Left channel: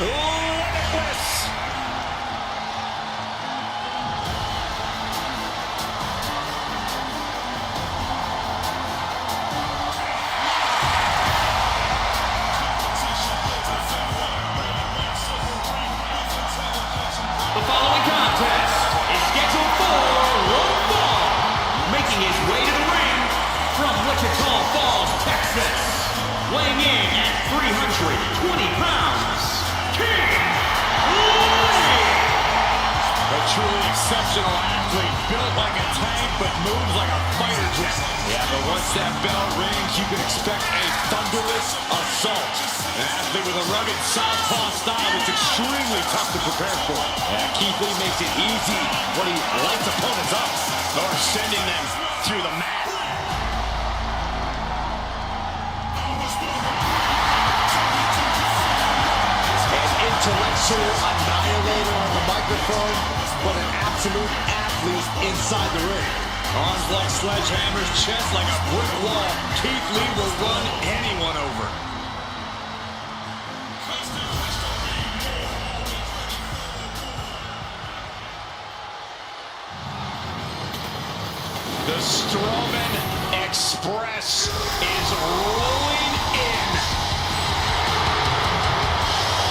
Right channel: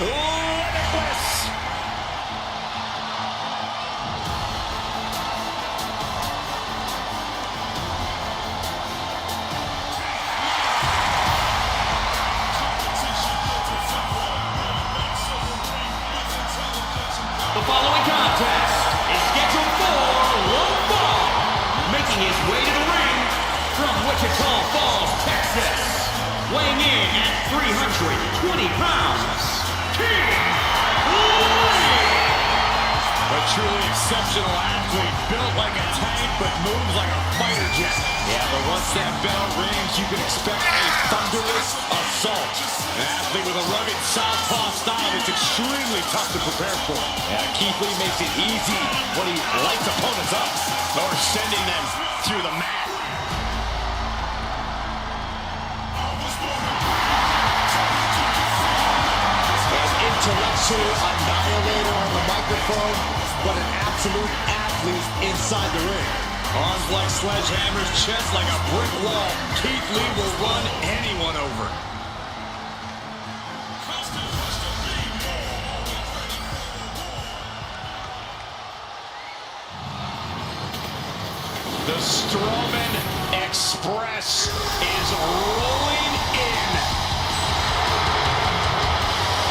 limitless. The following contest is scheduled for one fall, making his way to the ring from Wichita Falls, Texas, weighing in at 320 pounds, King Lee! A truly exceptional athlete, built like a tank but moves like a fighter jet. Yeah, but once that bell rings, you can expect a thunderous assault. An athlete with a rugged southpaw style that's extremely tough to prepare for. Yeah, Keith Lee makes it easy when he lights opponents up or sending them through the mat. An intellectual annihilator on the microphone, but an absolute athlete inside the ring. Arms like sledgehammers, chest like a brick wall. Keith Lee will run anyone over. The Strowman Express is rolling in.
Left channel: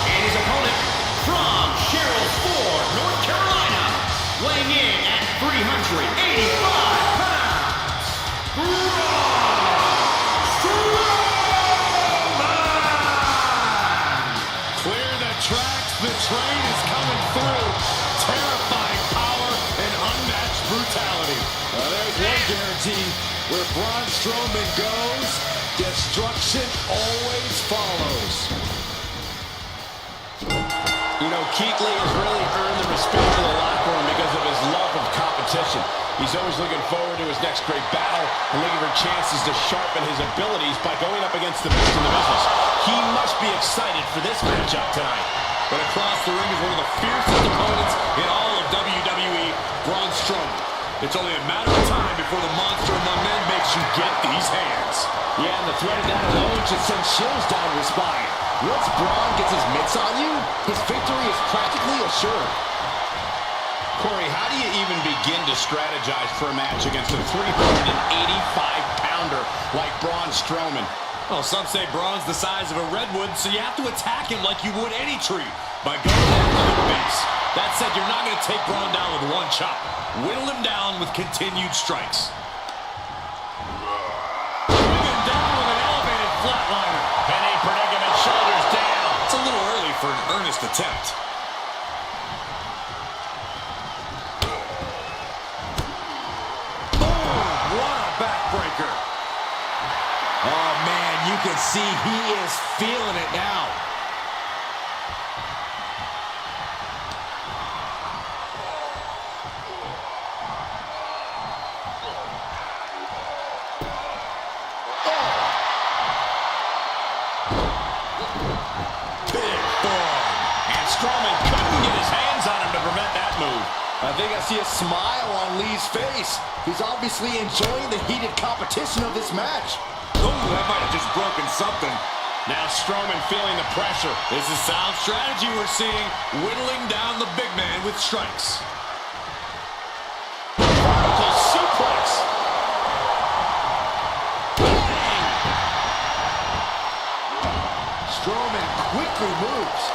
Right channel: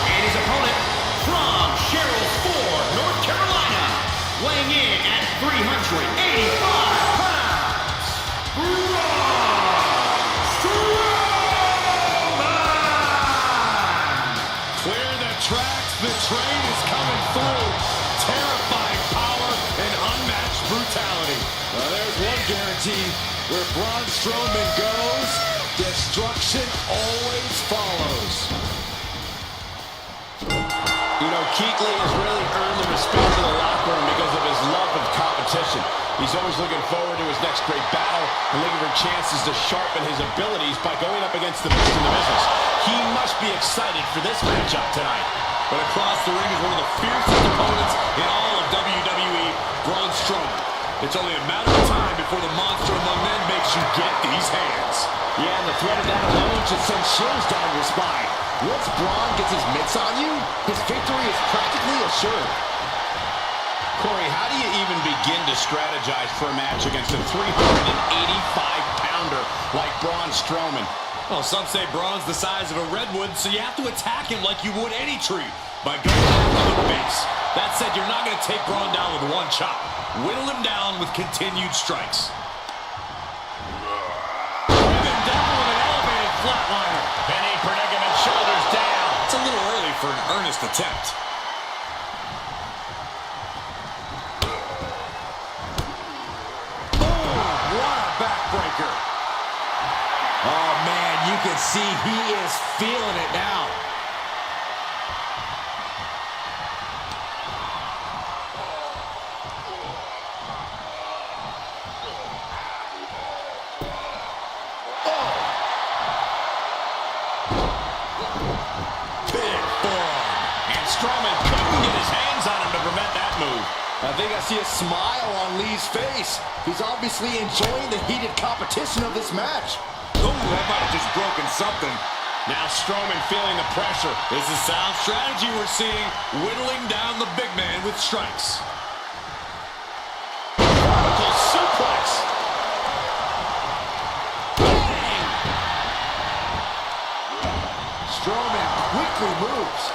And his opponent from Sherrills Ford, North Carolina, weighing in at 385 pounds, Braun Strowman! Clear the tracks, the train is coming through. Terrifying power and unmatched brutality. There's one guarantee, where Braun Strowman goes, destruction always follows. You know, Keith Lee has really earned the respect of the locker room because of his love of competition. He's always looking forward to his next great battle and looking for chances to sharpen his abilities by going up against the best in the business. He must be excited for this matchup tonight. But across the ring is one of the fiercest opponents in all of WWE, Braun Strowman. It's only a matter of time before the monster among men makes you get these hands. Yeah, and the threat of that alone should send chills down your spine. Once Braun gets his mitts on you, his victory is practically assured. Corey, how do you even begin to strategize for a match against a 385-pounder like Braun Strowman? Well, some say Braun's the size of a redwood, so you have to attack him like you would any tree, by going after the base. That said, you're not going to take Braun down with one chop. Whittle him down with continued strikes. Bring him down with an elevated flatliner. Penny predicament, shoulders down. It's a little early for an earnest attempt. What a backbreaker. Oh, man, you can see he is feeling it now. Big forearm. And Strowman couldn't get his hands on him to prevent that move. I think I see a smile on Lee's face. He's obviously enjoying the heated competition of this match. Oh, that might have just broken something. Now Strowman feeling the pressure. This is sound strategy we're seeing, whittling down the big man with strikes. Vertical suplex. Bang! Strowman quickly moves.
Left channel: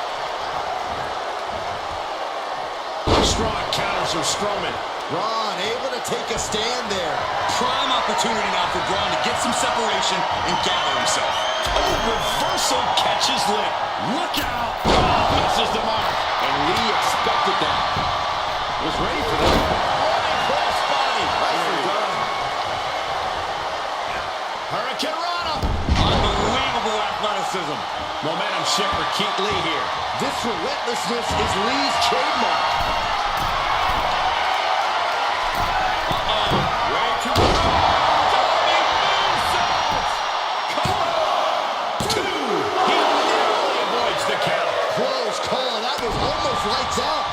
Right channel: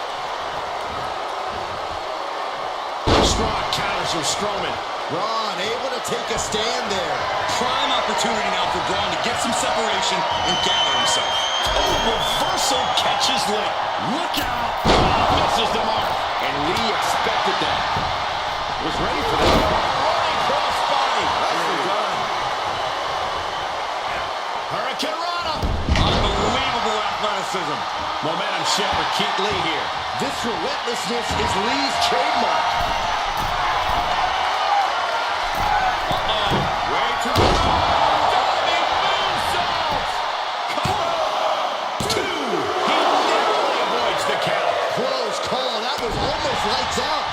Strong counters from Strowman. Braun able to take a stand there. Prime opportunity now for Braun to get some separation and gather himself. Oh, reversal catches Lee. Look out. Oh, misses the mark. And Lee expected that. Was ready for that. Running cross body. Nicely done. Hurricane Rana. Unbelievable athleticism. Momentum shift for Keith Lee here. This relentlessness is Lee's trademark. Way too much. Diving moonsault. Cover. 2. He narrowly avoids the count. Close call. That was almost lights out.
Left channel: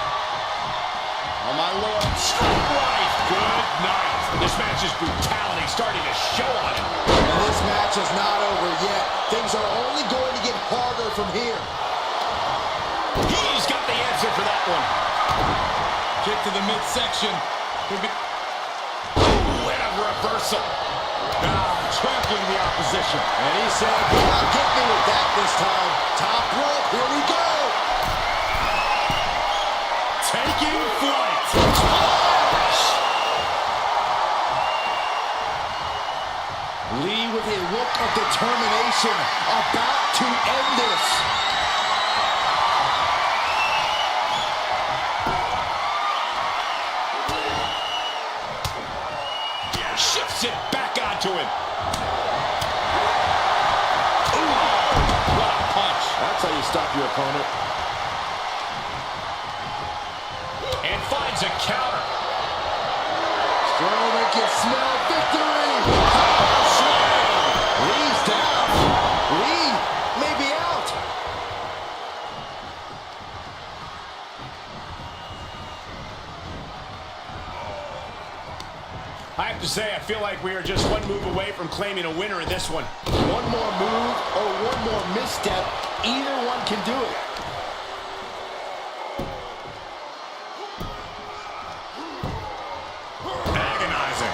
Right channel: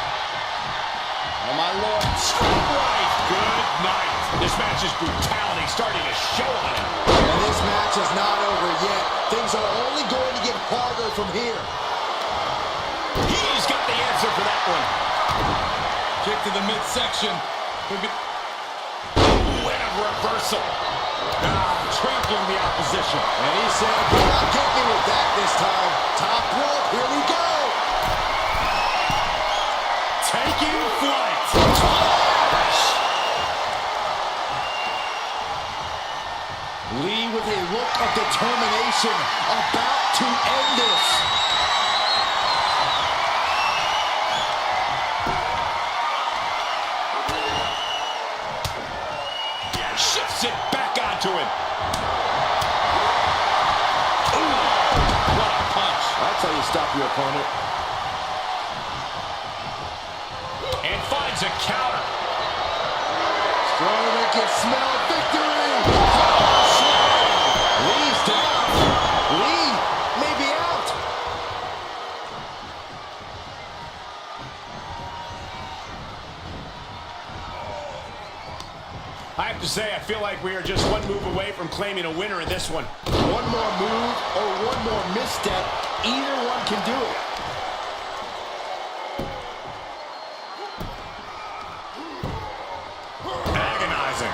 Oh, my Lord. Straight right. Good night. This match's brutality starting to show on him. And this match is not over yet. Things are only going to get harder from here. He's got the answer for that one. Kick to the midsection. Could be... Ooh, and a reversal. Trampling the opposition. And he said, "Do not get me with that this time." Top rope, here we go. Taking flight. Splash! Lee with a look of determination, about to end this. Shifts it back onto him. That's how you stop your opponent. And finds a counter. Strowman can smell victory. Power slam. Lee's down. Lee may be out. I have to say, I feel like we are just one move away from claiming a winner in this one. One more move or one more misstep, either one can do it. Agonizing.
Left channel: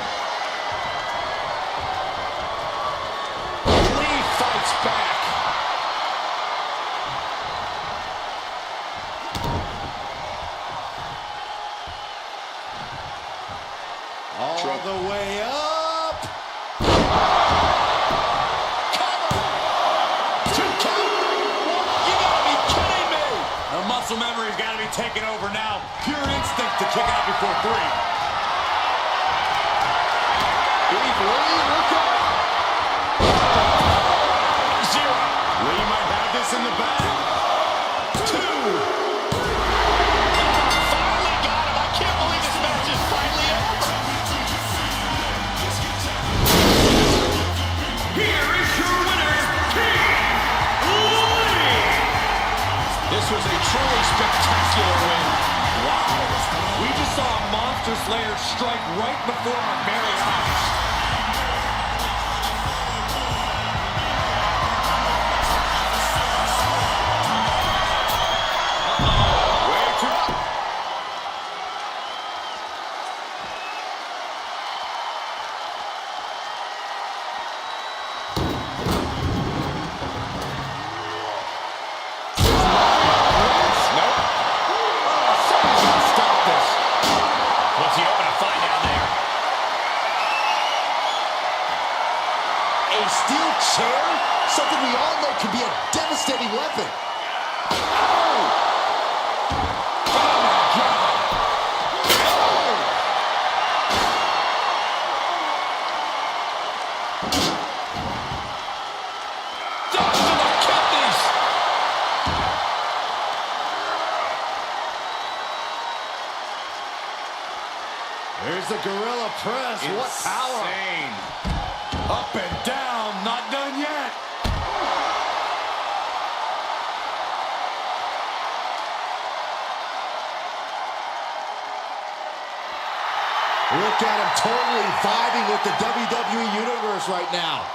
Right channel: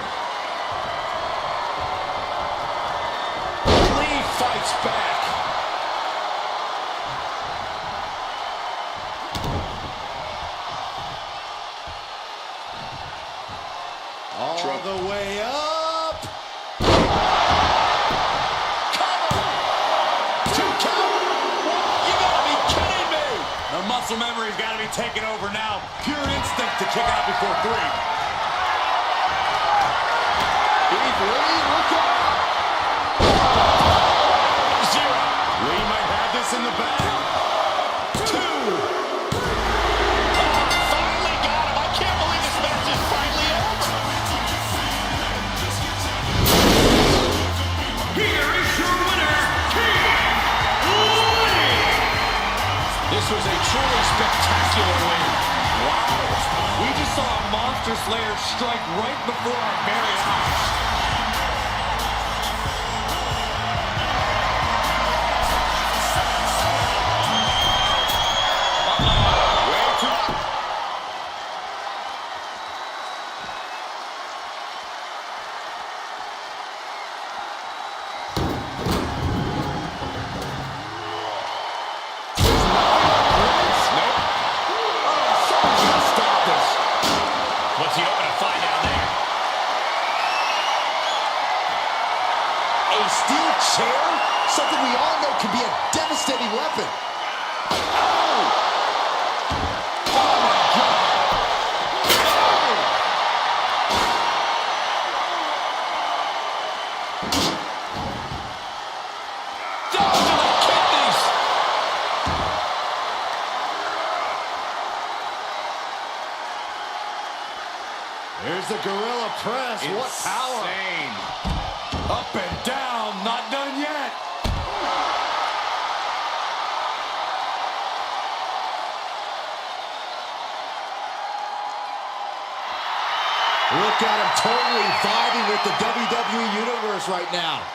Lee fights back. All the way up. Cover. 2 count. You gotta be kidding me. The muscle memory's got to be taken over now. Pure instinct to kick out before 3. Big Lee, look out. 0. Lee might have this in the bag. 2. Finally got him. I can't believe this match is finally over. Here is your winner, King Lee. This was a truly spectacular win. Wow. We just saw a Monster Slayer strike right before our very eyes. Way too... What's he hoping to find down there? A steel chair? Something we all know can be a devastating weapon. Oh! Oh my God! Oh! Down to the kidneys. There's the gorilla press. What power! Insane. Up and down, not done yet. Look at him totally vibing with the WWE Universe right now.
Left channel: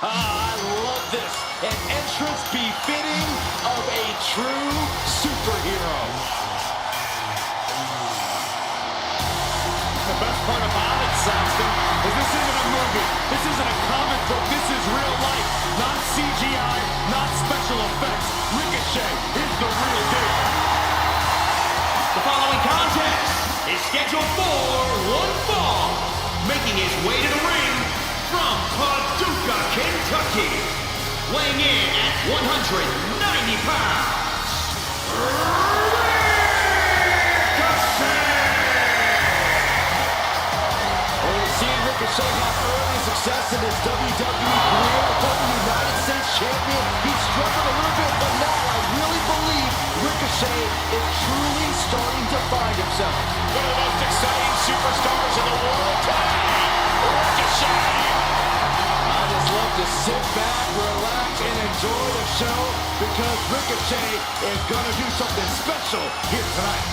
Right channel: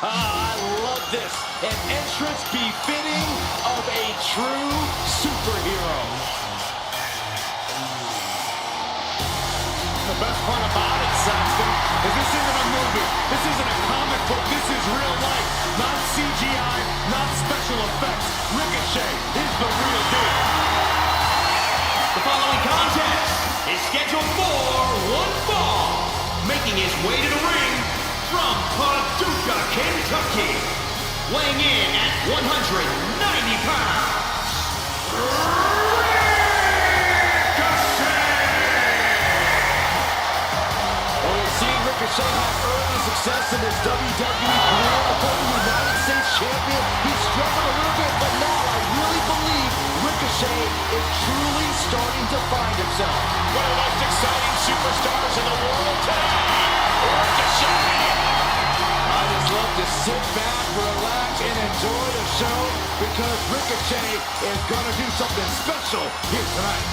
I love this. An entrance befitting of a true superhero. The best part about it, Saxton, is this isn't a movie. This isn't a comic book. This is real life. Not CGI, not special effects. Ricochet is the real deal. The following contest is scheduled for one fall. Making his way to the ring from Paducah, Kentucky, weighing in at 190 pounds, Seeing Ricochet have early success in his WWE career, a former United States champion, he's struggled a little bit, but now I really believe Ricochet is truly starting to find himself. One of the most exciting superstars in the world today, Ricochet. I just love to sit back, relax, and enjoy the show because Ricochet is going to do something special here tonight.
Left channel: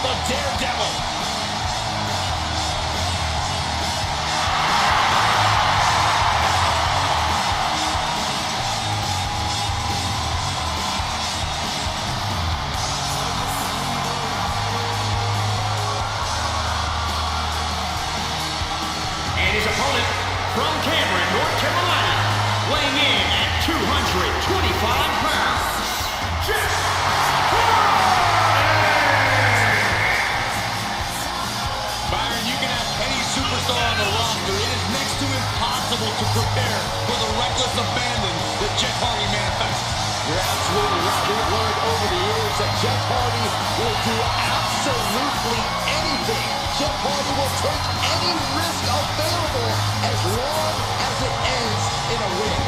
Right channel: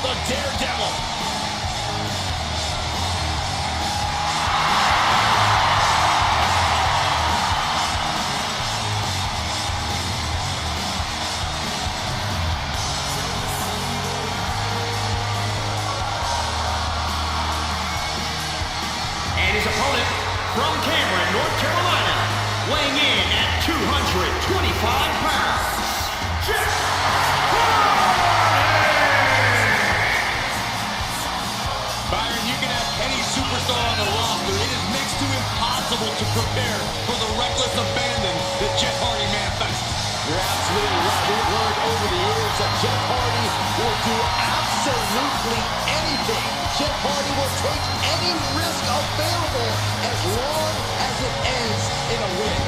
The Daredevil. and his opponent from Cameron, North Carolina, weighing in at 225 pounds, Jeff Hardy! Byron, you can have any superstar on the roster. It is next to impossible to prepare for the reckless abandon that Jeff Hardy manifests. You're absolutely right. We've learned over the years that Jeff Hardy will do absolutely anything. Jeff Hardy will take any risk available as long as it ends in a win.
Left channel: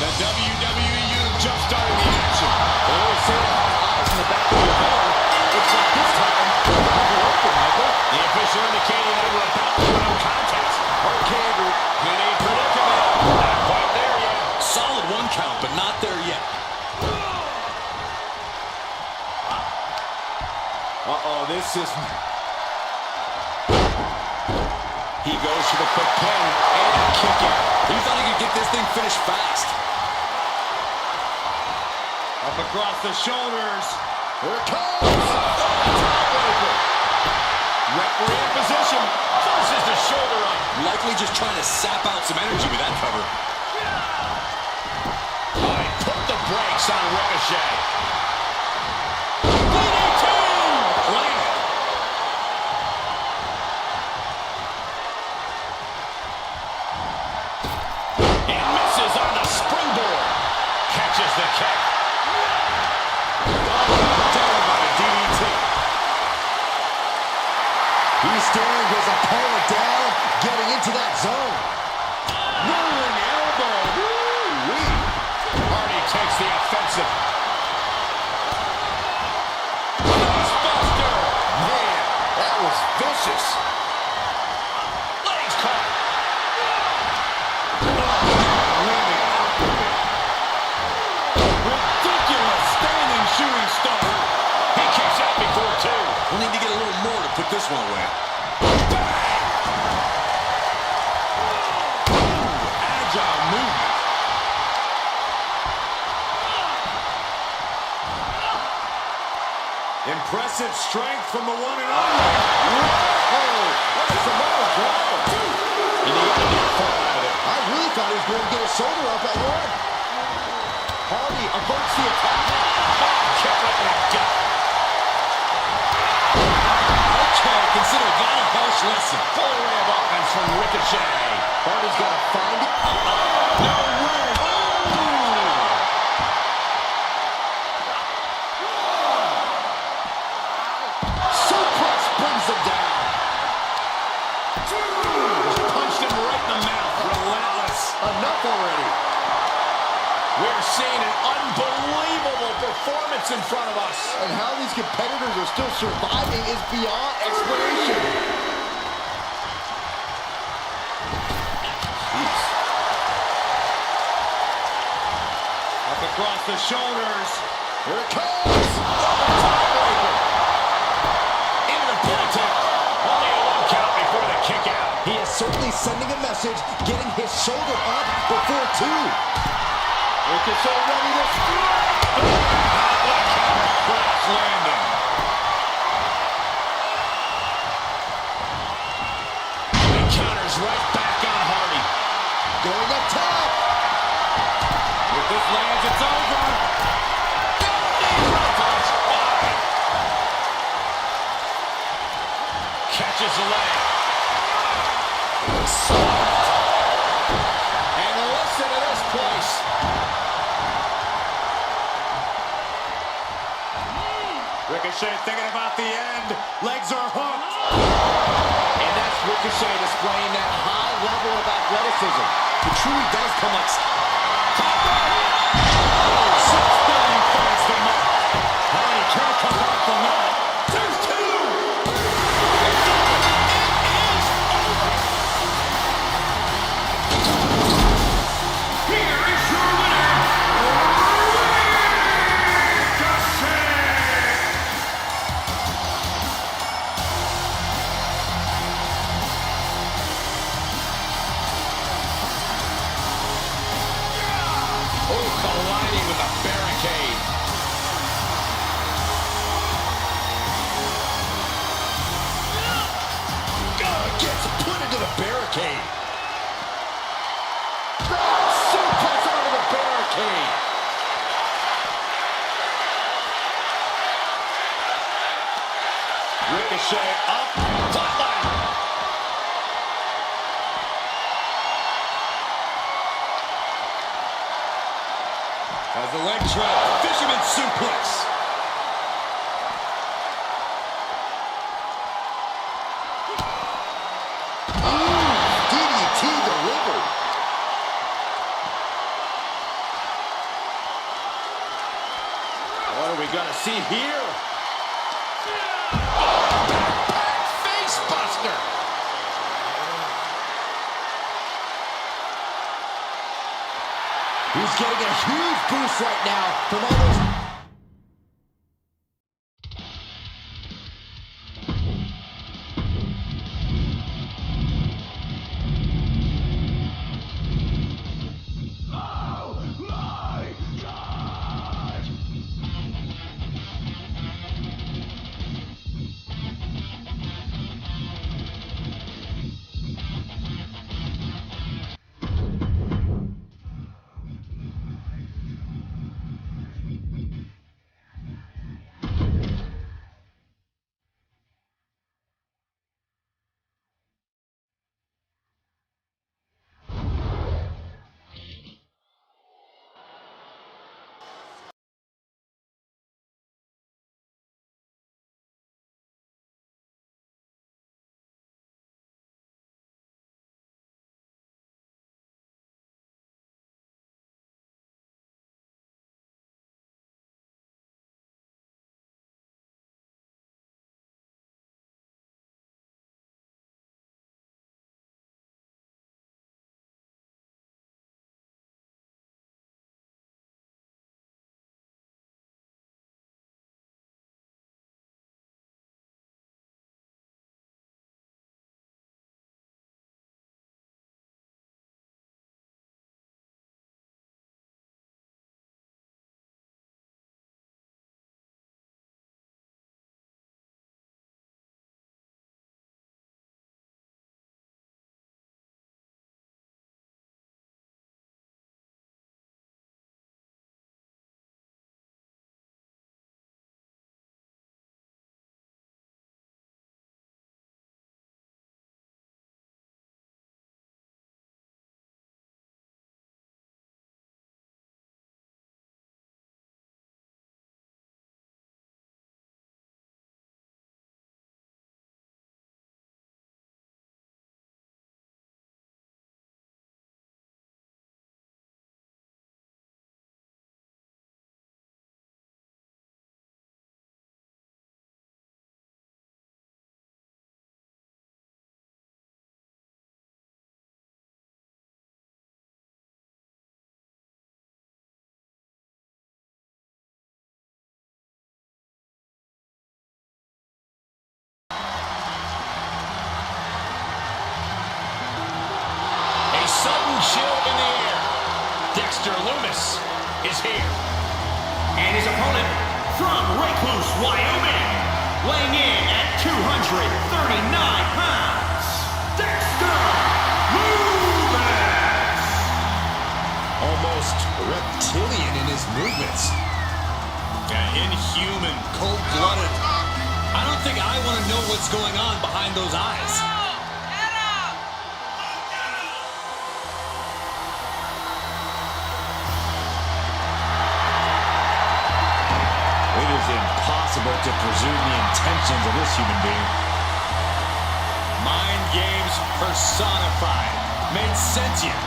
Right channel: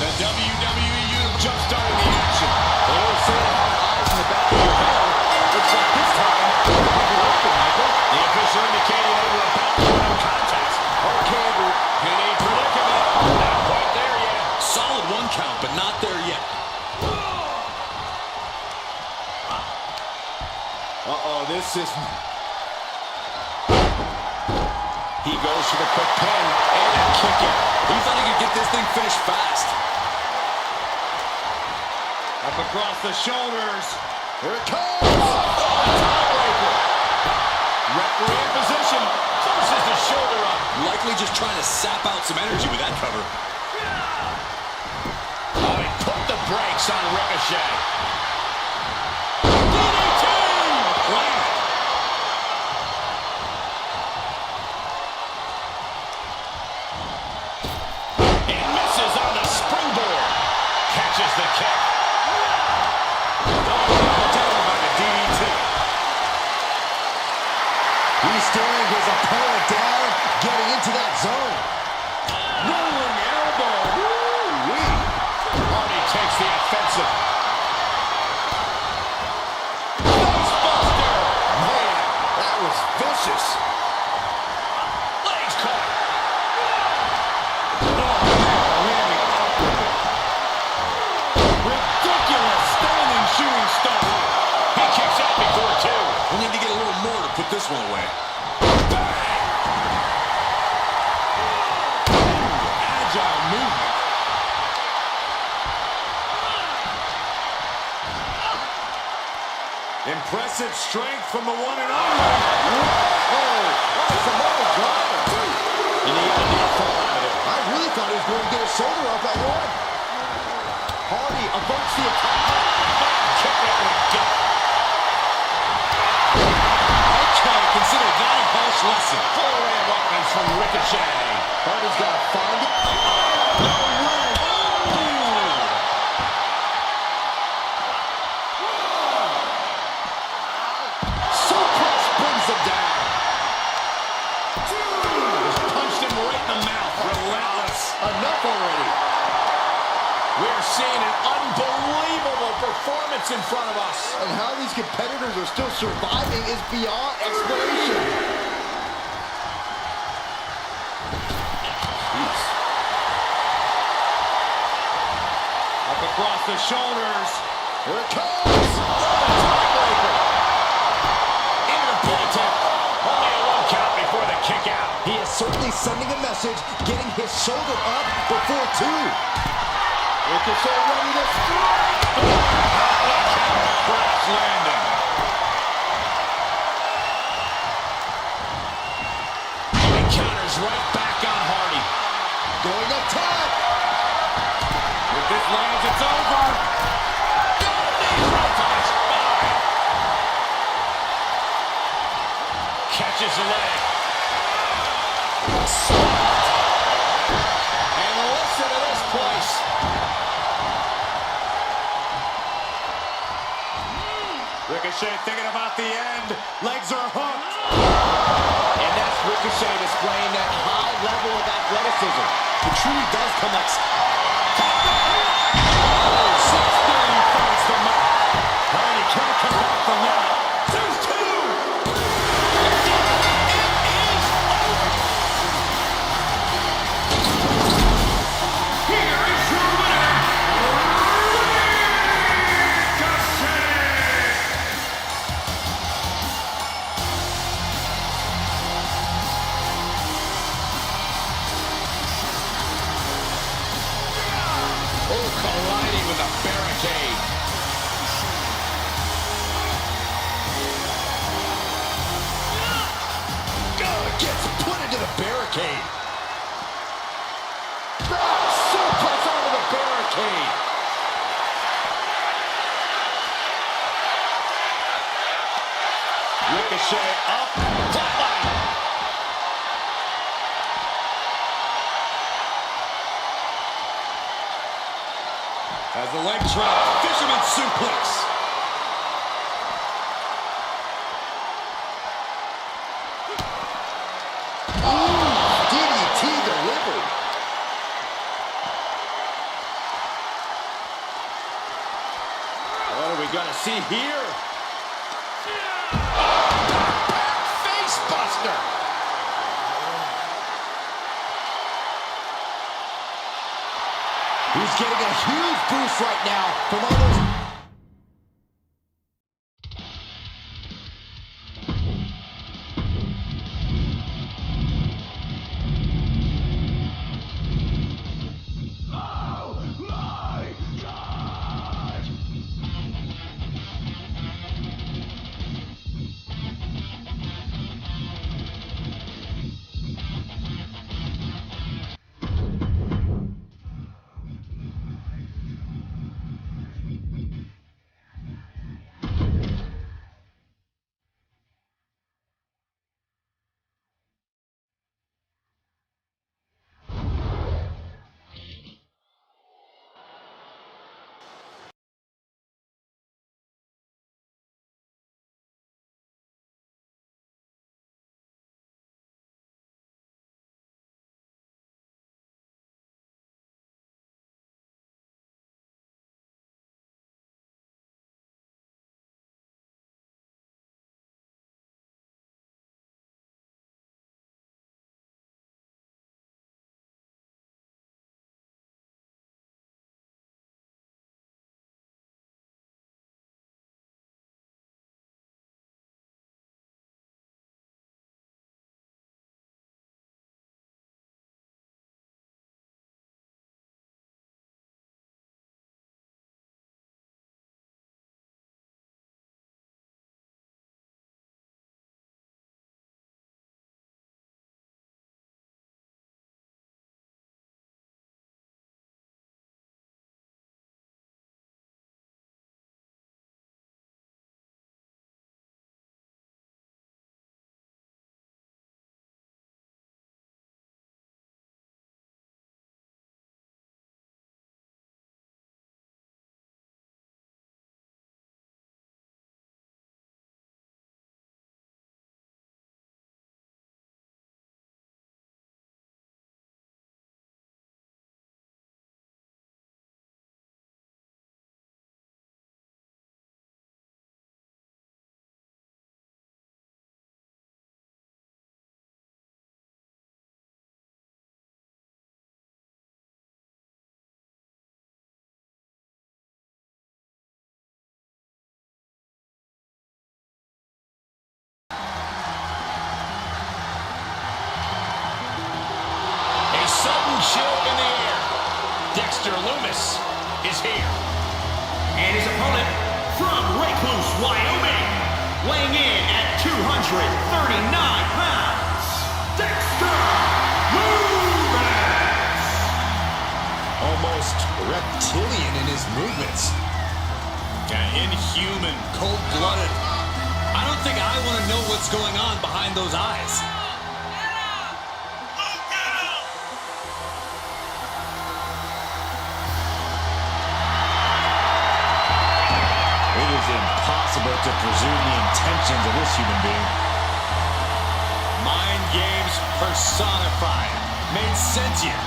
The WWE unit jump-started the action. They always say to have eyes in the back of your head. Looks like this time, they're open, Michael. The official indicating that we're about to go contest. Okay, Andrew. In a predicament. Not quite there yet. Solid one count, but not there yet. Uh-oh, this is... He goes for the quick pin and a kick out. He thought he could get this thing finished fast. Up across the shoulders. Here it comes! Tiebreaker. Referee in position. Forces the shoulder up. Likely just trying to sap out some energy with that cover. Oh, he put the brakes on Ricochet. DDT! Planted. And misses on the springboard. Catches the kick. Down by the DDT. He's staring his opponent down, getting into that zone. Rolling elbow. Woo-wee. Hardy takes the offensive. Facebuster. Man, that was vicious. Legs caught. Landing off of it. Ridiculous standing shooting star. He kicks out before two. We'll need to get a little more to put this one away. Bang! Agile movement. Impressive strength from the one and only. Whoa! What a Samoa driver. And he got a near fall out of it. I really thought he was going to get his shoulder up at one. Hardy averts the attack. Kick right in the gut. Okay, consider that a harsh lesson. Full array of offense from Ricochet. Hardy's got to find it. No way. Suplex brings him down. Just punched him right in the mouth. Relentless. Enough already. We're seeing an unbelievable performance in front of us. And how these competitors are still surviving is beyond explanation. Jeez. Up across the shoulders. Here it comes. Tiebreaker. Into the pin attempt. Only a one count before the kick out. He is certainly sending a message, getting his shoulder up before two. Ricochet ready to strike. Crash landing. Oh, he counters right back on Hardy. Going up top. this lands, it's over. Right to the spine. Catches the leg. And listen to this place. Ricochet thinking about the end. Legs are hooked. And that's Ricochet displaying that high level of athleticism. It truly does come like... 630 finds the mark. All right, he can't come back from that. There's two. It is over. Here is your winner, Ricochet! Oh, colliding with a barricade. Gets put into the barricade. Suplex onto the barricade. Ricochet up. Flatline. As the leg trap, fisherman suplex. DDT delivered. What are we gonna see here? Face buster. He's getting a huge boost right now from all those... Sudden chill in the air. Dexter Lumis is here. And his opponent from Recluse, Wyoming, weighing in at 239 pounds, Dexter Lumis. Almost reptilian in his movements. Yeah, inhuman, cold-blooded. I don't think I want to know what's going on behind those eyes. It is impossible to presume the intentions of this human being. Mind games personified, made sentient.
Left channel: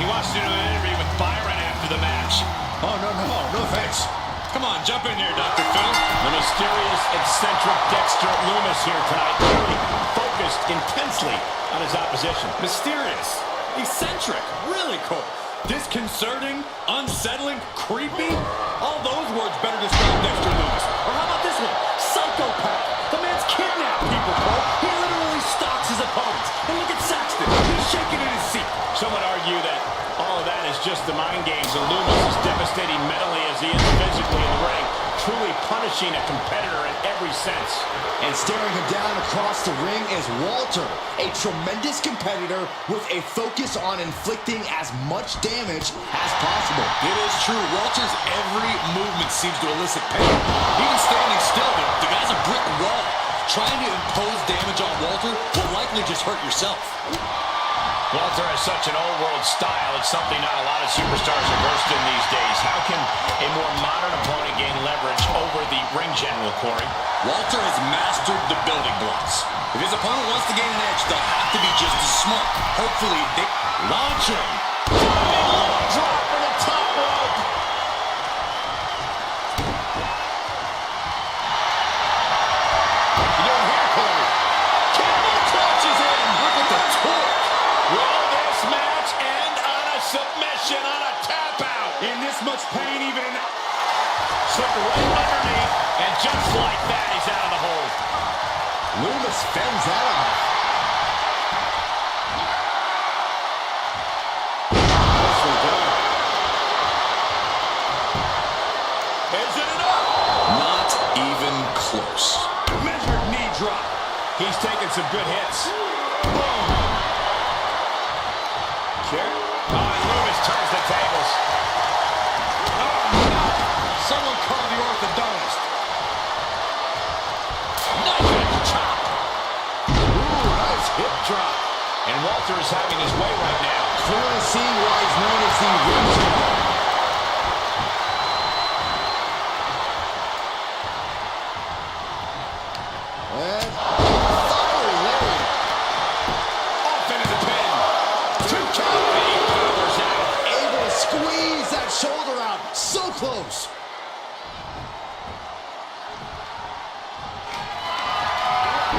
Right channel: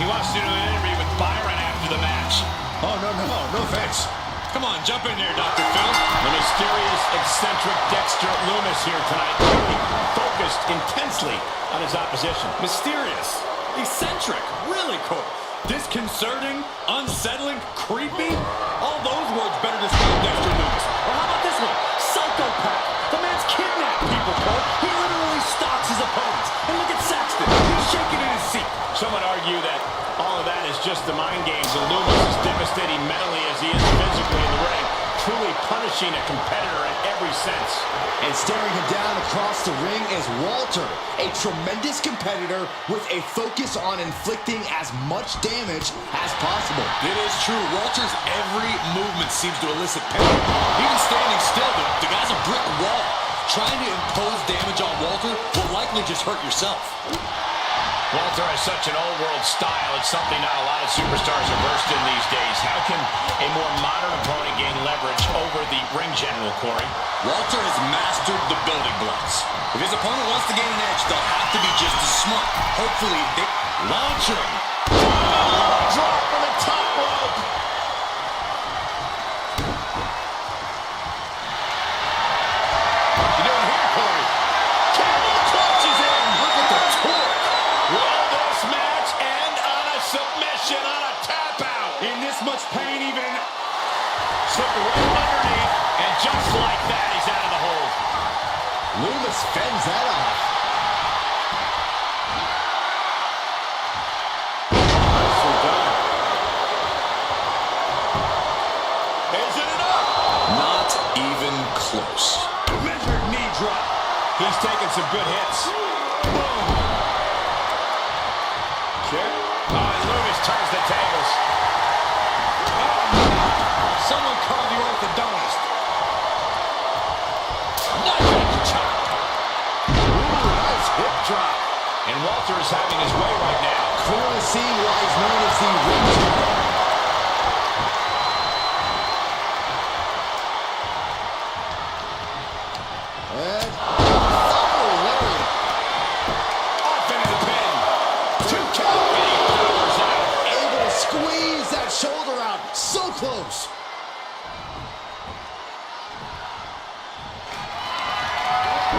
He wants to do an interview with Byron after the match. Oh, no thanks. Come on, jump in there, Dr. Phil. The mysterious, eccentric Dexter Lumis here tonight, really focused intensely on his opposition. Mysterious, eccentric, really cool. Disconcerting, unsettling, creepy. All those words better describe Dexter Lumis. Or how about this one? Psychopath. The man's kidnapped people, Cole. He literally stalks his opponents. And look at Saxton. He's shaking in his seat. Some would argue that all of that is just the mind games. And Lumis is devastating mentally as he is physically in the ring, truly punishing a competitor in every sense. And staring him down across the ring is Walter, a tremendous competitor with a focus on inflicting as much damage as possible. It is true. Walter's every movement seems to elicit pain. Even standing still, the guy's a brick wall. Trying to impose damage on Walter will likely just hurt yourself. Walter has such an old-world style. It's something not a lot of superstars are versed in these days. How can a more modern opponent gain leverage over the ring general, Corey? Walter has mastered the building blocks. If his opponent wants to gain an edge, they'll have to be just as smart. Hopefully, they... Launching. Drop from the top rope. You doing here, Corey? Camel clutches in. Look at the torque. Will this match end on a submission, on a tap out? In this much pain, even in... Slipped right underneath, and just like that, he's out of the hold. Lumis fends that off. Nicely done. Is it enough? Not even close. Measured knee drop. He's taking some good hits. Boom. Sure. Oh, and Lumis turns the tables. Oh, no. Someone call the orthodontist. Knife chop. Ooh, nice hip drop. And Walter is having his way right now. Clearly seeing why he's known as the ring general. And fiery lariat. Off into the pin. 2 count. And he powers out. Able to squeeze that shoulder out. So close.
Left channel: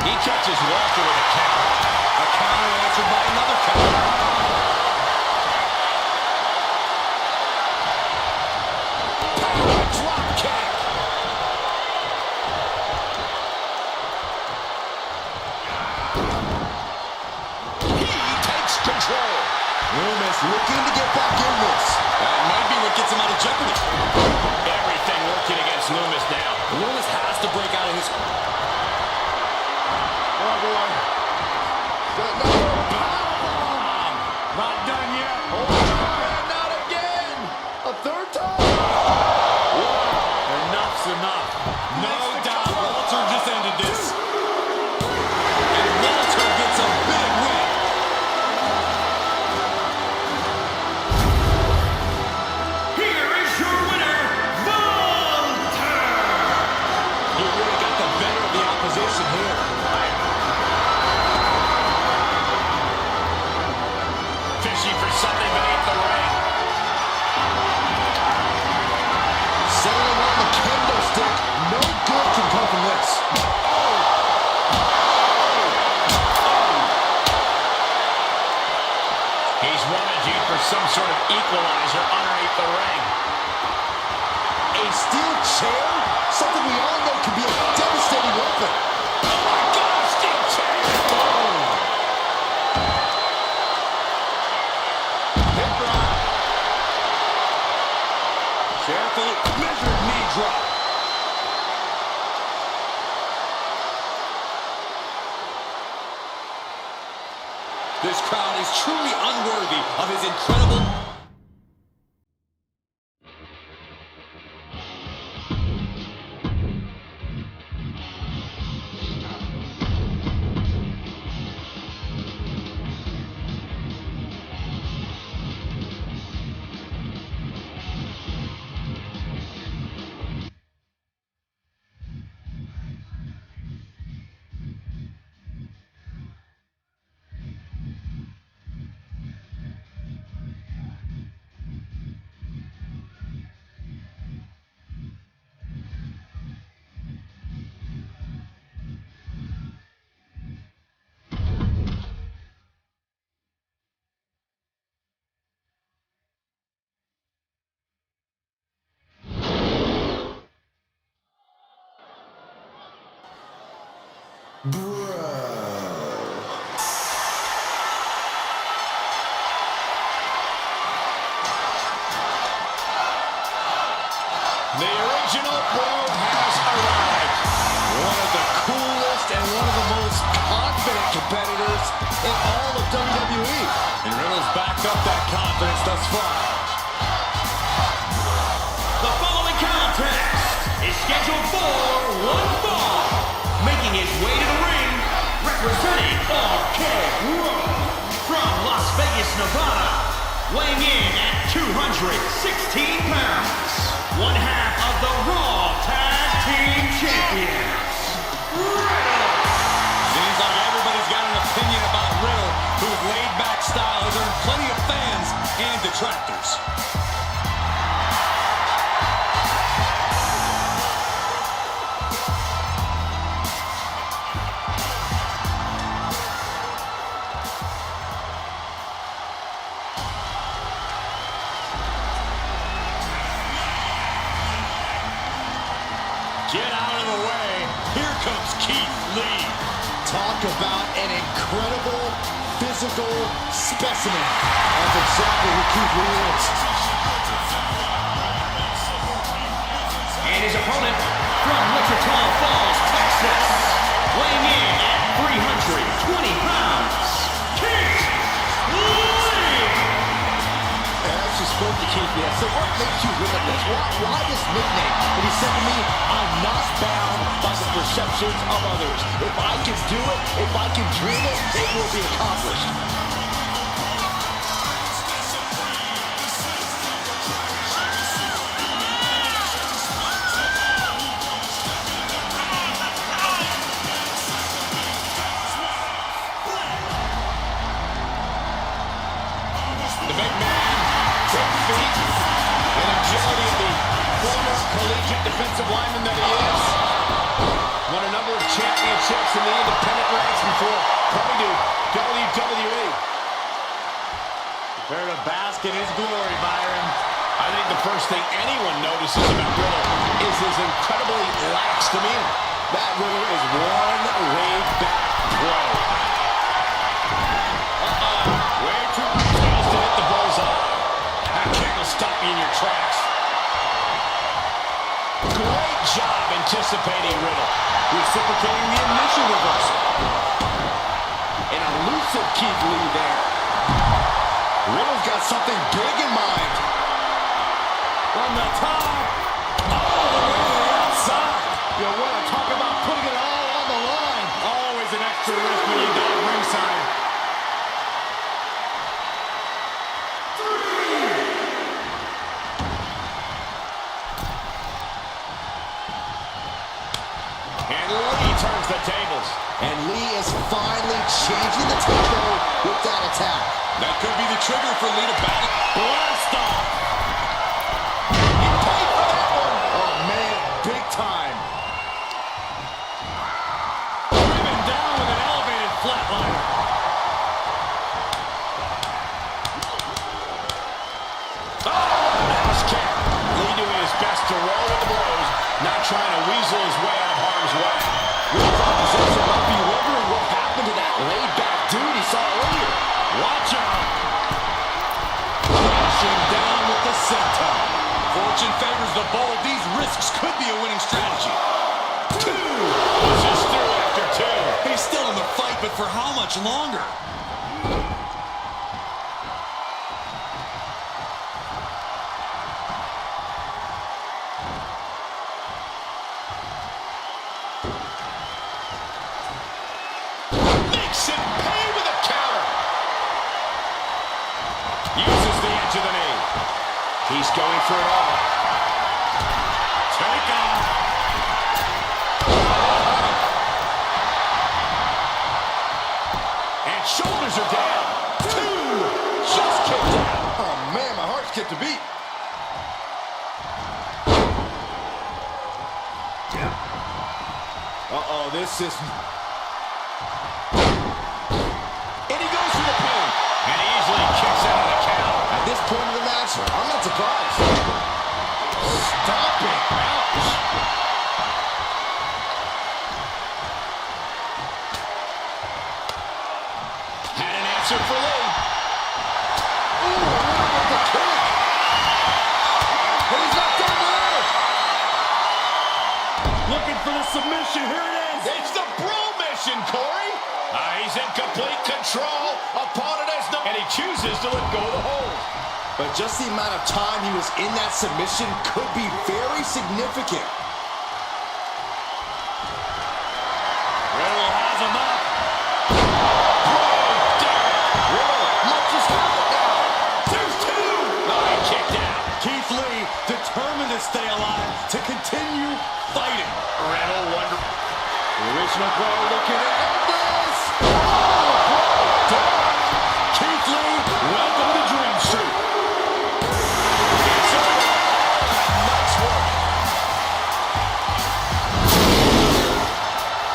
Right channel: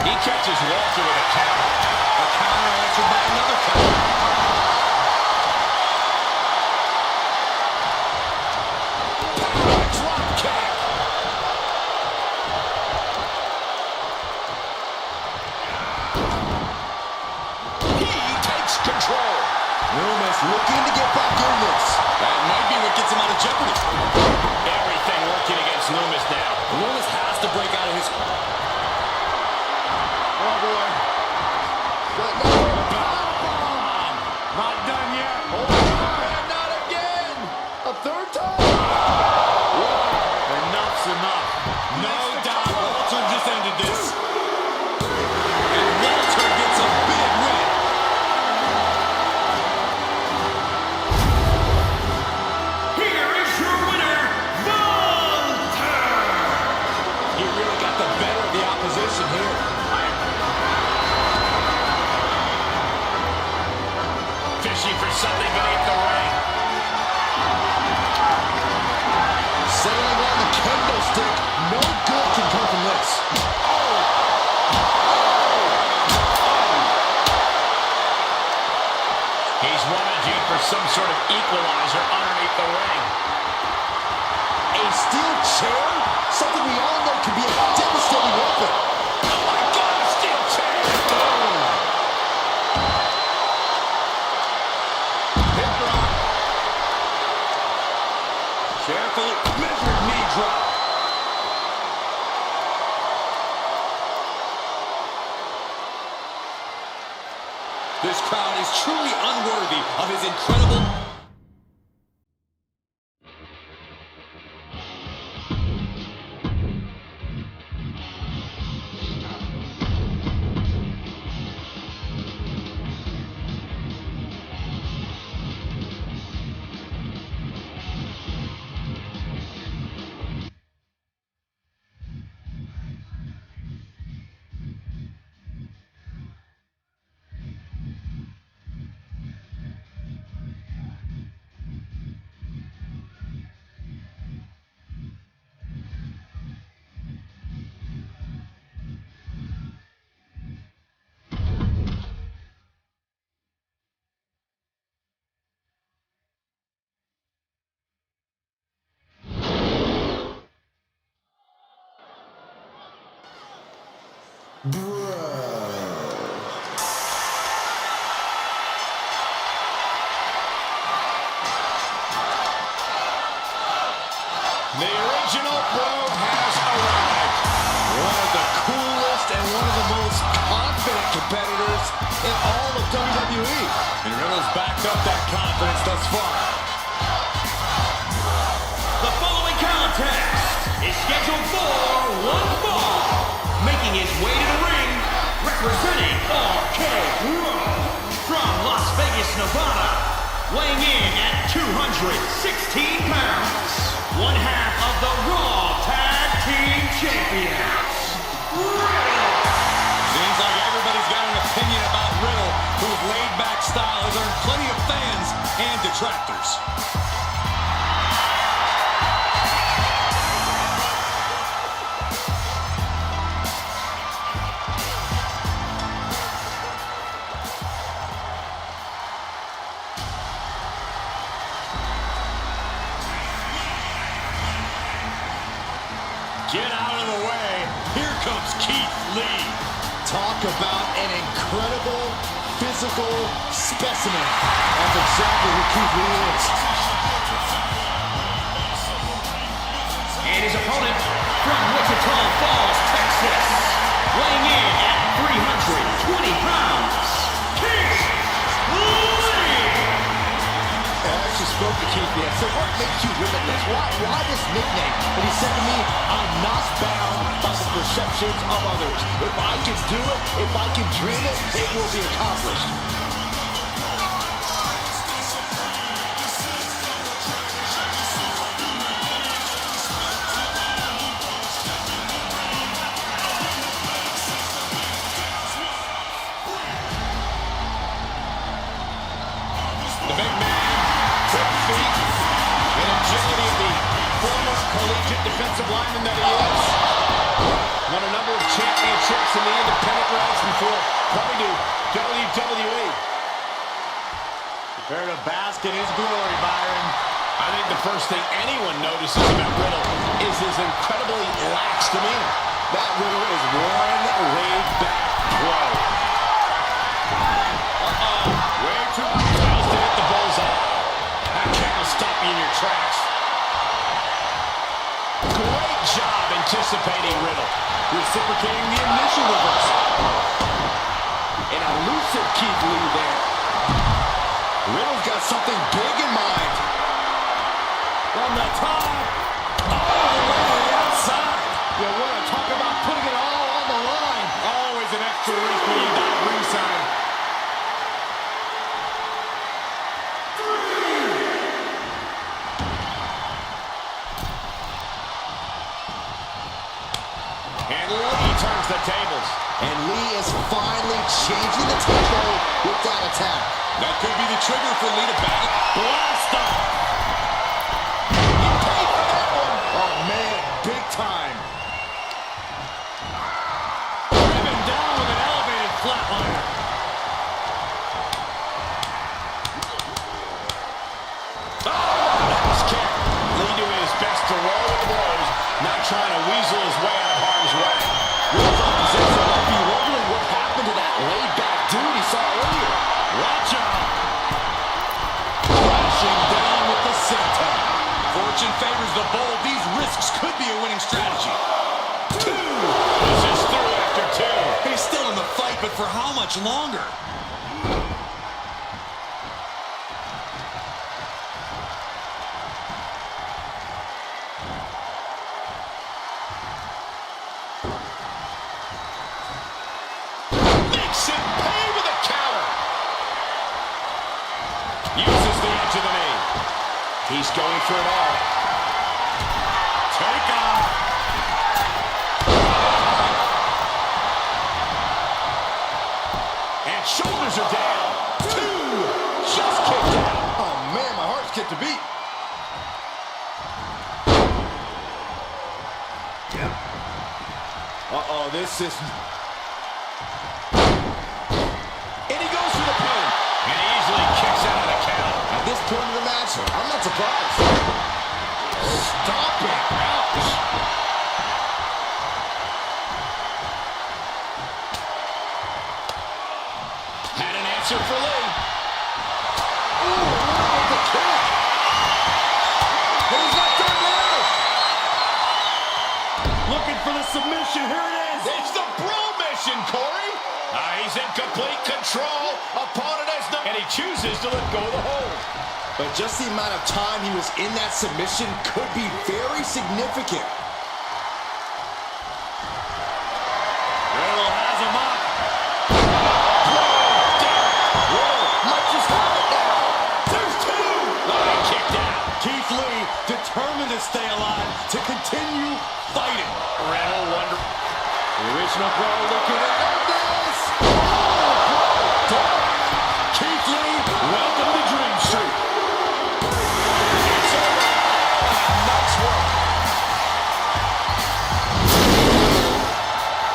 He catches Walter with a counter. A counter answered by another counter. Power drop kick. He takes control. Lumis looking to get back in this. That might be what gets him out of jeopardy. Everything working against Lumis now. Lumis has to break out of his... Oh, boy. Not done yet. And not again. A third time. Enough's enough. No doubt Walter just ended this. And Walter gets a big win. Here is your winner, Walter! He really got the better of the opposition here. Fishing for something beneath the ring. Settling on the kendo stick. No good can come from this. He's rummaging for some sort of equalizer underneath the ring. A steel chair? Something we all know can be a devastating weapon. Oh my God, a steel chair! Hip drop. Carefully measured knee drop. This crowd is truly unworthy of his incredible... The original Bro has arrived. One of the coolest and one of the most confident competitors in all of WWE. And Riddle's backed up that confidence thus far. The following contest is scheduled for one fall. Making his way to the ring, representing RK-Bro from Las Vegas, Nevada. Weighing in at 216 pounds. One half of the Raw Tag Team Champions, Riddle. Seems like everybody's got an opinion about Riddle, whose laid-back style has earned plenty of fans and detractors. Get out of the way. Here comes Keith Lee. Talk about an incredible physical specimen. That's exactly who Keith Lee is. And his opponent from Wichita Falls, Texas. Weighing in at 320 pounds, Keith Lee. I actually spoke to Keith Lee. I said, what makes you limitless? Why this nickname? And he said to me, I'm not bound by the perceptions of others. If I can do it, if I can dream it, it will be accomplished. The big man, quick feet, and agility of the former collegiate defensive lineman that he is. Won a number of championships in the independent ranks before coming to WWE. Prepare to bask in his glory, Byron. I think the first thing anyone notices about Riddle is his incredibly lax demeanor. That Riddle is one laid-back pro. Way too close to hit the bullseye. That kick will stop you in your tracks. Great job anticipating Riddle. Reciprocating the initial reversal. An elusive Keith Lee there. Riddle's got something big in mind. From the top, all the way to the outside. You want to talk about putting it all on the line. Always an extra risk when you dive ringside. And Lee turns the tables. And Lee is finally changing the tempo with that attack. That could be the trigger for Lee to battle. Blast off. He paid for that one. Oh, man, big time. Driven down with an elevated flatliner. Oh, nice kick. Lee doing his best to roll with the blows, not trying to weasel his way out of harm's way. Riddle's opposition might be wondering what happened to that laid-back dude he saw earlier. Watch out. Crashing down with the senton. Fortune favors the bold. These risks could be a winning strategy. Two. Pushes through after two. He's still in the fight, but for how much longer? Makes it pay with a counter. Uses the edge of the knee. He's going for it all. Take off. And shoulders are down. Two. Just kicked out. Oh, man, my heart skipped a beat. Uh-oh, this is... And he goes for the pin. And easily kicks out of the count. At this point in the match, I'm not surprised. Stomping. Ouch. answer for Lee. Ooh, with the kick. And he's not done there. Looking for the submission. Here it is. It's the bro mission, Corey. He's in complete control. Opponent has no... And he chooses to let go of the hold. But just the amount of time he was in that submission could be very significant. Riddle has him up. Riddle might just have it now. There's two. Oh, he kicked out. Keith Lee determined to stay alive, to continue fighting. Riddle wonder... The original bro looking to end this. Oh, Keith Lee, welcome to Dream Street. It's over. Nice work.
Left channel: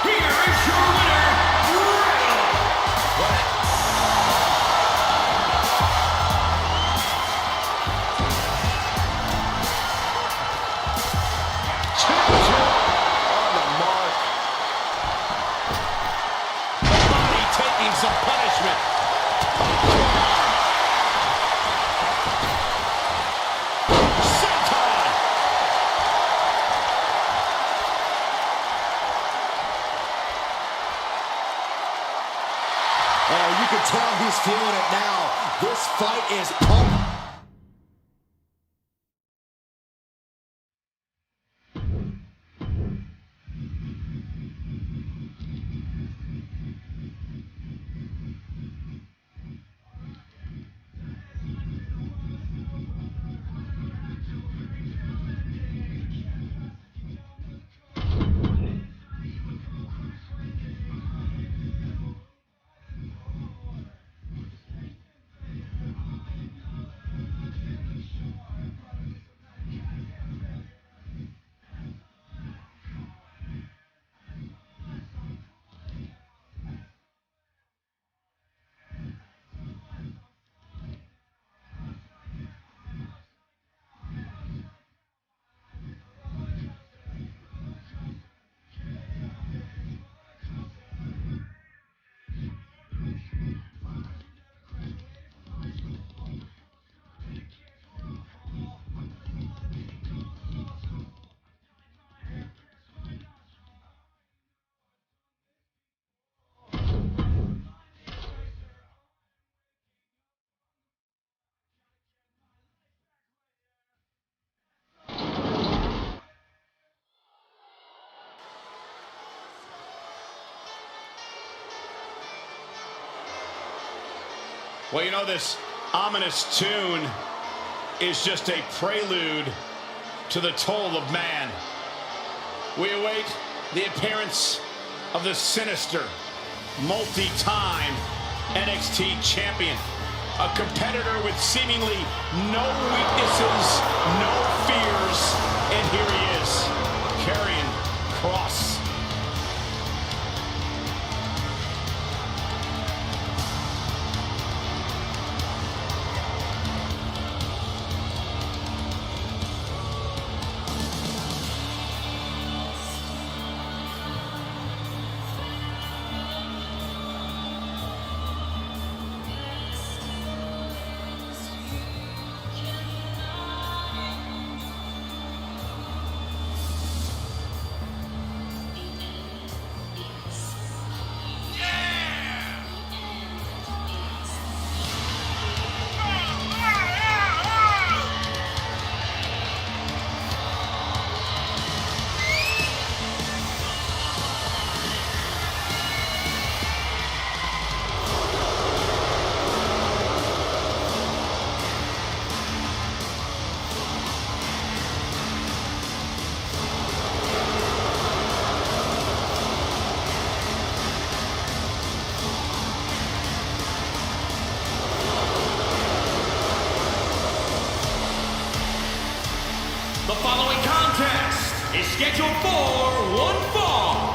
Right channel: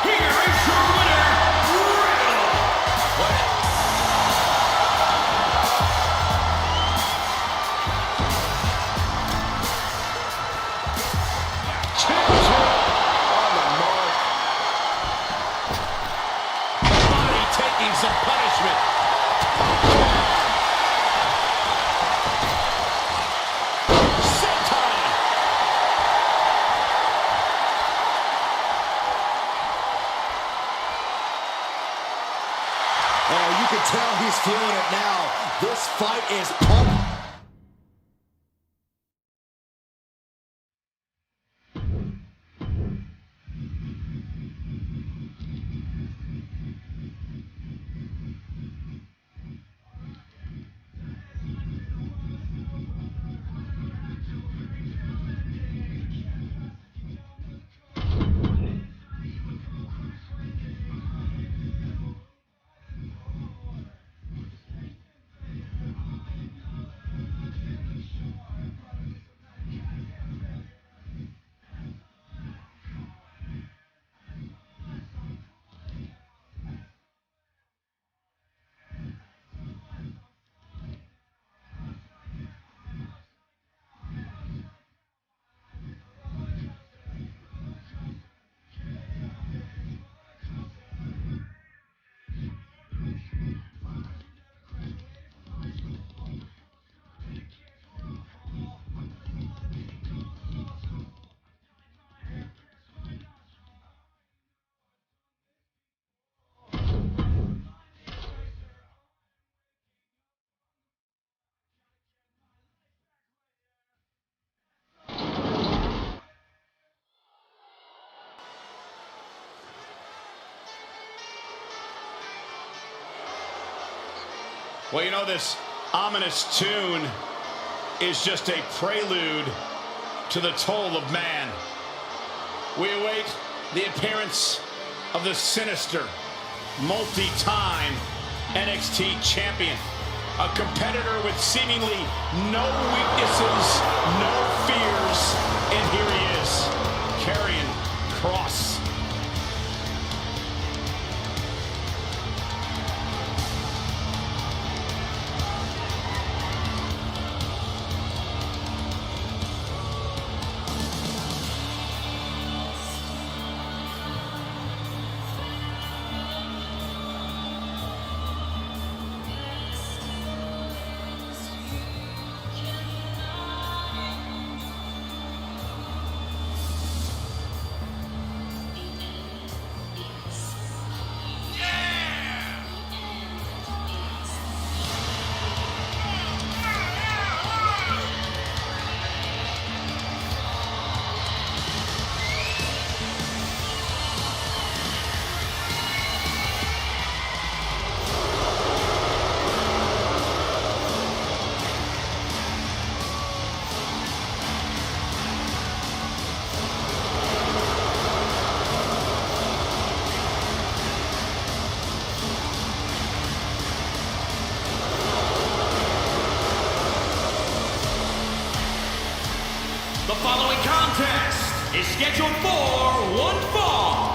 Here is your winner, Riddle. on the mark. The body taking some punishment. Senton. Oh, you can tell he's feeling it now. This fight is pumped. Well, you know, this ominous tune is just a prelude to the toll of man. We await the appearance of the sinister, multi-time NXT champion, a competitor with seemingly no weaknesses, no fears, and here he is, Karrion Kross. The following contest is scheduled for one fall.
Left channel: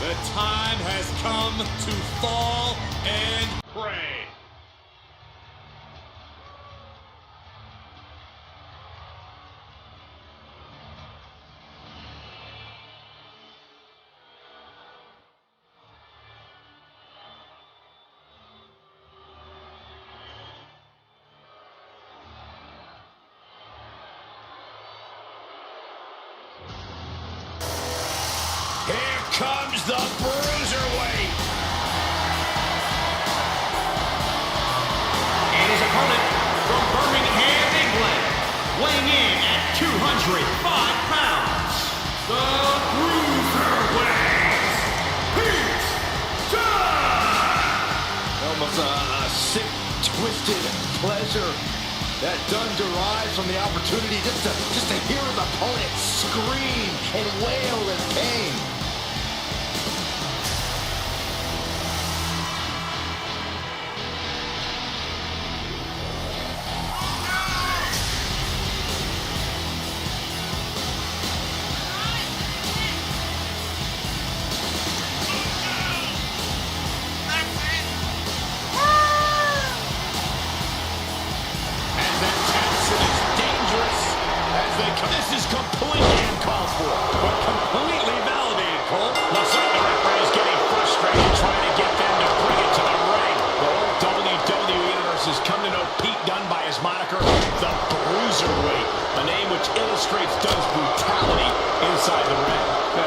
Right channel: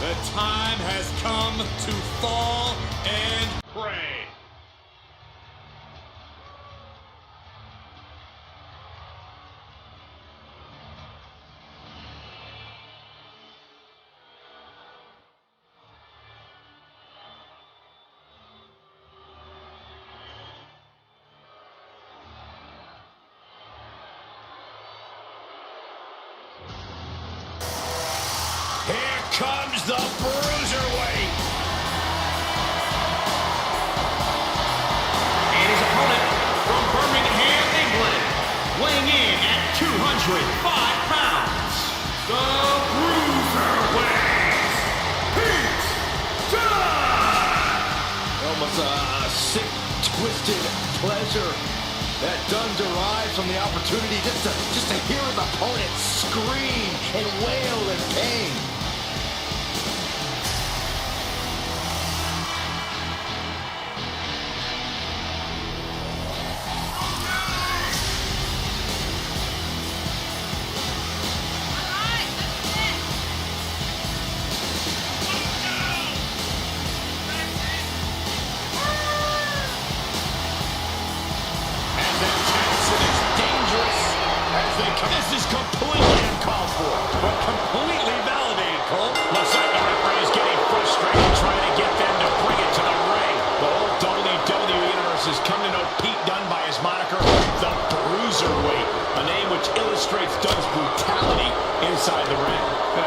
The time has come to fall and pray. comes the Bruiserweight. And his opponent from Birmingham, England, weighing in at 205 pounds, the Bruiserweight, Pete Dunne! Almost a sick, twisted pleasure that Dunne derives from the opportunity just to hear his opponent scream and wail in pain. This is completely uncalled for, but completely validated, Cole. Looks like the referee is getting frustrated trying to get them to bring it to the ring. The whole WWE Universe has come to know Pete Dunne by his moniker, the Bruiserweight, a name which illustrates Dunne's brutality inside the ring.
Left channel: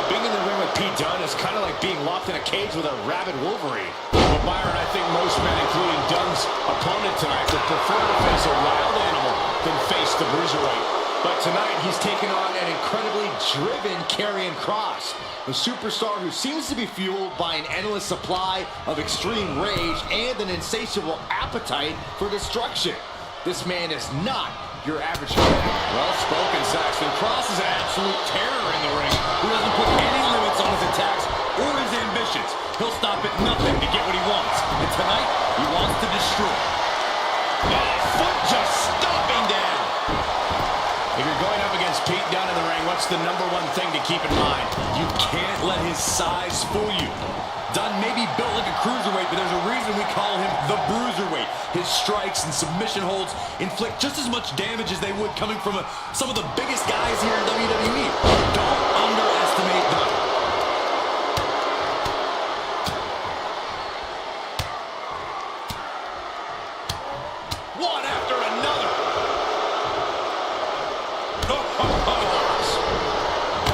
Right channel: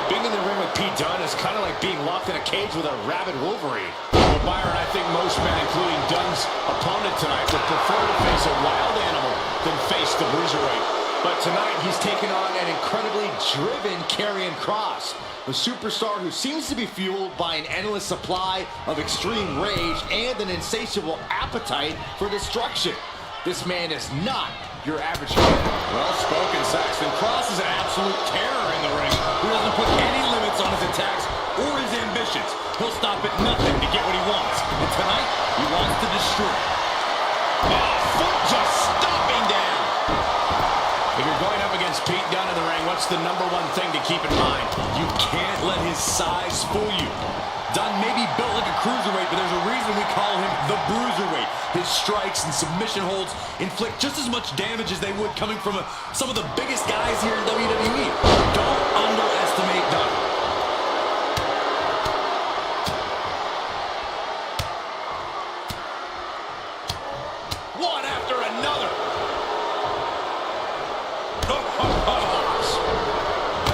Being in the ring with Pete Dunne is kind of like being locked in a cage with a rabid Wolverine. Well, Byron, I think most men, including Dunne's opponent tonight, would prefer to face a wild animal than face the Bruiserweight. But tonight, he's taken on an incredibly driven Karrion Kross, a superstar who seems to be fueled by an endless supply of extreme rage and an insatiable appetite for destruction. This man is not your average fan. Well spoken, Saxton. Kross is an absolute terror in the ring who doesn't put any limits on his attacks or his ambitions. He'll stop at nothing to get what he wants. And tonight, he wants to destroy. Oh, foot just stomping down. If you're going up against Pete Dunne in the ring, what's the number one thing to keep in mind? You can't let his size fool you. Dunne may be built like a cruiserweight, but there's a reason we call him the Bruiserweight. His strikes and submission holds inflict just as much damage as they would coming from some of the biggest guys here in WWE. Don't underestimate Dunne. One after another.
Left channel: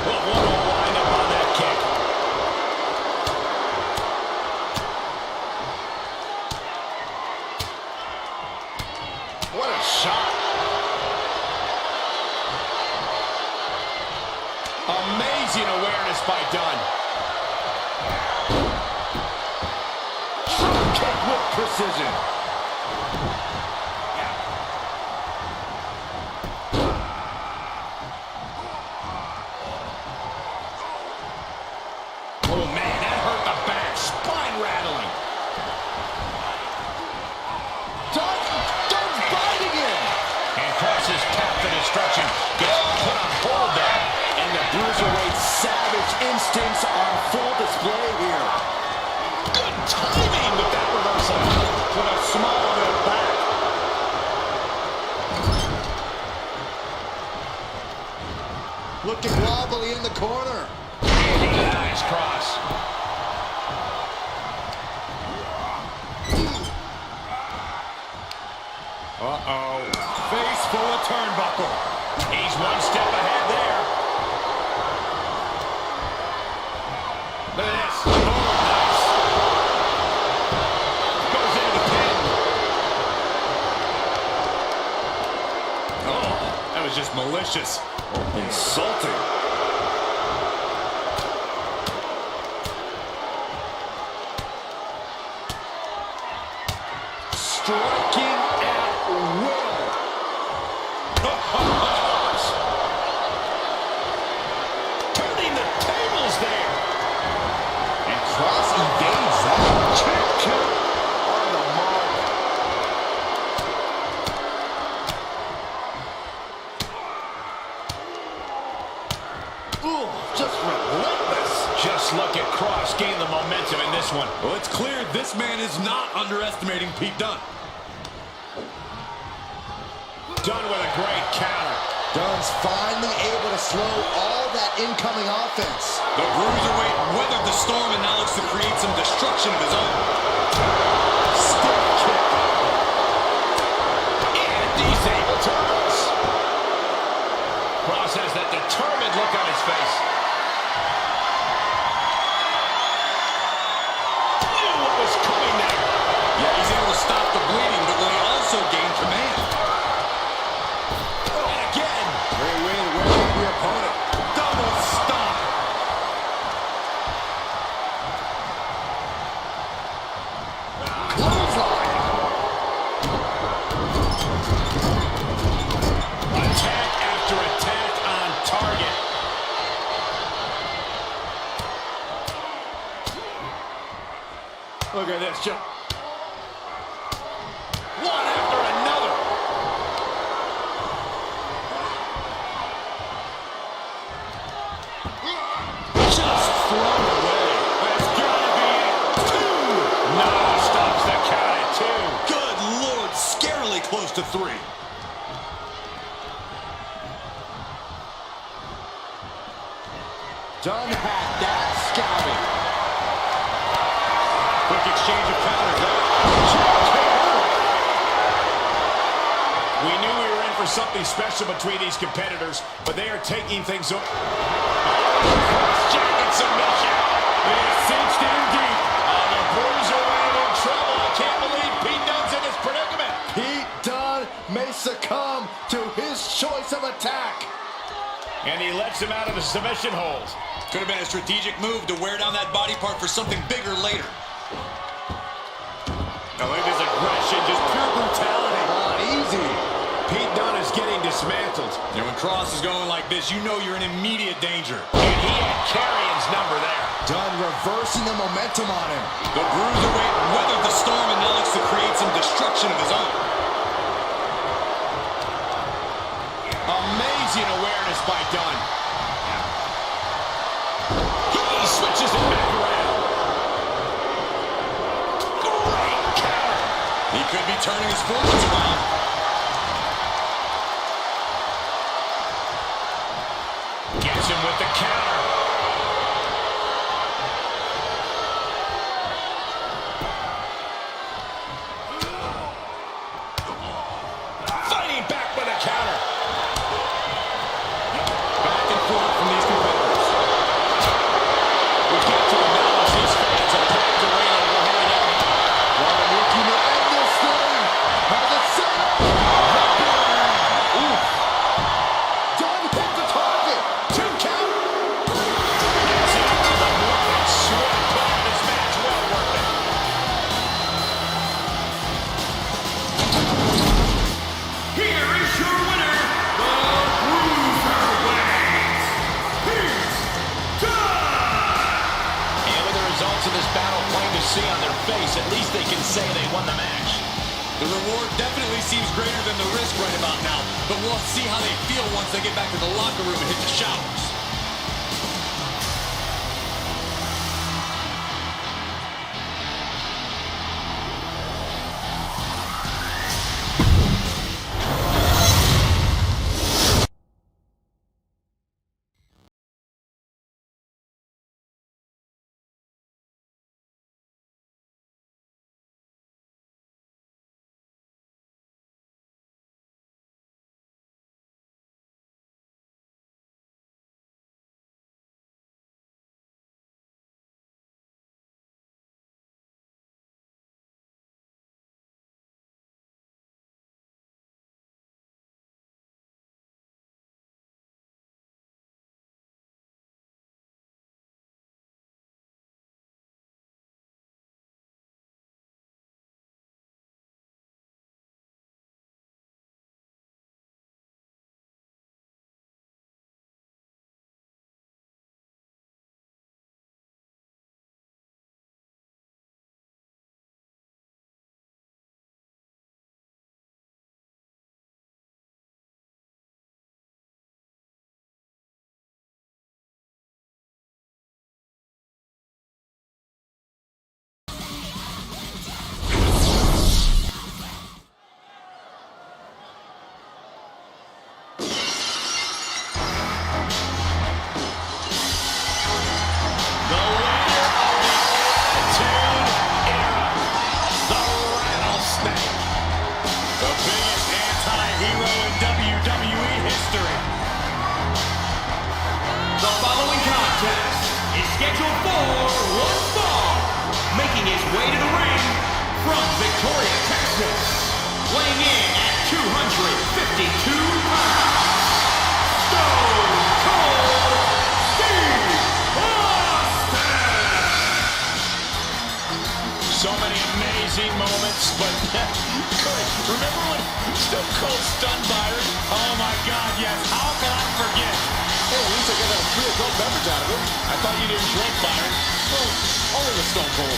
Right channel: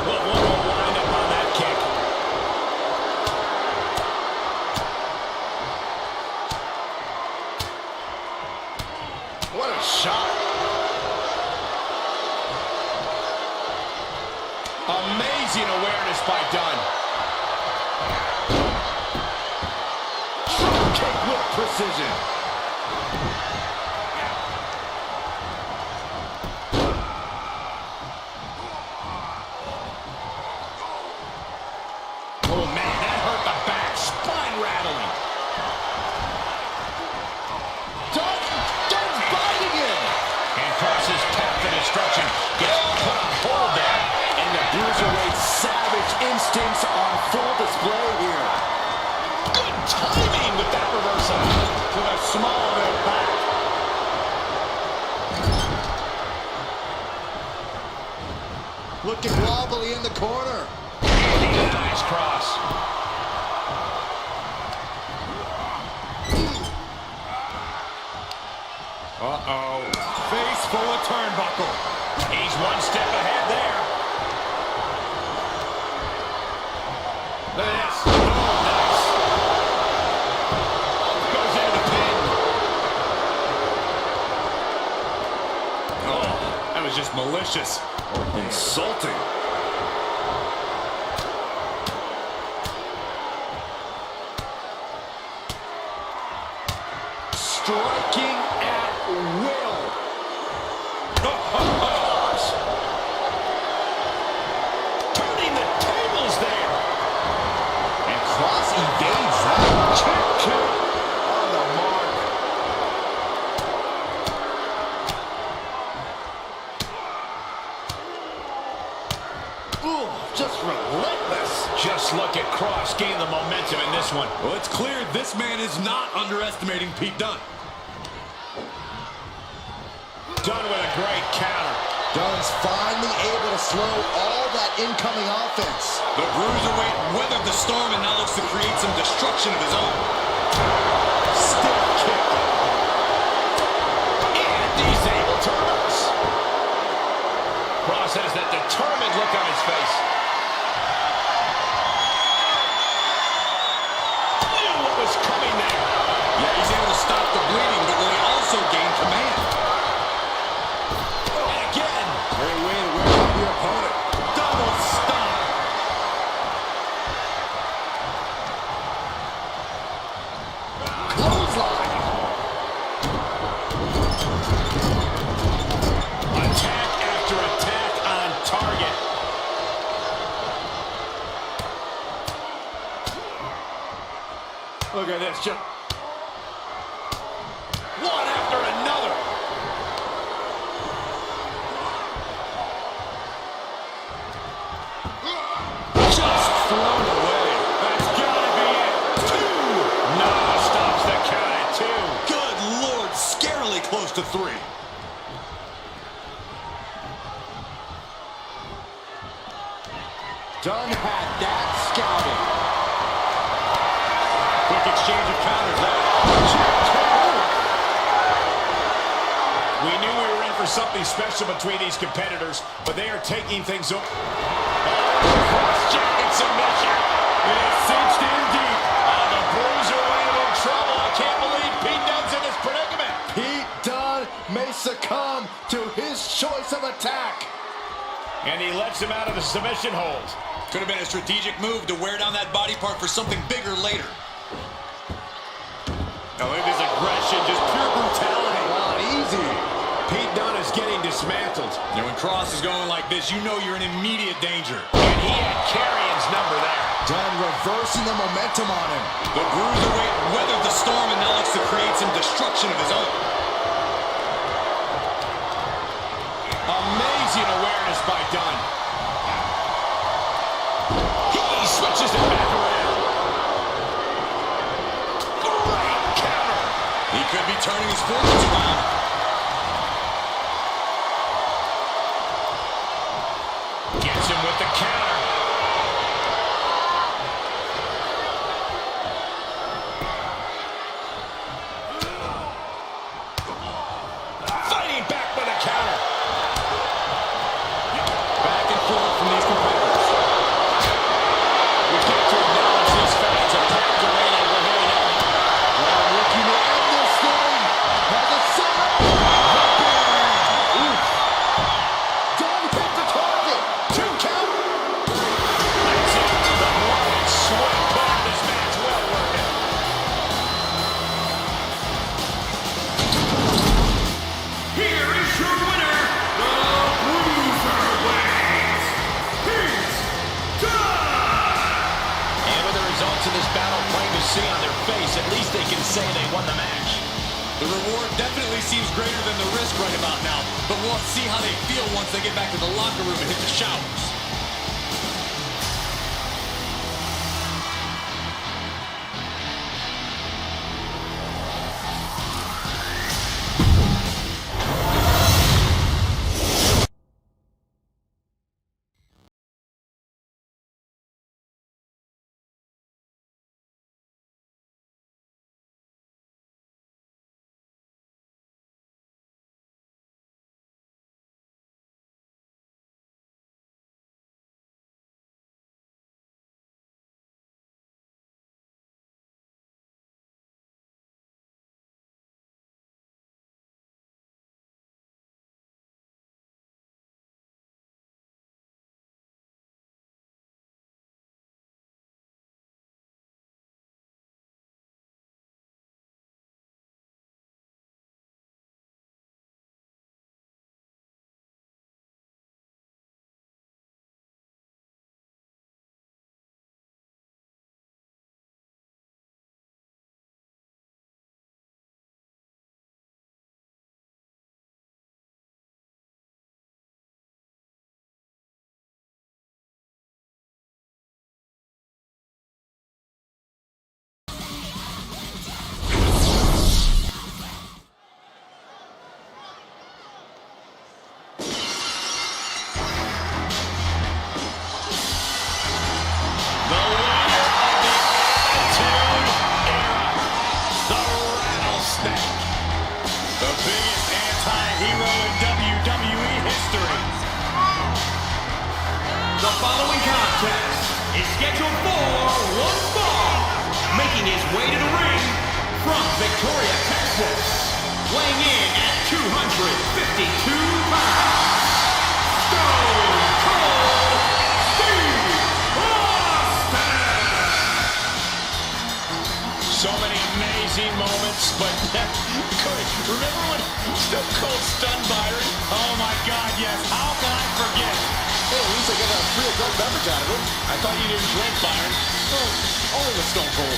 Well, one will wind up on that kick. What a shot. Amazing awareness by Dunne. Drop kick with precision. Oh, man, that hurt the back. Spine rattling. Dunne's biting him. And Kross's path to destruction gets put on hold there. And the Bruiserweight's savage instincts on full display here. Good timing with that reversal. To the small of their back. Looking wobbly in the corner. And he denies Kross. Uh-oh. Face full of turnbuckle. He's one step ahead there. Look at this. Oh, nice. Goes into the pin. Oh, that was just malicious. Insulting. Striking at will. Turning the tables there. And Kross evades that. Kick on the mark. Ooh, just relentless. Just look at Kross gain the momentum in this one. Well, it's clear this man is not underestimating Pete Dunne. Dunne with a great counter. Dunne's finally able to slow all that incoming offense. The Bruiserweight weathered the storm and now looks to create some destruction of his own. Stiff kick. And disabled turns. Kross has that determined look on his face. Attack after attack on target. Look at this, just one after another. Just thrown away. That's gotta be it. 2. No, stops the count at 2. Good Lord, scarily close to 3. Dunn had that scouting. Quick exchange of counters there. We knew we were in for something special between these competitors, but they are taking things over. Cross-jacket submission. It is cinched in deep. The Bruiserweight in trouble. I can't believe Pete Dunne's in this predicament. Pete Dunne may succumb to his choice of attack. And he lets him out of the submission hold. Could have been a strategic move to wear down that body part for something bigger later. Now look at his aggression, just pure brutality. Come on, easy. Pete Dunne is getting dismantled. And when Cross is going like this, you know you're in immediate danger. And he had Carrion's number there. Dunne reversing the momentum on him. The Bruiserweight weathered the storm and now looks to create some destruction of his own. Amazing awareness by Dunne. He switches it back around. Great counter. He could be turning his fortunes around. Gets him with the counter. Fighting back with a counter. Back and forth from these competitors. We've got to acknowledge these fans are packed away and we're heading out. Well, looking to end this thing. Has it set up. Oof. Dunne hit the target. 2 count. That's it. The blood and sweat put in this match. Well worth it. Here is your winner, the Bruiserweight, Pete Dunne! And with the results of this battle plain to see on their face, at least they can say they won the match. The reward definitely seems greater than the risk right about now, but we'll see how they feel once they get back to the locker room and hit the showers. The following contest is scheduled for one fall. Making his way to the ring from Victoria, Texas. Weighing in at 252 pounds. Stone Cold Steve Austin! So many amazing moments, but Corey, remember when Stone Cold stunned Byron? Oh my God, yes. How can I forget? Hey, at least I got a free adult beverage out of it. I thought you didn't drink, Byron. Well, only with Stone Cold.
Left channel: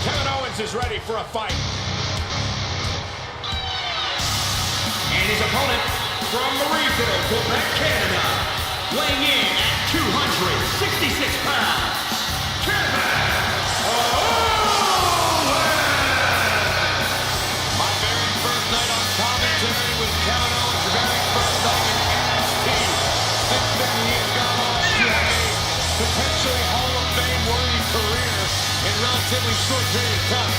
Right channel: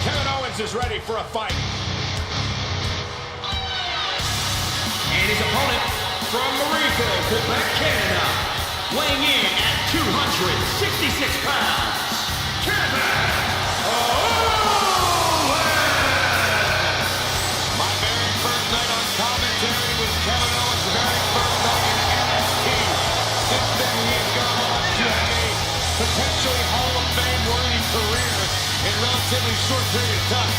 Kevin Owens is ready for a fight. And his opponent from Marieville, Quebec, Canada, weighing in at 266 pounds, Kevin Owens! My very first night on commentary was Kevin Owens' very first night in NXT. Since then, he has gone on to have a potentially Hall of Fame-worthy career in a relatively short period of time.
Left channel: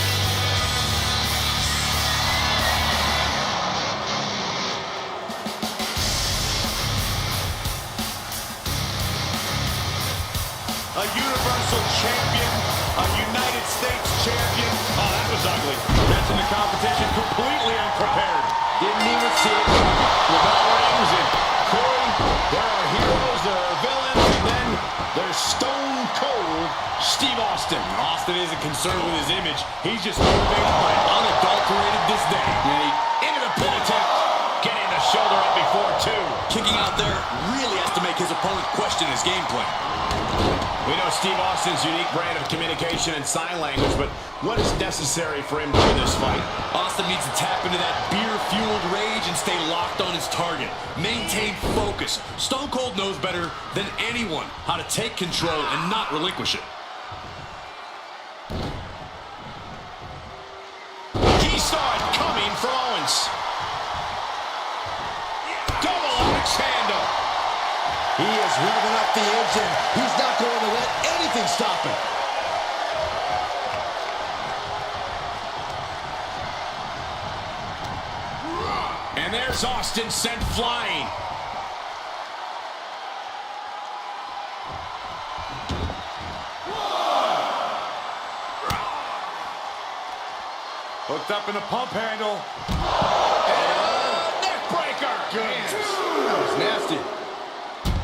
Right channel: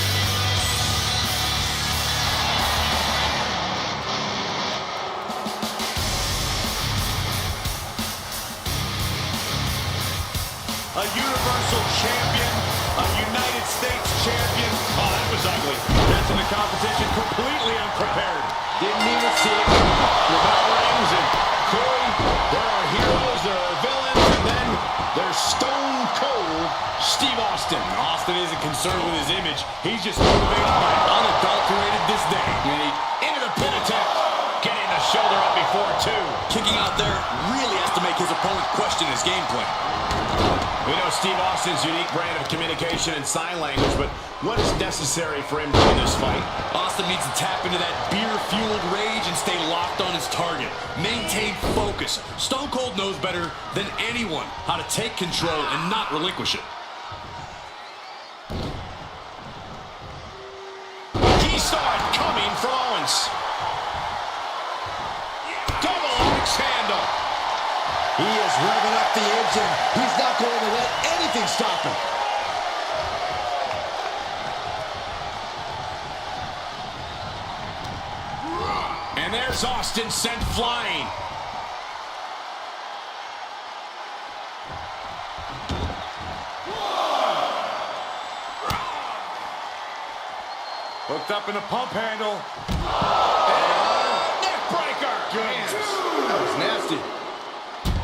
A Universal Champion, a United States Champion. Oh, that was ugly. Catching the competition completely unprepared. Didn't even see it. The bell rings, and Corey, there are heroes, there are villains, and then there's Stone Cold Steve Austin. Austin isn't concerned with his image. He's just motivated by unadulterated disdain. Into the pin attempt. Getting the shoulder up before two. Kicking out there really has to make his opponent question his game plan. We know Steve Austin's unique brand of communication and sign language, but what is necessary for him to win this fight? Austin needs to tap into that beer-fueled rage and stay locked on his target. Maintain focus. Stone Cold knows better than anyone how to take control and not relinquish it. He saw it coming from Owens. Double axe handle. He is revving up the engine. He's not going to let anything stop him. And there's Austin sent flying. Hooked up in a pump handle. And neck breaker. Goodness. That was nasty.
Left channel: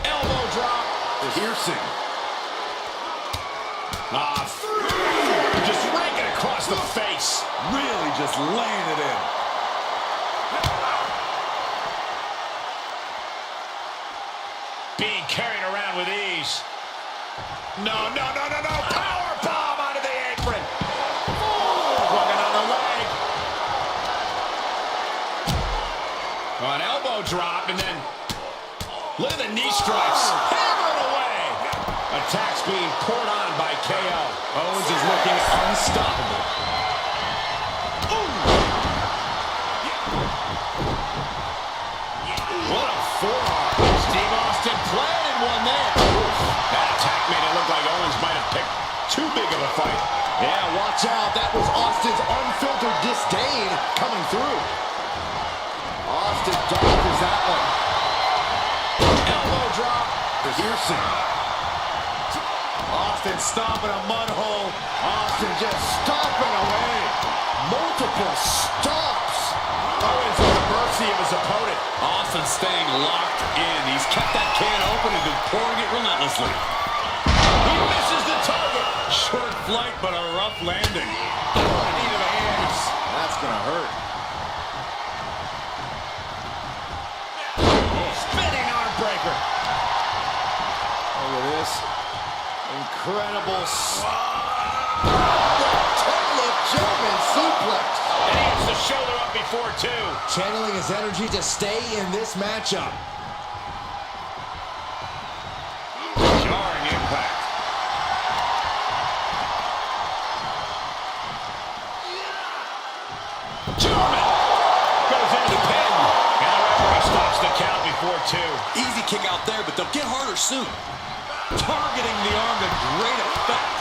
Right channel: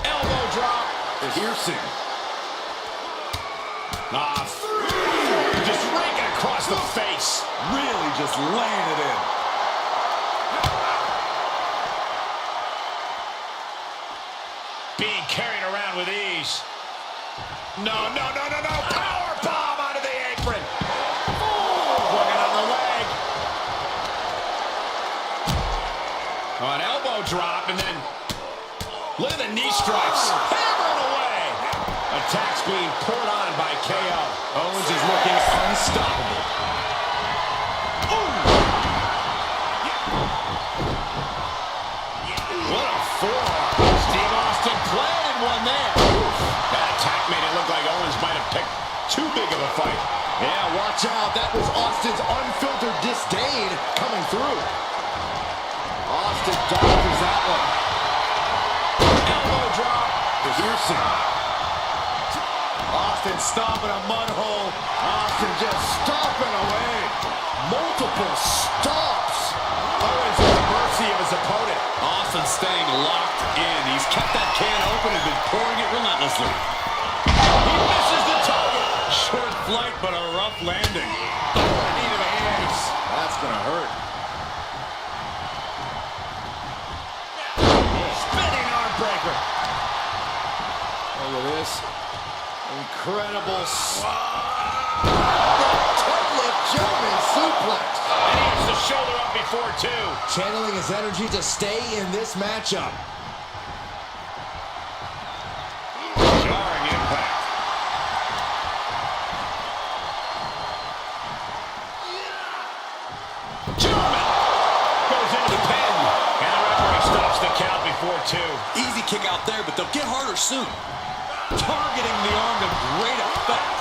Elbow drop. Piercing. Just raking across the face. Really just laying it in. Being carried around with ease. No. Power bomb onto the apron. Working on the leg. An elbow drop, and then look at the knee stripes. Hammering away. Attacks being poured on by KO. Owens is looking unstoppable. What a forearm. Steve Austin planted one there. That attack made it look like Owens might have picked too big of a fight. Yeah, watch out. That was Austin's unfiltered disdain coming through. Austin dodges that one. Elbow drop. Piercing. Austin stomping a mud hole. Austin just stomping away. Multiple stops. Owens at the mercy of his opponent. Austin staying locked in. He's kept that can open and been pouring it relentlessly. He misses the target. Short flight, but a rough landing. Knee to the hands. That's going to hurt. Spinning arm breaker. Look at this. Incredible. German suplex. And he gets the shoulder up before two. Channeling his energy to stay in this matchup. Jarring impact. German goes into the pin. And the referee stops the count before two. Easy kick out there, but they'll get harder soon. Targeting the arm to great effect.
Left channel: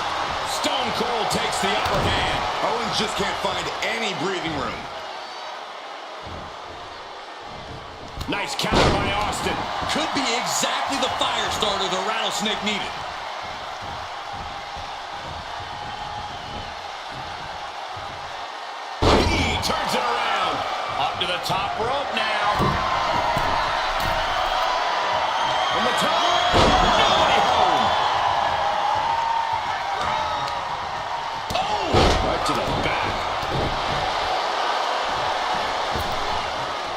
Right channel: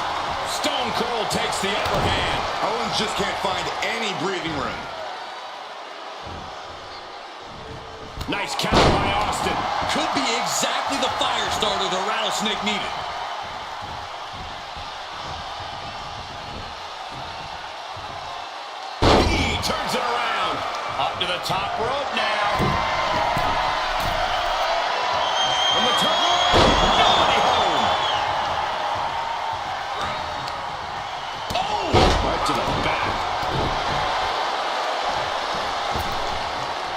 Stone Cold takes the upper hand. Owens just can't find any breathing room. Nice counter by Austin. Could be exactly the fire starter the Rattlesnake needed. He turns it around. Up to the top rope now. From the top. Nobody home. Oh! Right to the back.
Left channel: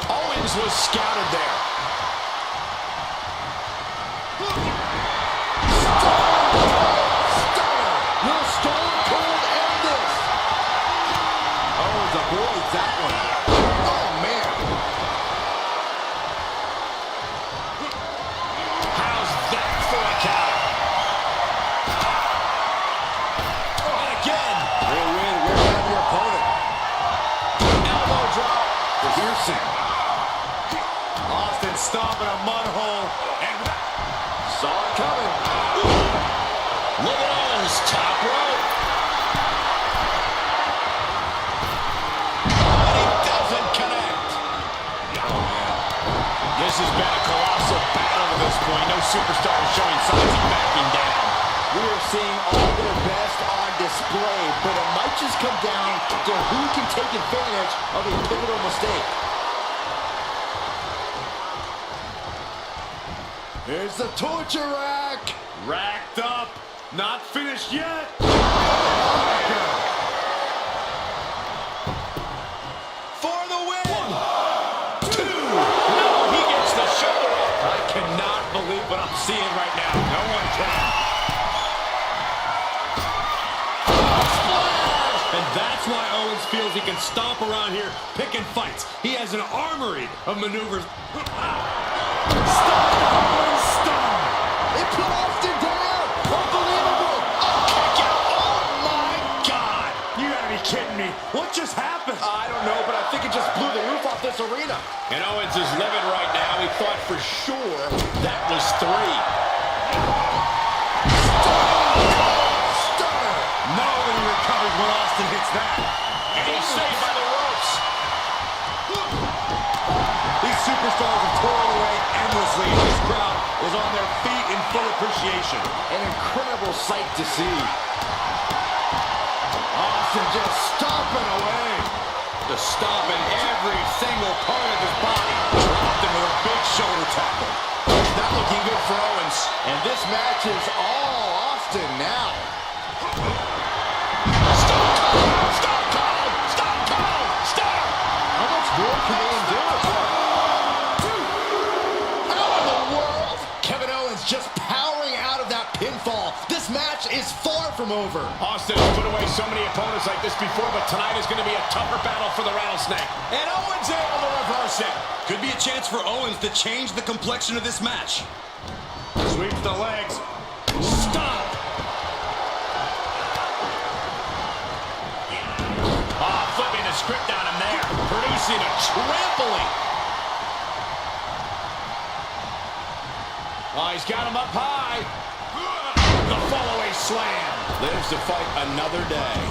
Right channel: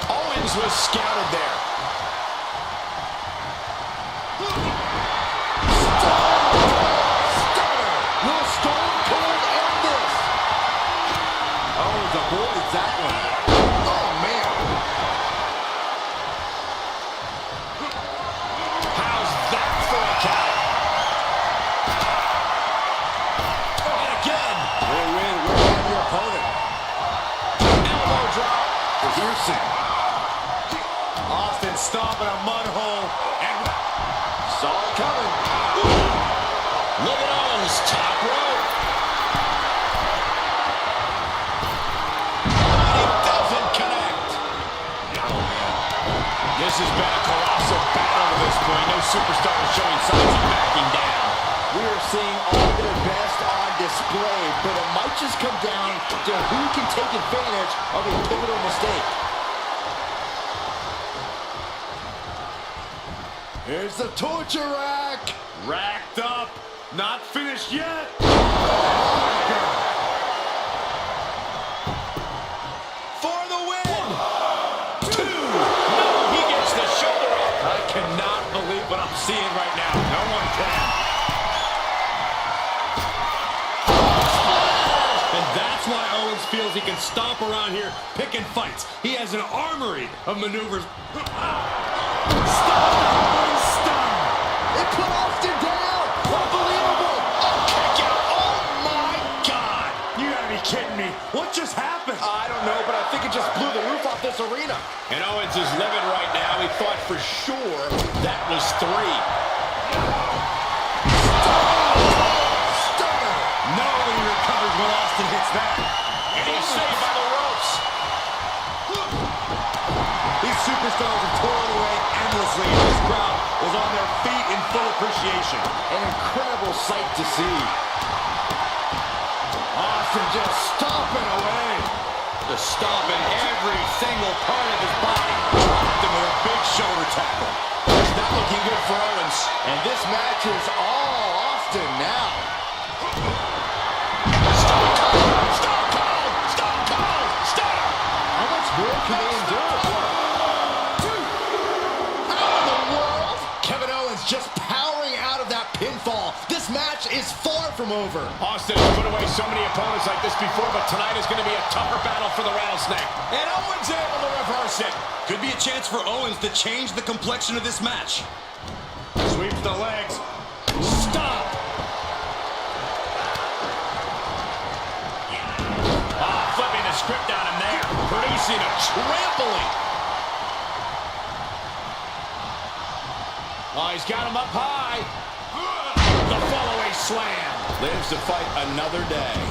Owens was scouted there. Stunner! Will Stone Cold end this? Owens avoids that one. Oh, man. How's that for a counter? And again. Great win. We're down your opponent. Elbow drop. The Hearsay. Austin stomping a mud hole. And Saw it coming. Look at Owens, top rope. But he doesn't connect. Oh, man. This has been a colossal battle to this point. No superstar is showing signs of backing down. We are seeing all their best on display, but it might just come down to who can take advantage of a pivotal mistake. Here's the torture rack. racked up. Not finished yet. For the win. 2. No, he gets the shoulder up. I cannot believe what I'm seeing right now. No one can. And that's why Owens feels he can stomp around here picking fights. He has an armory of maneuvers. It put Austin down. Unbelievable. Kick out. Oh, my God. You gotta be kidding me. What just happened? I don't know, but I think it just blew the roof off this arena. And Owens is livid right now. He thought for sure that was 3. Stunner. Nobody recovers when Austin hits that. And he's saved by the ropes. These superstars are toiling away endlessly, and this crowd is on their feet in full appreciation. An incredible sight to see. Austin just stomping away. Just stomping every single part of his body. Dropped him with a big shoulder tackle. It's not looking good for Owens. And this match is all Austin now. Stone Cold! Stone Cold! Stone Cold! Stunner! How much more can they endure? How in the world? Kevin Owens just powering out of that pinfall. This match is far from over. Austin has put away so many opponents like this before, but tonight is going to be a tougher battle for the Rattlesnake. And Owens able to reverse it. Could be a chance for Owens to change the complexion of this match. Sweeps the legs. Stop! Flipping the script on him there. Producing a trampling. Oh, he's got him up high. The fallaway slam. Lives to fight another day.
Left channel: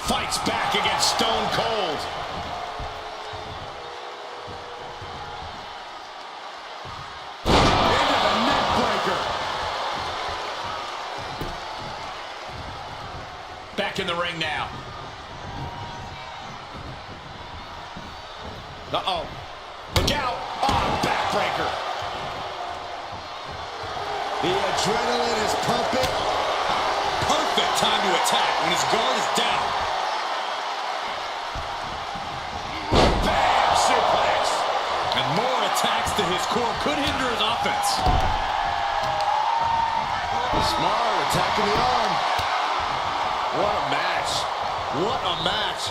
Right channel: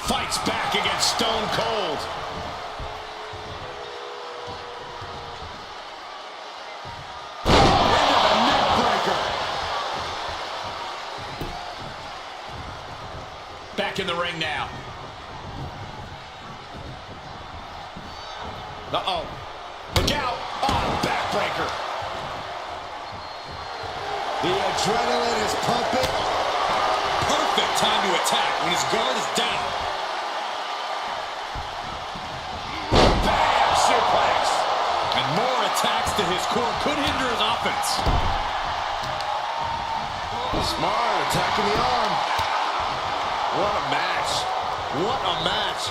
Fights back against Stone Cold. Into the neck breaker. Back in the ring now. Uh-oh. Look out. Oh, backbreaker. The adrenaline is pumping. Perfect time to attack when his guard is down. Bam! Suplex. And more attacks to his core could hinder his offense. Smart attacking the arm. What a match. What a match.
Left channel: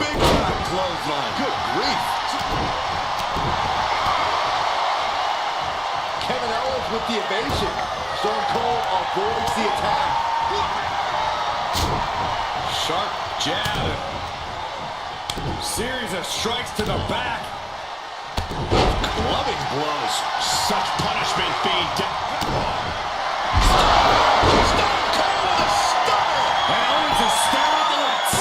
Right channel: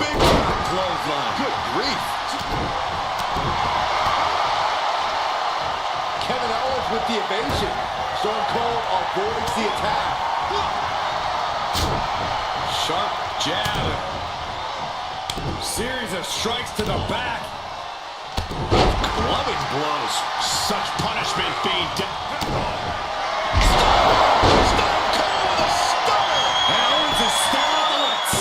Big time clothesline. Good grief. Kevin Owens with the evasion. Stone Cold avoids the attack. Sharp jab. Series of strikes to the back. Clubbing blows. Such punishment being Stone Cold with a stunner. And Owens is staring at the lights.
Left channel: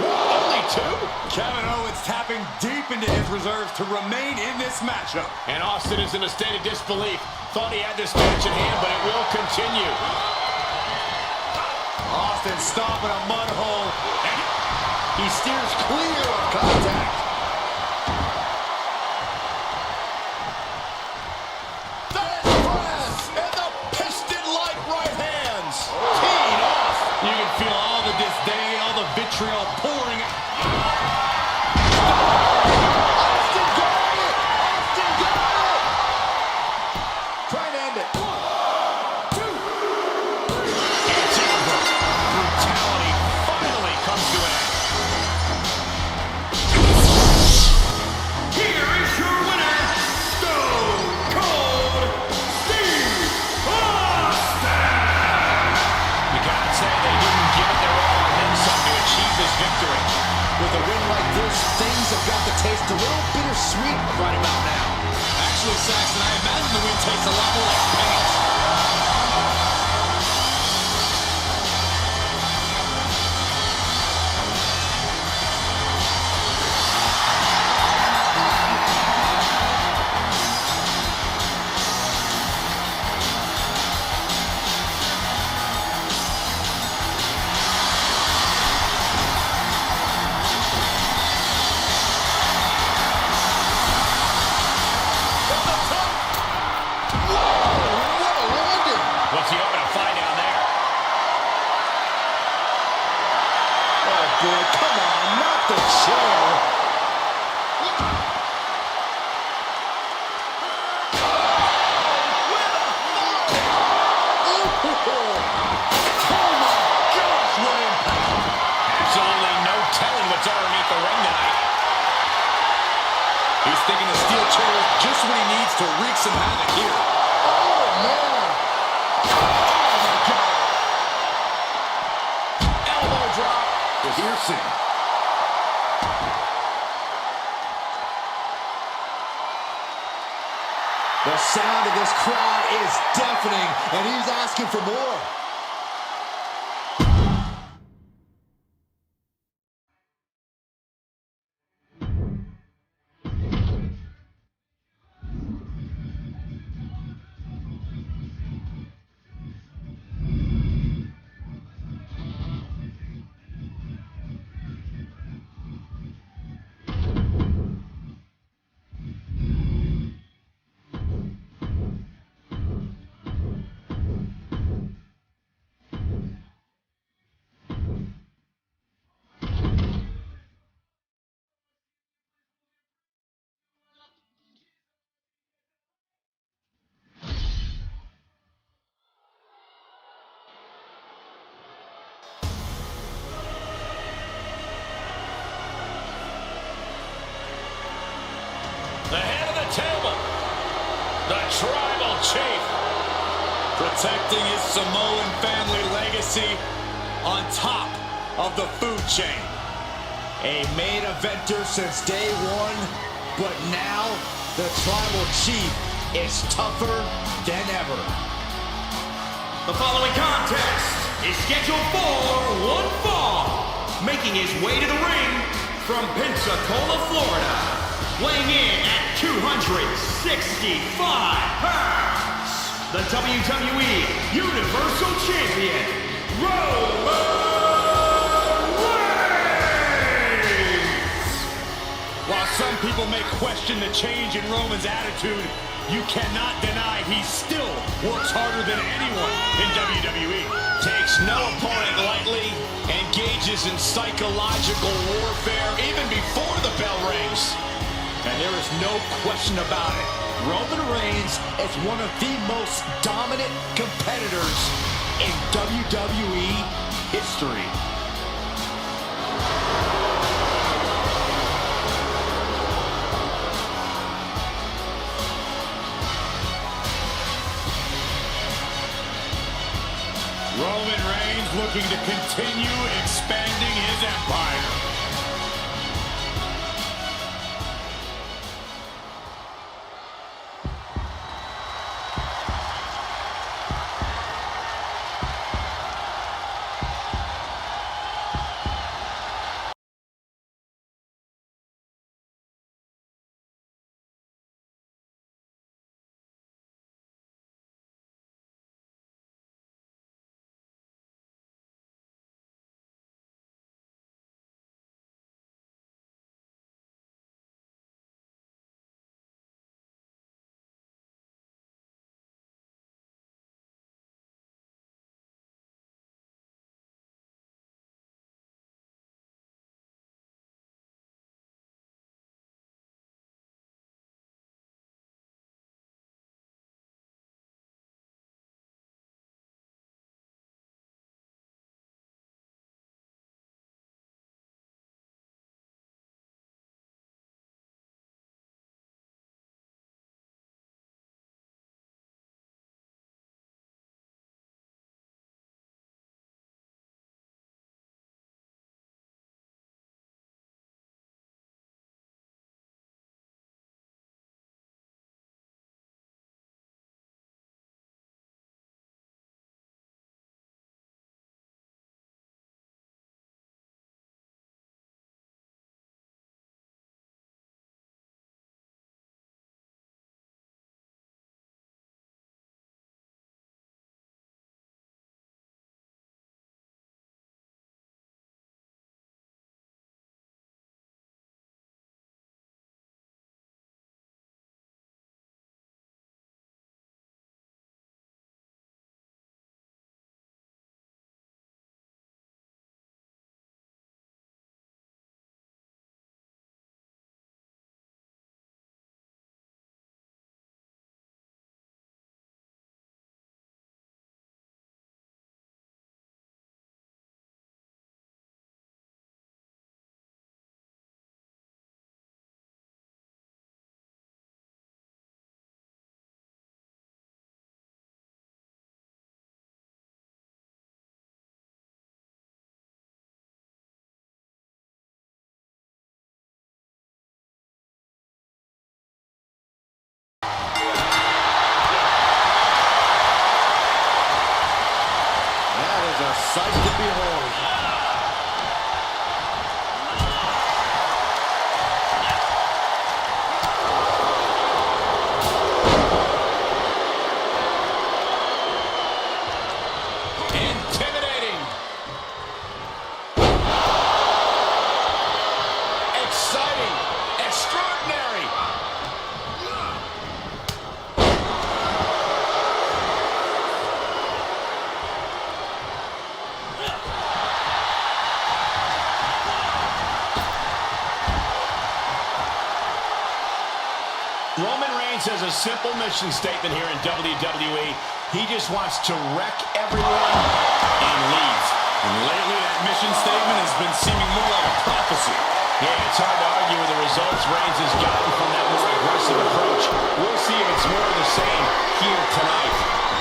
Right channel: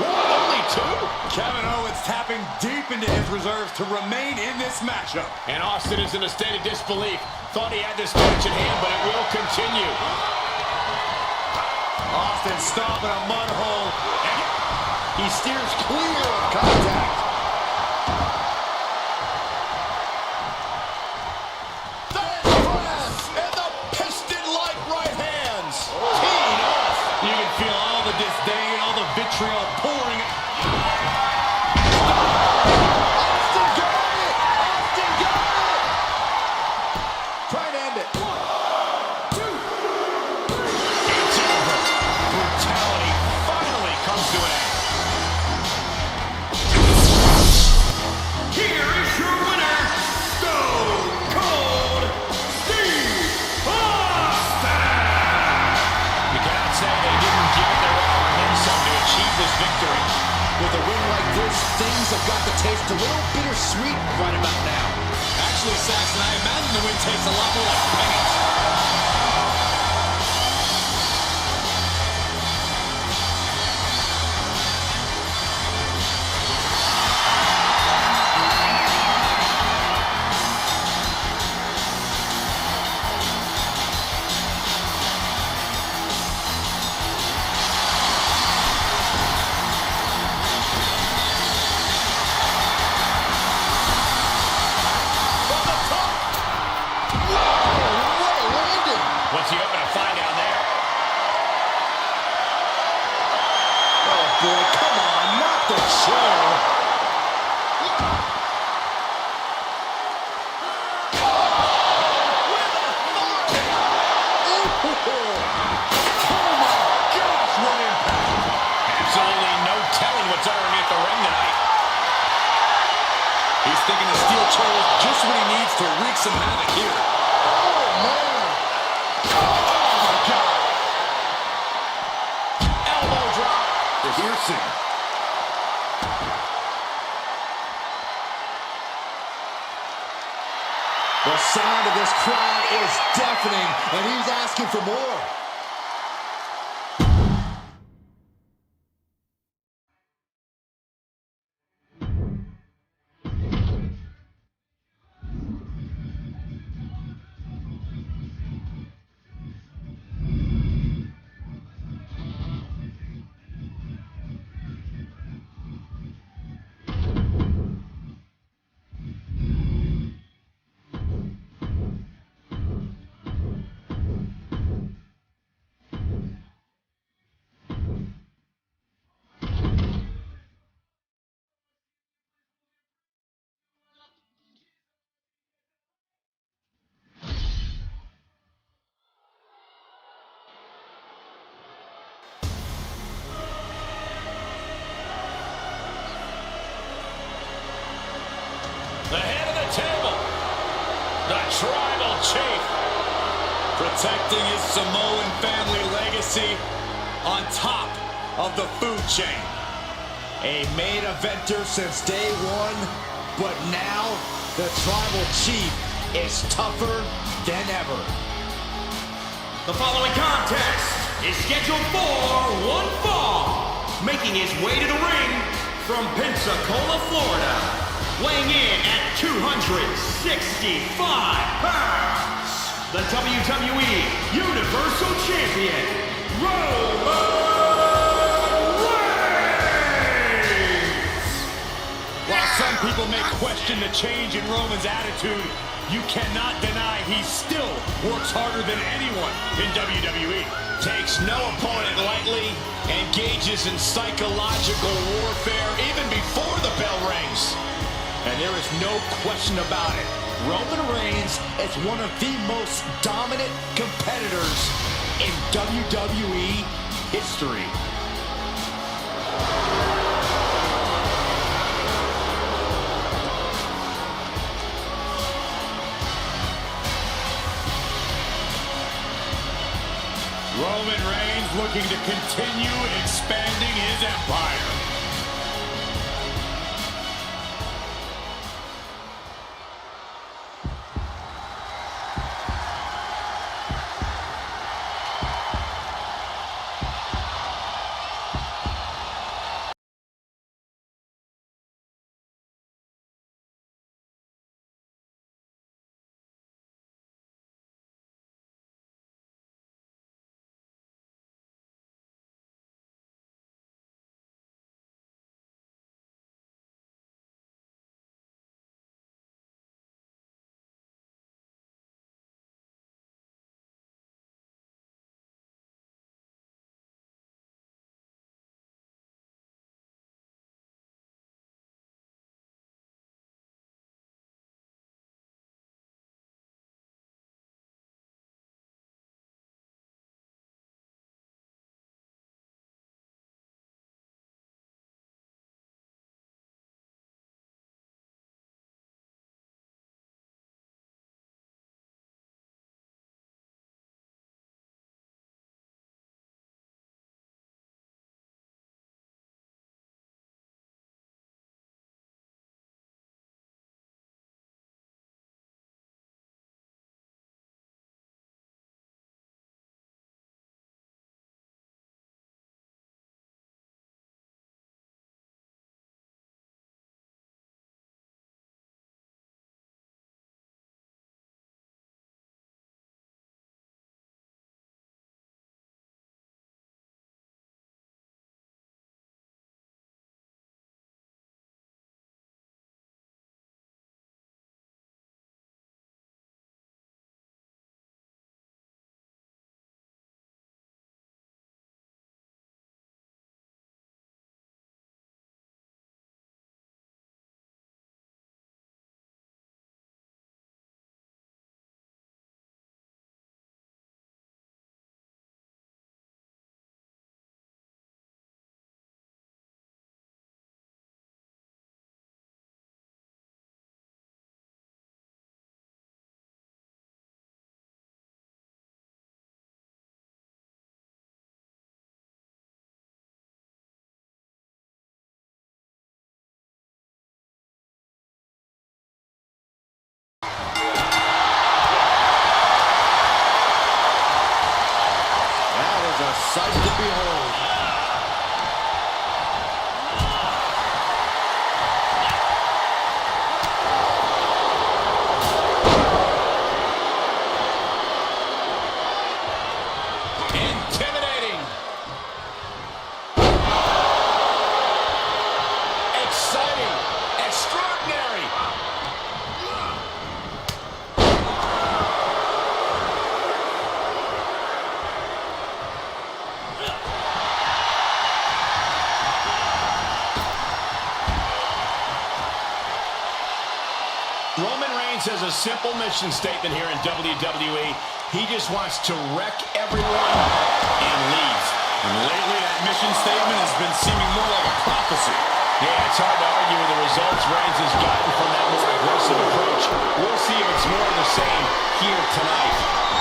1, 2. Only 2? Kevin Owens deep into his reserves to remain in this matchup. And Austin is in a state of disbelief. Thought he had this match in hand, but it will continue. Austin stomping a mud hole. And he steers clear of contact. And the piston-like right hands. Teed off. you can feel all the disdain, all the vitriol pouring. Austin got it! Austin got it! Try to end it. 1, 2, 3. It's over. Brutality finally comes to an end. Here is your winner, Stone Cold Steve Austin! You cannot say they didn't give it their all and then some to achieve this victory. With a win like this, things have got to taste a little bittersweet right about now. Actually, Saxton, I imagine the win tastes a lot more like pennies. What's he hoping to find down there? Oh boy, come on, not the chair. With authority. Oh my gosh, what impact. Absolutely no telling what's underneath the ring tonight. He's thinking the steel chair is just what he needs to wreak some havoc here. Oh man. Oh my God. Elbow drop. Piercing. The sound of this crowd is deafening, and he's asking for more. The head of the table, the tribal chief. Protecting his Samoan family legacy on top of the food chain. A main eventer since day one, but now the tribal chief is tougher than ever. The following contest is scheduled for one fall. Making his way to the ring from Pensacola, Florida. Weighing in at 265 pounds. The WWE Universal Champion, Roman Reigns! While some people may question the change in Roman's attitude, you cannot deny he still works harder than anyone in WWE. Takes no opponent lightly, engages in psychological warfare even before the bell rings. And there is no question about it. Roman Reigns is one of the most dominant competitors in WWE history. Roman Reigns looking to continue expanding his empire. Reigns has a simple mission statement here in WWE. He just wants to wreck everyone and leave. And lately, that mission statement has been seeming more like a prophecy. Yeah, it's hard to argue with the results Reigns has gotten from that more aggressive approach. We'll see if it's more of the same here tonight.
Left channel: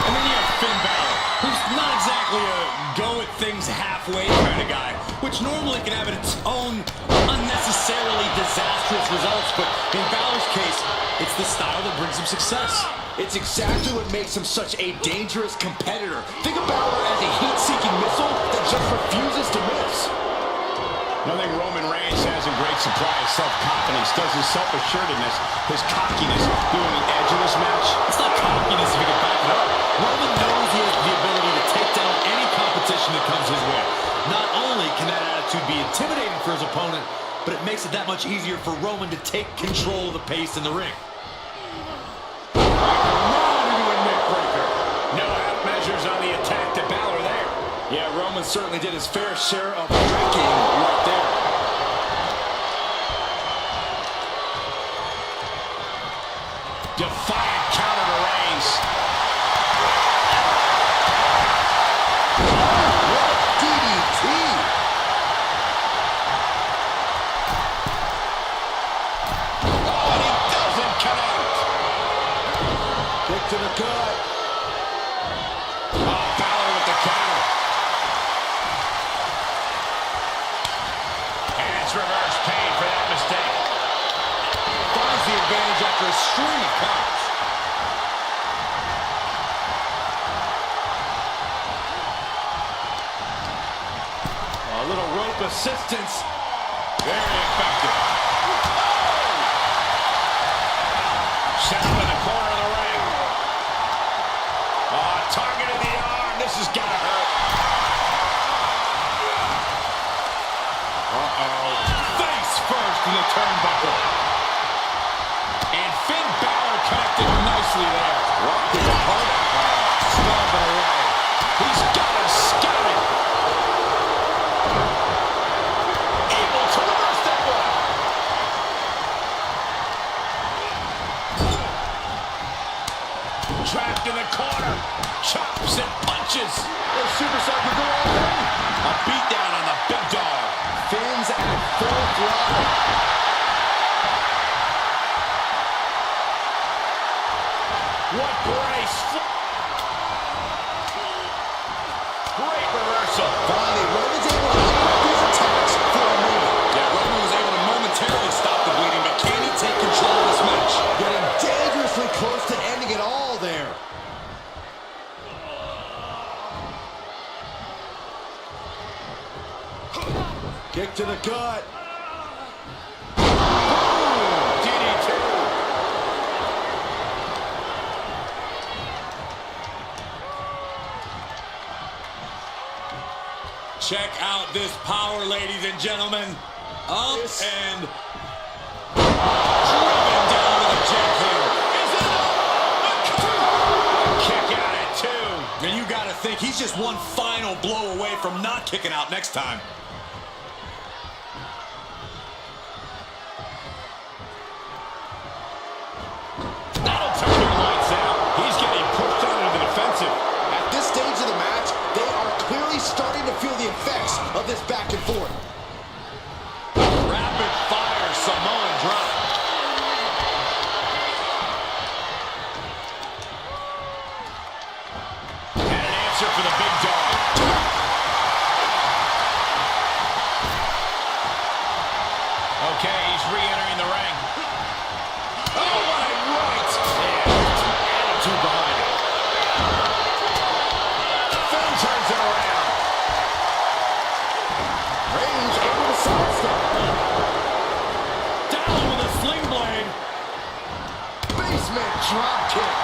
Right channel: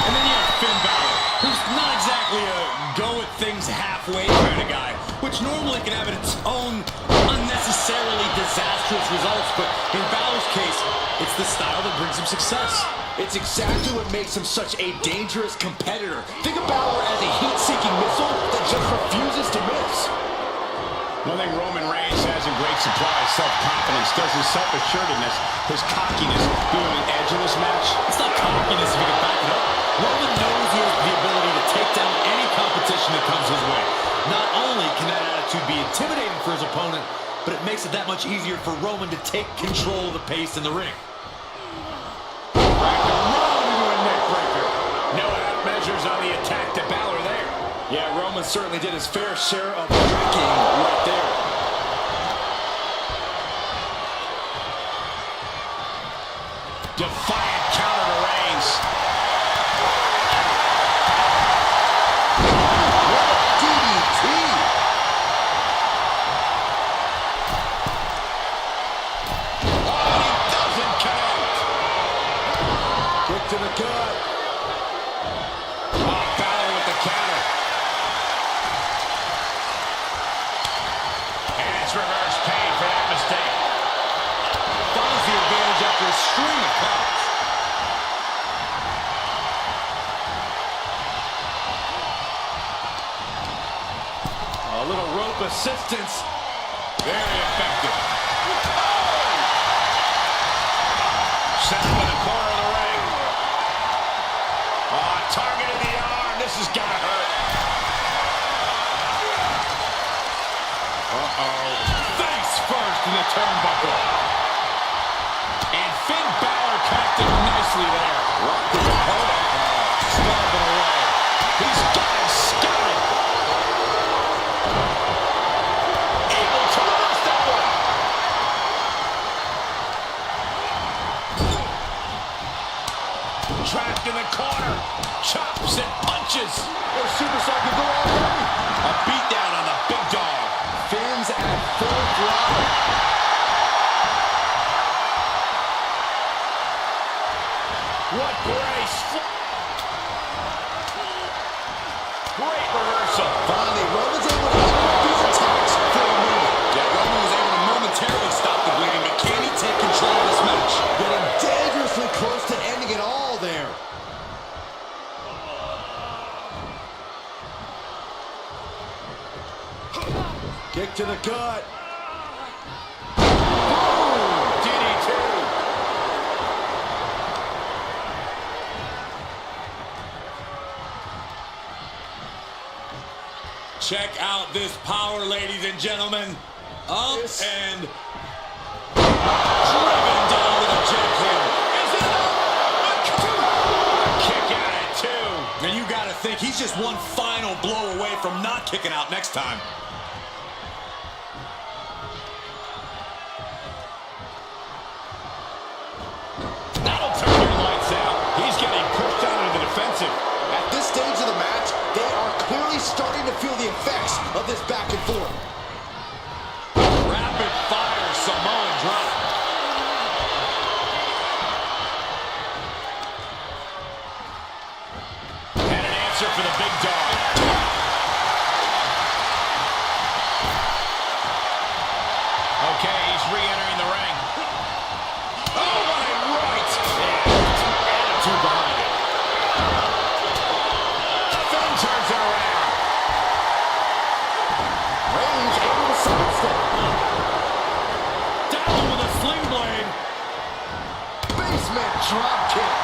And then you have Finn Balor, who's not exactly a go-at-things-halfway kind of guy, which normally can have its own unnecessarily disastrous results, but in Balor's case, it's the style that brings him success. It's exactly what makes him such a dangerous competitor. Think of Balor as a heat-seeking missile that just refuses to miss. One thing Roman Reigns has in great supply is self-confidence. Does his self-assuredness, his cockiness, give him an edge in this match? It's not cockiness if he can back it up. Roman knows he has the ability to take down any competition that comes his way. Not only can that attitude be intimidating for his opponent, but it makes it that much easier for Roman to take control of the pace in the ring. No half measures on the attack to Balor there. Yeah, Roman certainly did his fair share of wrecking right there. Defiant counter to Reigns. What a DDT! Oh, and he doesn't connect. Kick to the gut. Oh, Balor with the counter. And it's reverse pain for that mistake. Finds the advantage after a string of counters. A little rope assistance. Very effective. Set up in the corner of the ring. Oh, targeted the arm. This is gonna hurt. Uh-oh. Face first in the turnbuckle. And Finn Balor connected nicely there. Rocked his opponent. Stomping away. He's got him scouted. Able to reverse that one. Trapped in the corner. Chops and punches. The superstar can go all day. A beatdown on the big dog. Finn's at full throttle. What grace. Great reversal. Finally, Roman's able to interrupt these attacks for a moment. Yeah, Roman was able to momentarily stop the bleeding, but can he take control of this match? Getting dangerously close to ending it all there. Kick to the gut. DDT. Check out this power, ladies and gentlemen. Up This- and driven down with a jackhammer. Is it A kick out at 2. And you got to think he's just one final blow away from not kicking out next time. That'll turn your lights out. He's getting pushed out into the defensive. At this stage of the match, they are clearly starting to feel the effects of this back and forth. Rapid fire Samoan drop. And an answer for the big dog. Okay, he's re-entering the ring. Oh, what a right! Yeah, attitude behind it. Finn turns it around. Reigns able to sidestep. Down with a sling blade. Basement drop kick.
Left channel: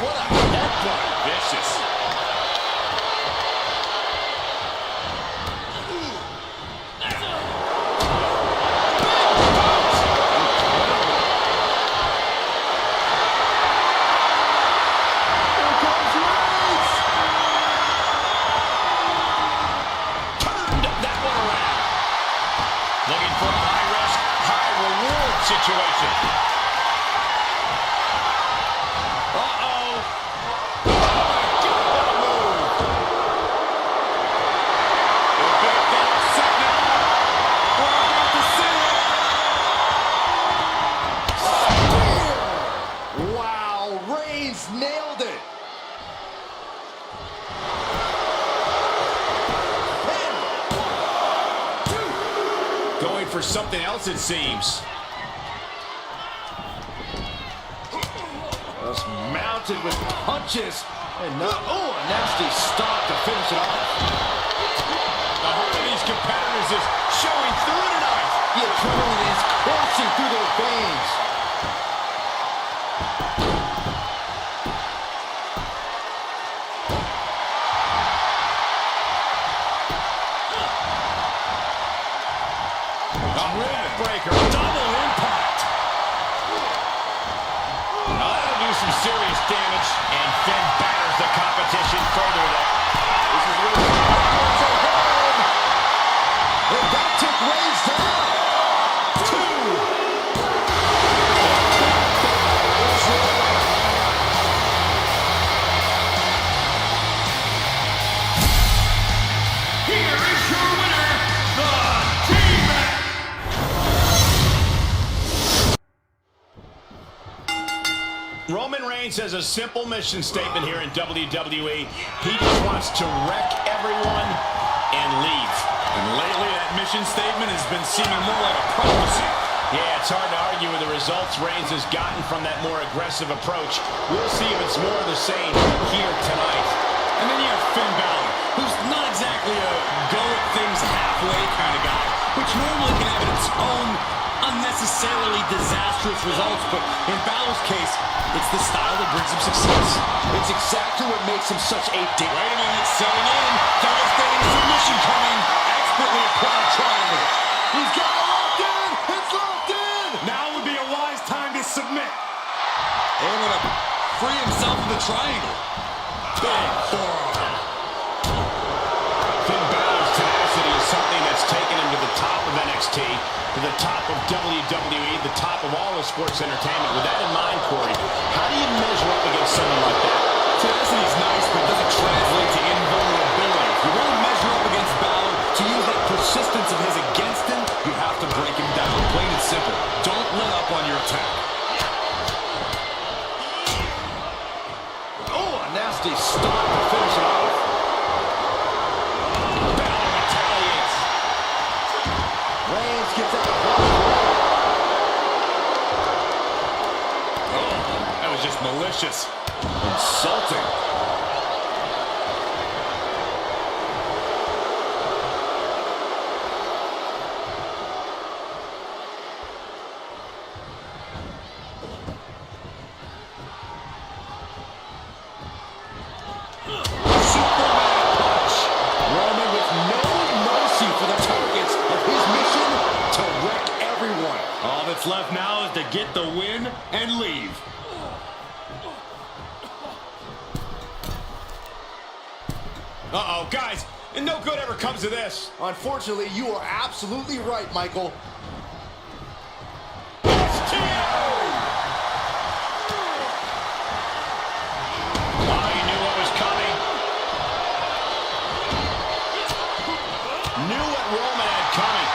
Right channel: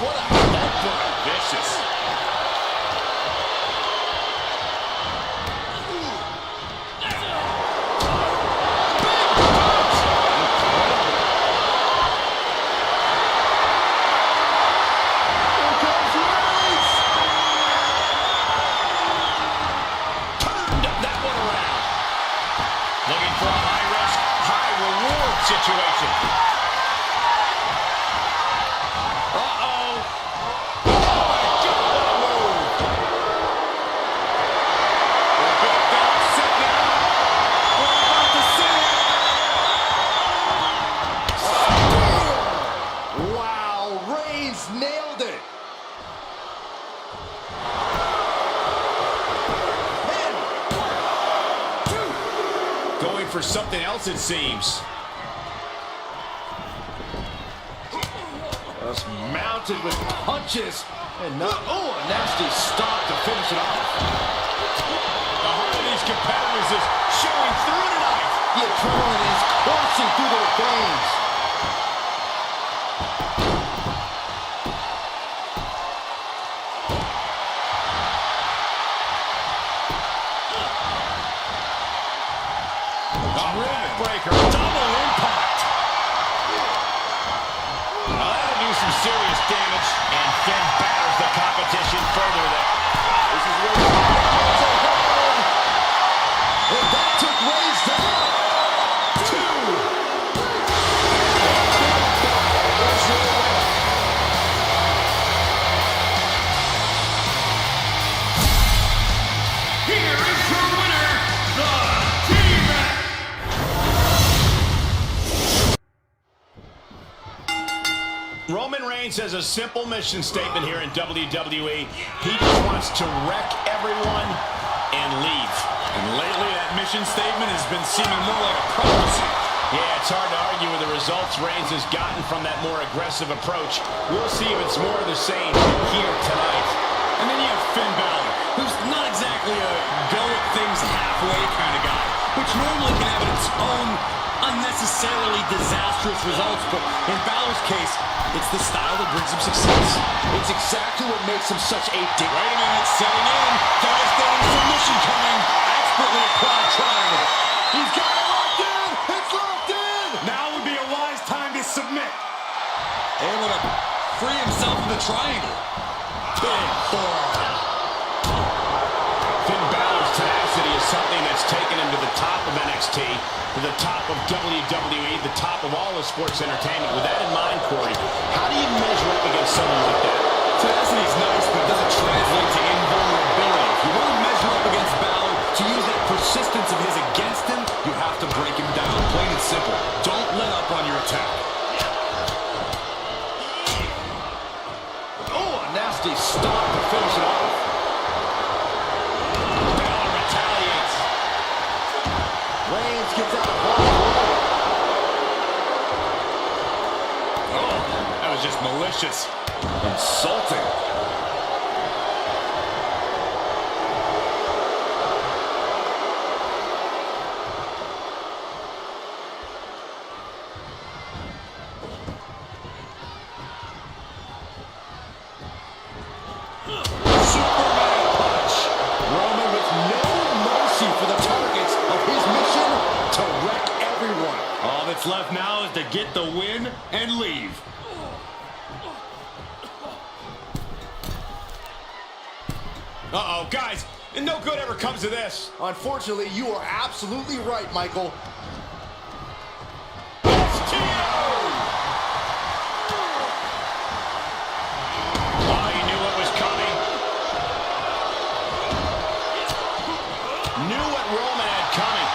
What a headbutt. Vicious. Here comes Reigns. Turned that one around. Looking for a high risk situation. Uh-oh. Oh, my God, what a move. The big dog setting it up. We're about to see it. Spear! Wow, Reigns nailed it. Going for something else, it seems. Just mounted with punches. And not, oh, a nasty stop to finish it off. The heart of these competitors is showing through tonight. The adrenaline is coursing through their veins. Breaker, double impact. That'll do some serious damage, and Finn batters the competition further there. This is where the are going. And that took Reigns down. 2. Here's your winner. Here is your winner, the Demon. Roman Reigns has a simple mission statement here in WWE. He just wants to wreck everyone and leave. And lately, that mission statement has been seeming more like a prophecy. Yeah, it's hard to argue with the results Reigns has gotten from that more aggressive approach. We'll see if it's more of the same here tonight. And then you have Finn Balor, who's not exactly a go-at-things-halfway kind of guy, which normally can have its own unnecessarily disastrous results, but in Balor's case, it's the style that brings him success. It's exactly what makes him such a dick. Wait a minute, setting in, devastating submission coming, expertly applied triangle. He's got it locked in. It's locked in. Now would be a wise time to submit. Able to free himself of the triangle. Big forearm. Finn Balor's tenacity is something that's taken him to the top of NXT, to the top of WWE, the top of all of sports entertainment. With that in mind, Corey, how do you measure up against someone like that? Tenacity's nice, but it doesn't translate to invulnerability. If you want to measure up against Balor, to use that persistence of his against him, you have to break him down. Plain and simple. Don't let up on your attack. Oh, a nasty stop to finish it off. Balor retaliates. Reigns gets out of one. Oh, that was just malicious. Insulting. Superman punch. Roman with no mercy for the targets of his mission to wreck everyone. All that's left now is to get the win and leave. Uh-oh, guys, no good ever comes of this. Unfortunately, you are absolutely right, Michael. Oh, he knew what was coming. Knew what Roman had coming.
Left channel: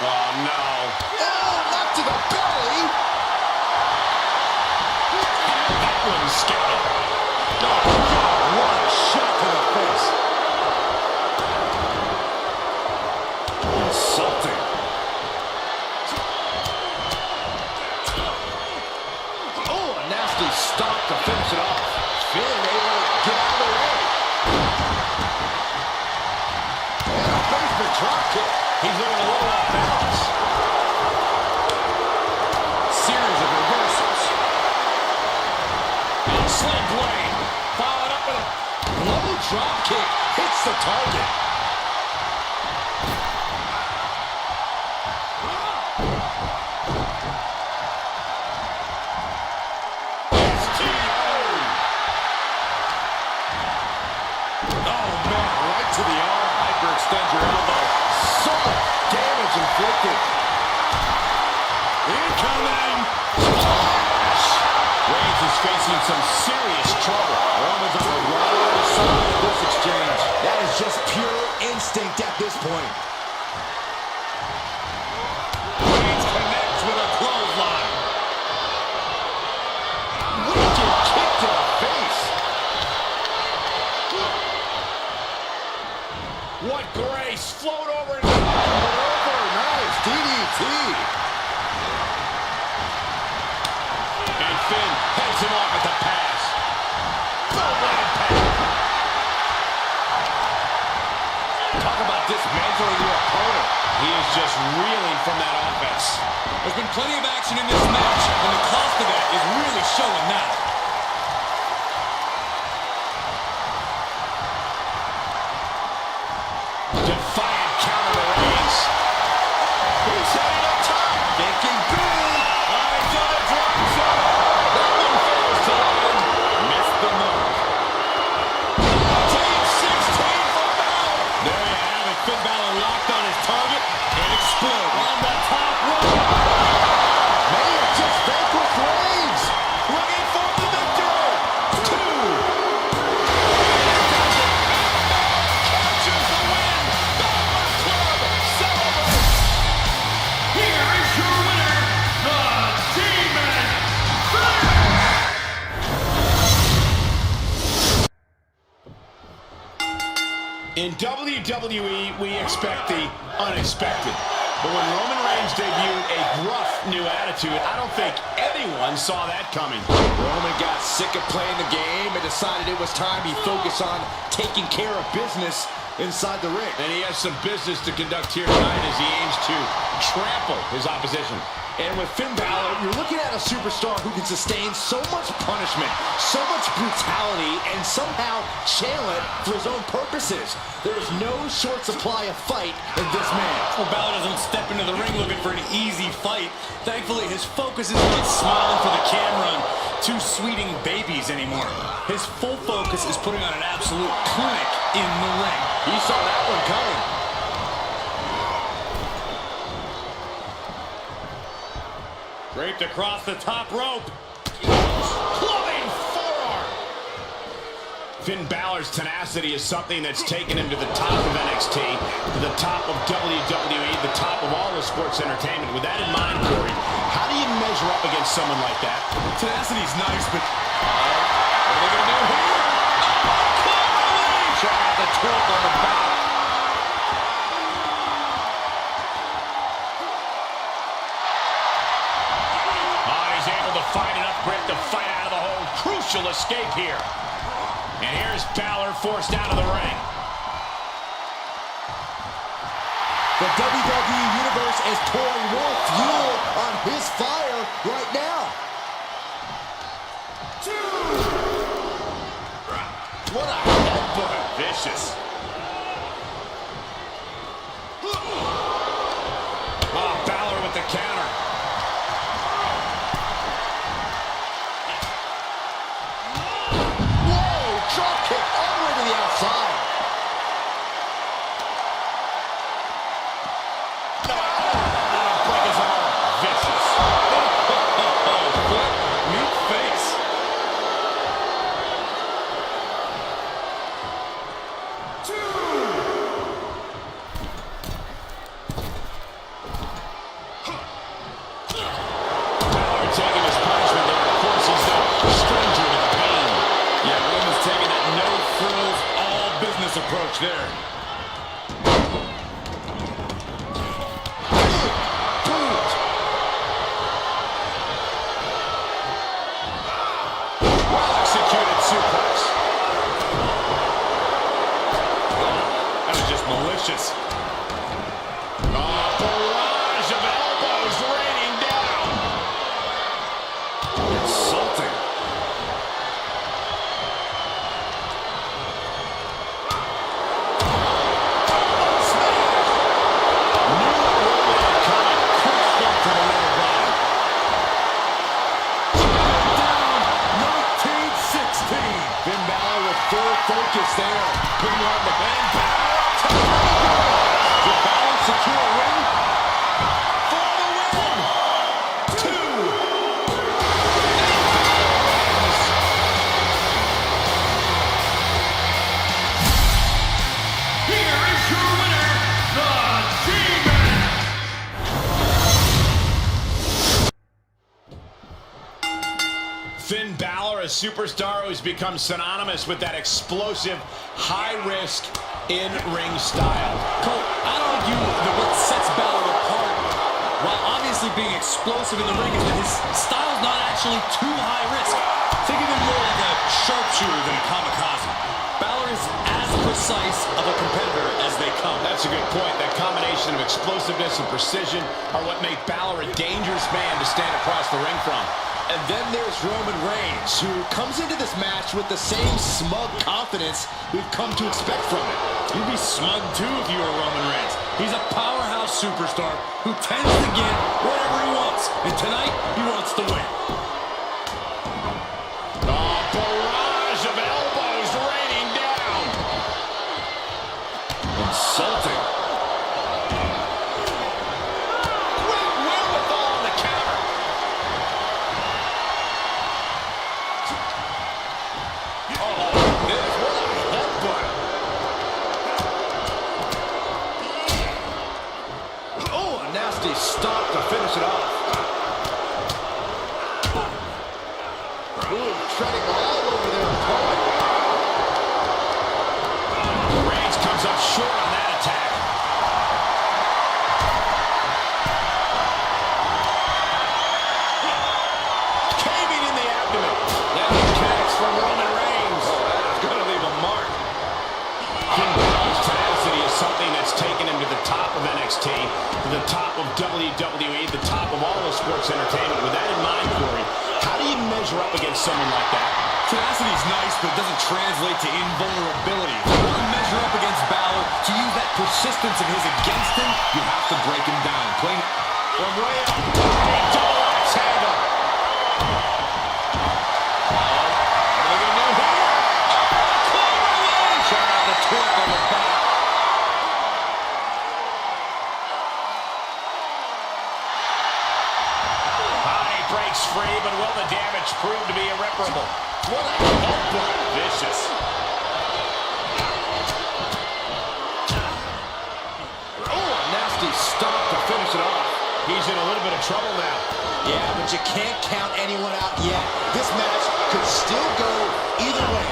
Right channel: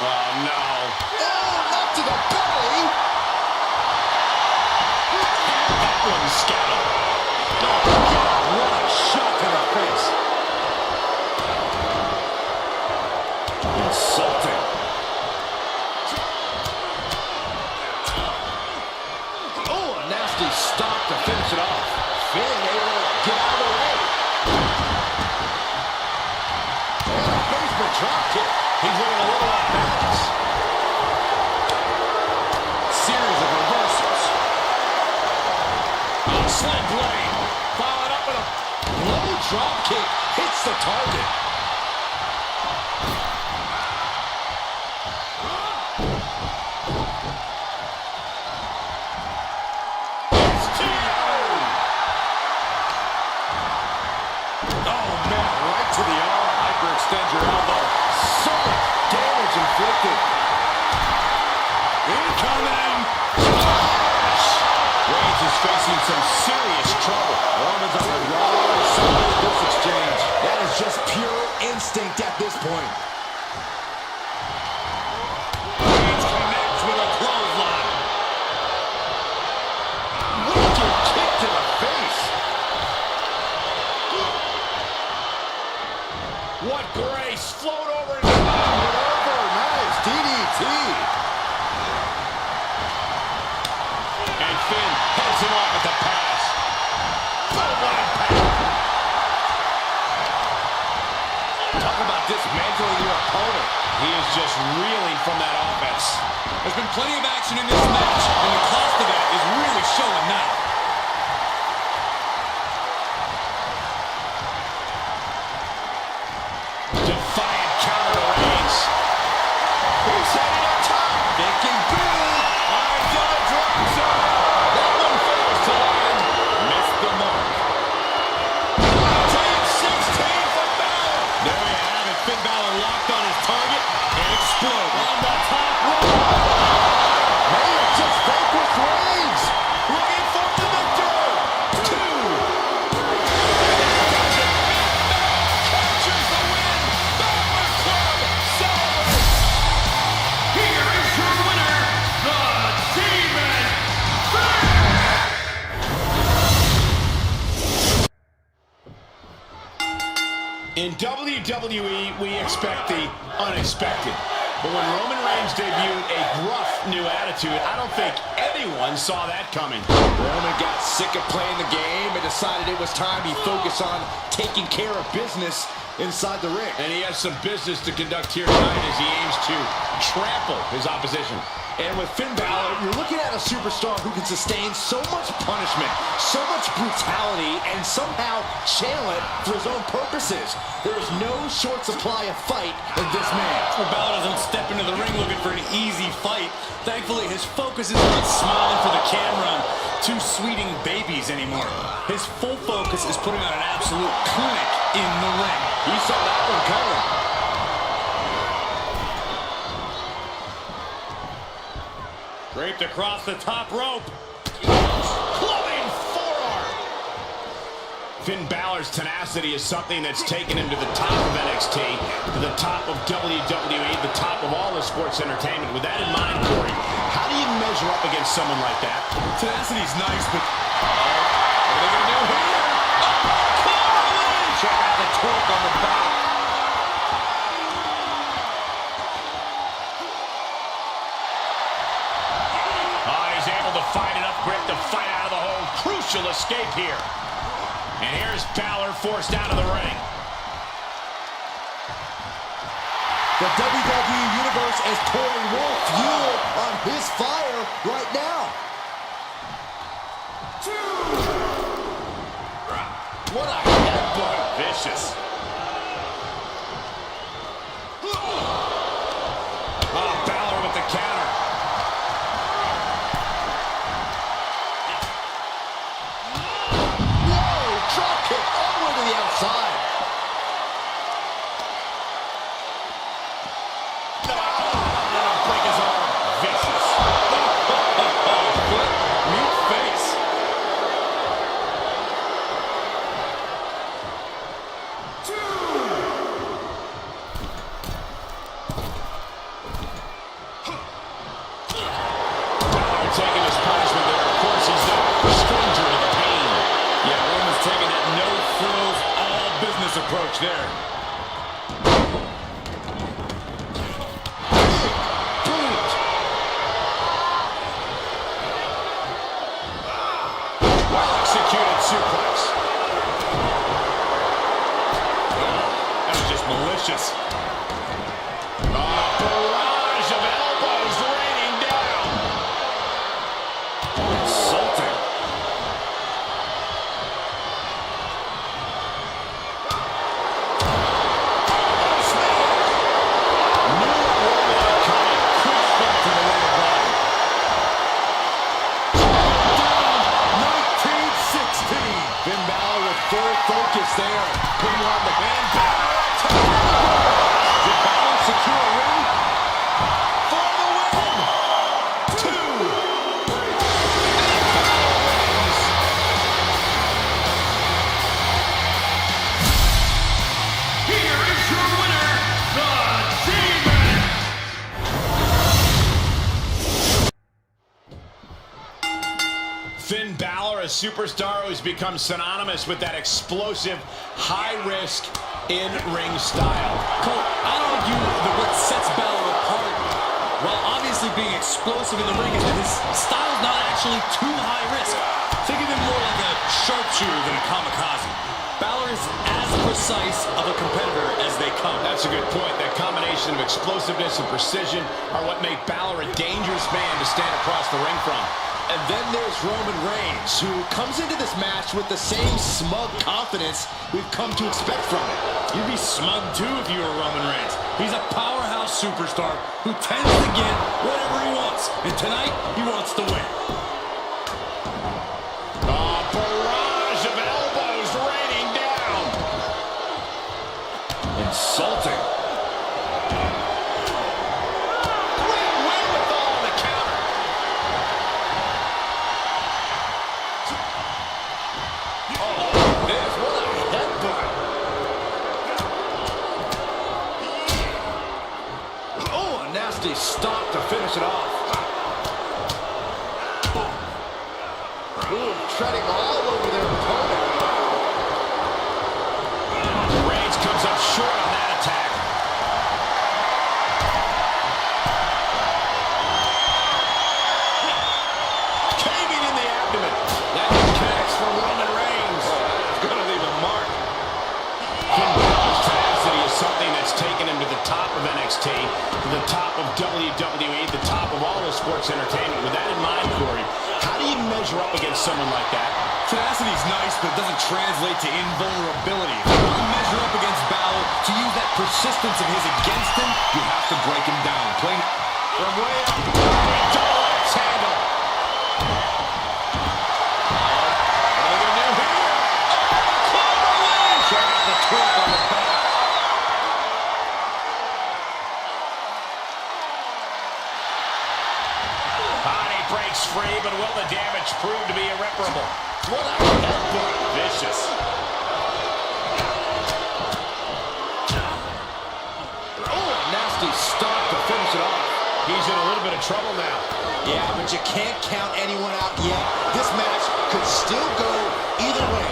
Oh, no. Oh, left to the belly. That wasn't scouted. Oh, God, what a shot to the face. Insulting. Oh, a nasty stop to finish it off. Finn able to get out of the way. And a basement drop kick. He's looking a little off balance. Series of reversals. Slam blade. Followed up with a Low drop kick hits the target. oh man, right to the arm. Hyperextend your elbow. So much damage inflicted. coming. Reigns is facing some serious trouble. Roman's on the wrong side of this exchange. That is just pure instinct at this point. Reigns connects with a clothesline. Wicked kick to the face. What grace! Float over and Nice DDT. And Finn heads him off at the pass. Oh, what impact! Talk about dismantling your opponent. He is just reeling from that offense. There's been plenty of action in this match, and the cost of that is really showing now. Defiant counter to Reigns. He's headed up top. Thinking big. He's gonna drop some. That one fails to land. Missed the mark. Team 16 for Balor. There you have it. Finn Balor locked on his target and exploded. On the top rope. May have just vanquished Reigns. Looking for the victory. 2. And that does it. Finn Balor captures the win. Balor Club celebrates. Here is your winner, the Demon Finn! In WWE, we expect the unexpected. But when Roman Reigns debuted a gruff new attitude, I don't think anyone saw that coming. Roman got sick of playing the game and decided it was time he focus on taking care of business inside the ring. And he has some business to conduct here tonight as he aims to trample his opposition. And with Finn Balor, you're looking at a superstar who can sustain so much punishment, so much brutality, and somehow channel it for his own purposes. There is no short supply of fight in this man. Well, Balor doesn't step into the ring looking for an easy fight. Thankfully, his focus is not smiling for the camera and two sweeting babies anymore. His full focus is putting on an absolute clinic in the ring. He saw that one coming. Draped across the top rope. Clubbing forearm. Finn Balor's tenacity is something that's taken him to the top of NXT, to the top of WWE, the top of all the sports entertainment. With that in mind, Corey, how do you measure up against someone like that? Tenacity's nice, but what are they going to do here? Oh, cleverly! Check out the torque on the back. He's able to find enough grit to fight out of the hole. Crucial escape here. And here's Balor forced out of the ring. The WWE Universe is pouring more fuel on his fire right now. 2. What a headbutt. Vicious. Oh, Balor with the counter. Drop kick all the way to the outside. That'll break his arm. Vicious. Foot, meat face. Balor taking his punishment there. Of course, he's no stranger to the pain. Yeah, Roman's taking that no-frills, all-business approach there. Well-executed suplex. That was just malicious. Barrage of elbows raining down. Insulting. Full focus there, putting on the And Balor up top. Did Balor secure a win? For the win. 2. superstar who's become synonymous with that explosive, high-risk, in-ring style. Cole, I'd argue that what sets Balor apart, while obviously being explosive in the ring, is that his style's not actually too high risk. Think of him more like a sharpshooter than a kamikaze. Balor is as precise of a competitor as they come. That's a good point. That combination of explosiveness and precision are what make Balor a dangerous man to stand across the ring from. And then there's Roman Reigns, who comes into this match with the same smug confidence we've come to expect from him. You'd be smug too if you were Roman Reigns. He's a powerhouse superstar who tends to get whatever he wants. And tonight, he wants to win. A barrage of elbows raining down. Insulting. Great wherewithal on the counter. Oh, this, what a headbutt. Oh, a nasty stop to finish it off. Ooh, treading all over their opponent. Reigns comes up short on that attack. Caving in the abdomen. That connects for Roman Reigns. Oh, that is going to leave a mark. Finn Balor's tenacity is something that's taken him to the top of NXT, to the top of WWE, the top of all of sports entertainment. With that in mind, Corey, how do you measure up against someone like that? Tenacity's nice, but it doesn't translate to invulnerability. If you want to measure up against Balor, to use that persistence of his against him, you have to break him down. Plain From way up, a double axe handle. What are they going to do here? Oh, cloverleaf! Check out the torque on the back. Body breaks free, but will the damage prove to be irreparable? What a headbutt. Vicious. Oh, a nasty stop to finish it off. He's in a little bit of trouble now. Yeah, but you can't count anyone out yet. This match could still go either way.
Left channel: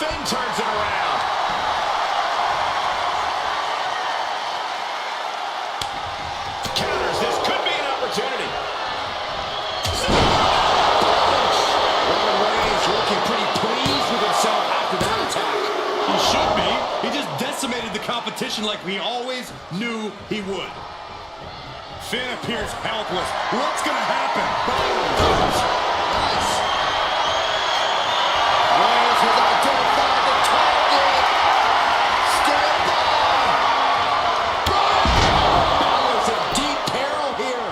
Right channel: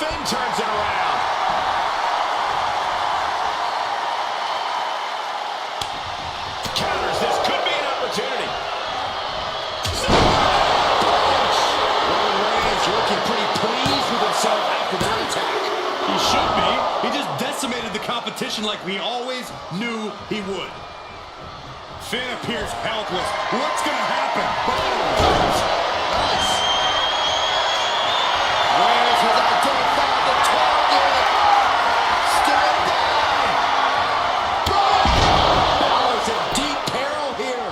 Finn turns it around. Counters. This could be an opportunity. Roman Reigns looking pretty pleased with himself after that attack. he should be. He just decimated the competition like we always knew he would. Finn appears helpless. What's going to happen? Boom! Nice. Reigns has identified the target. Stand by. Balor's in deep peril here.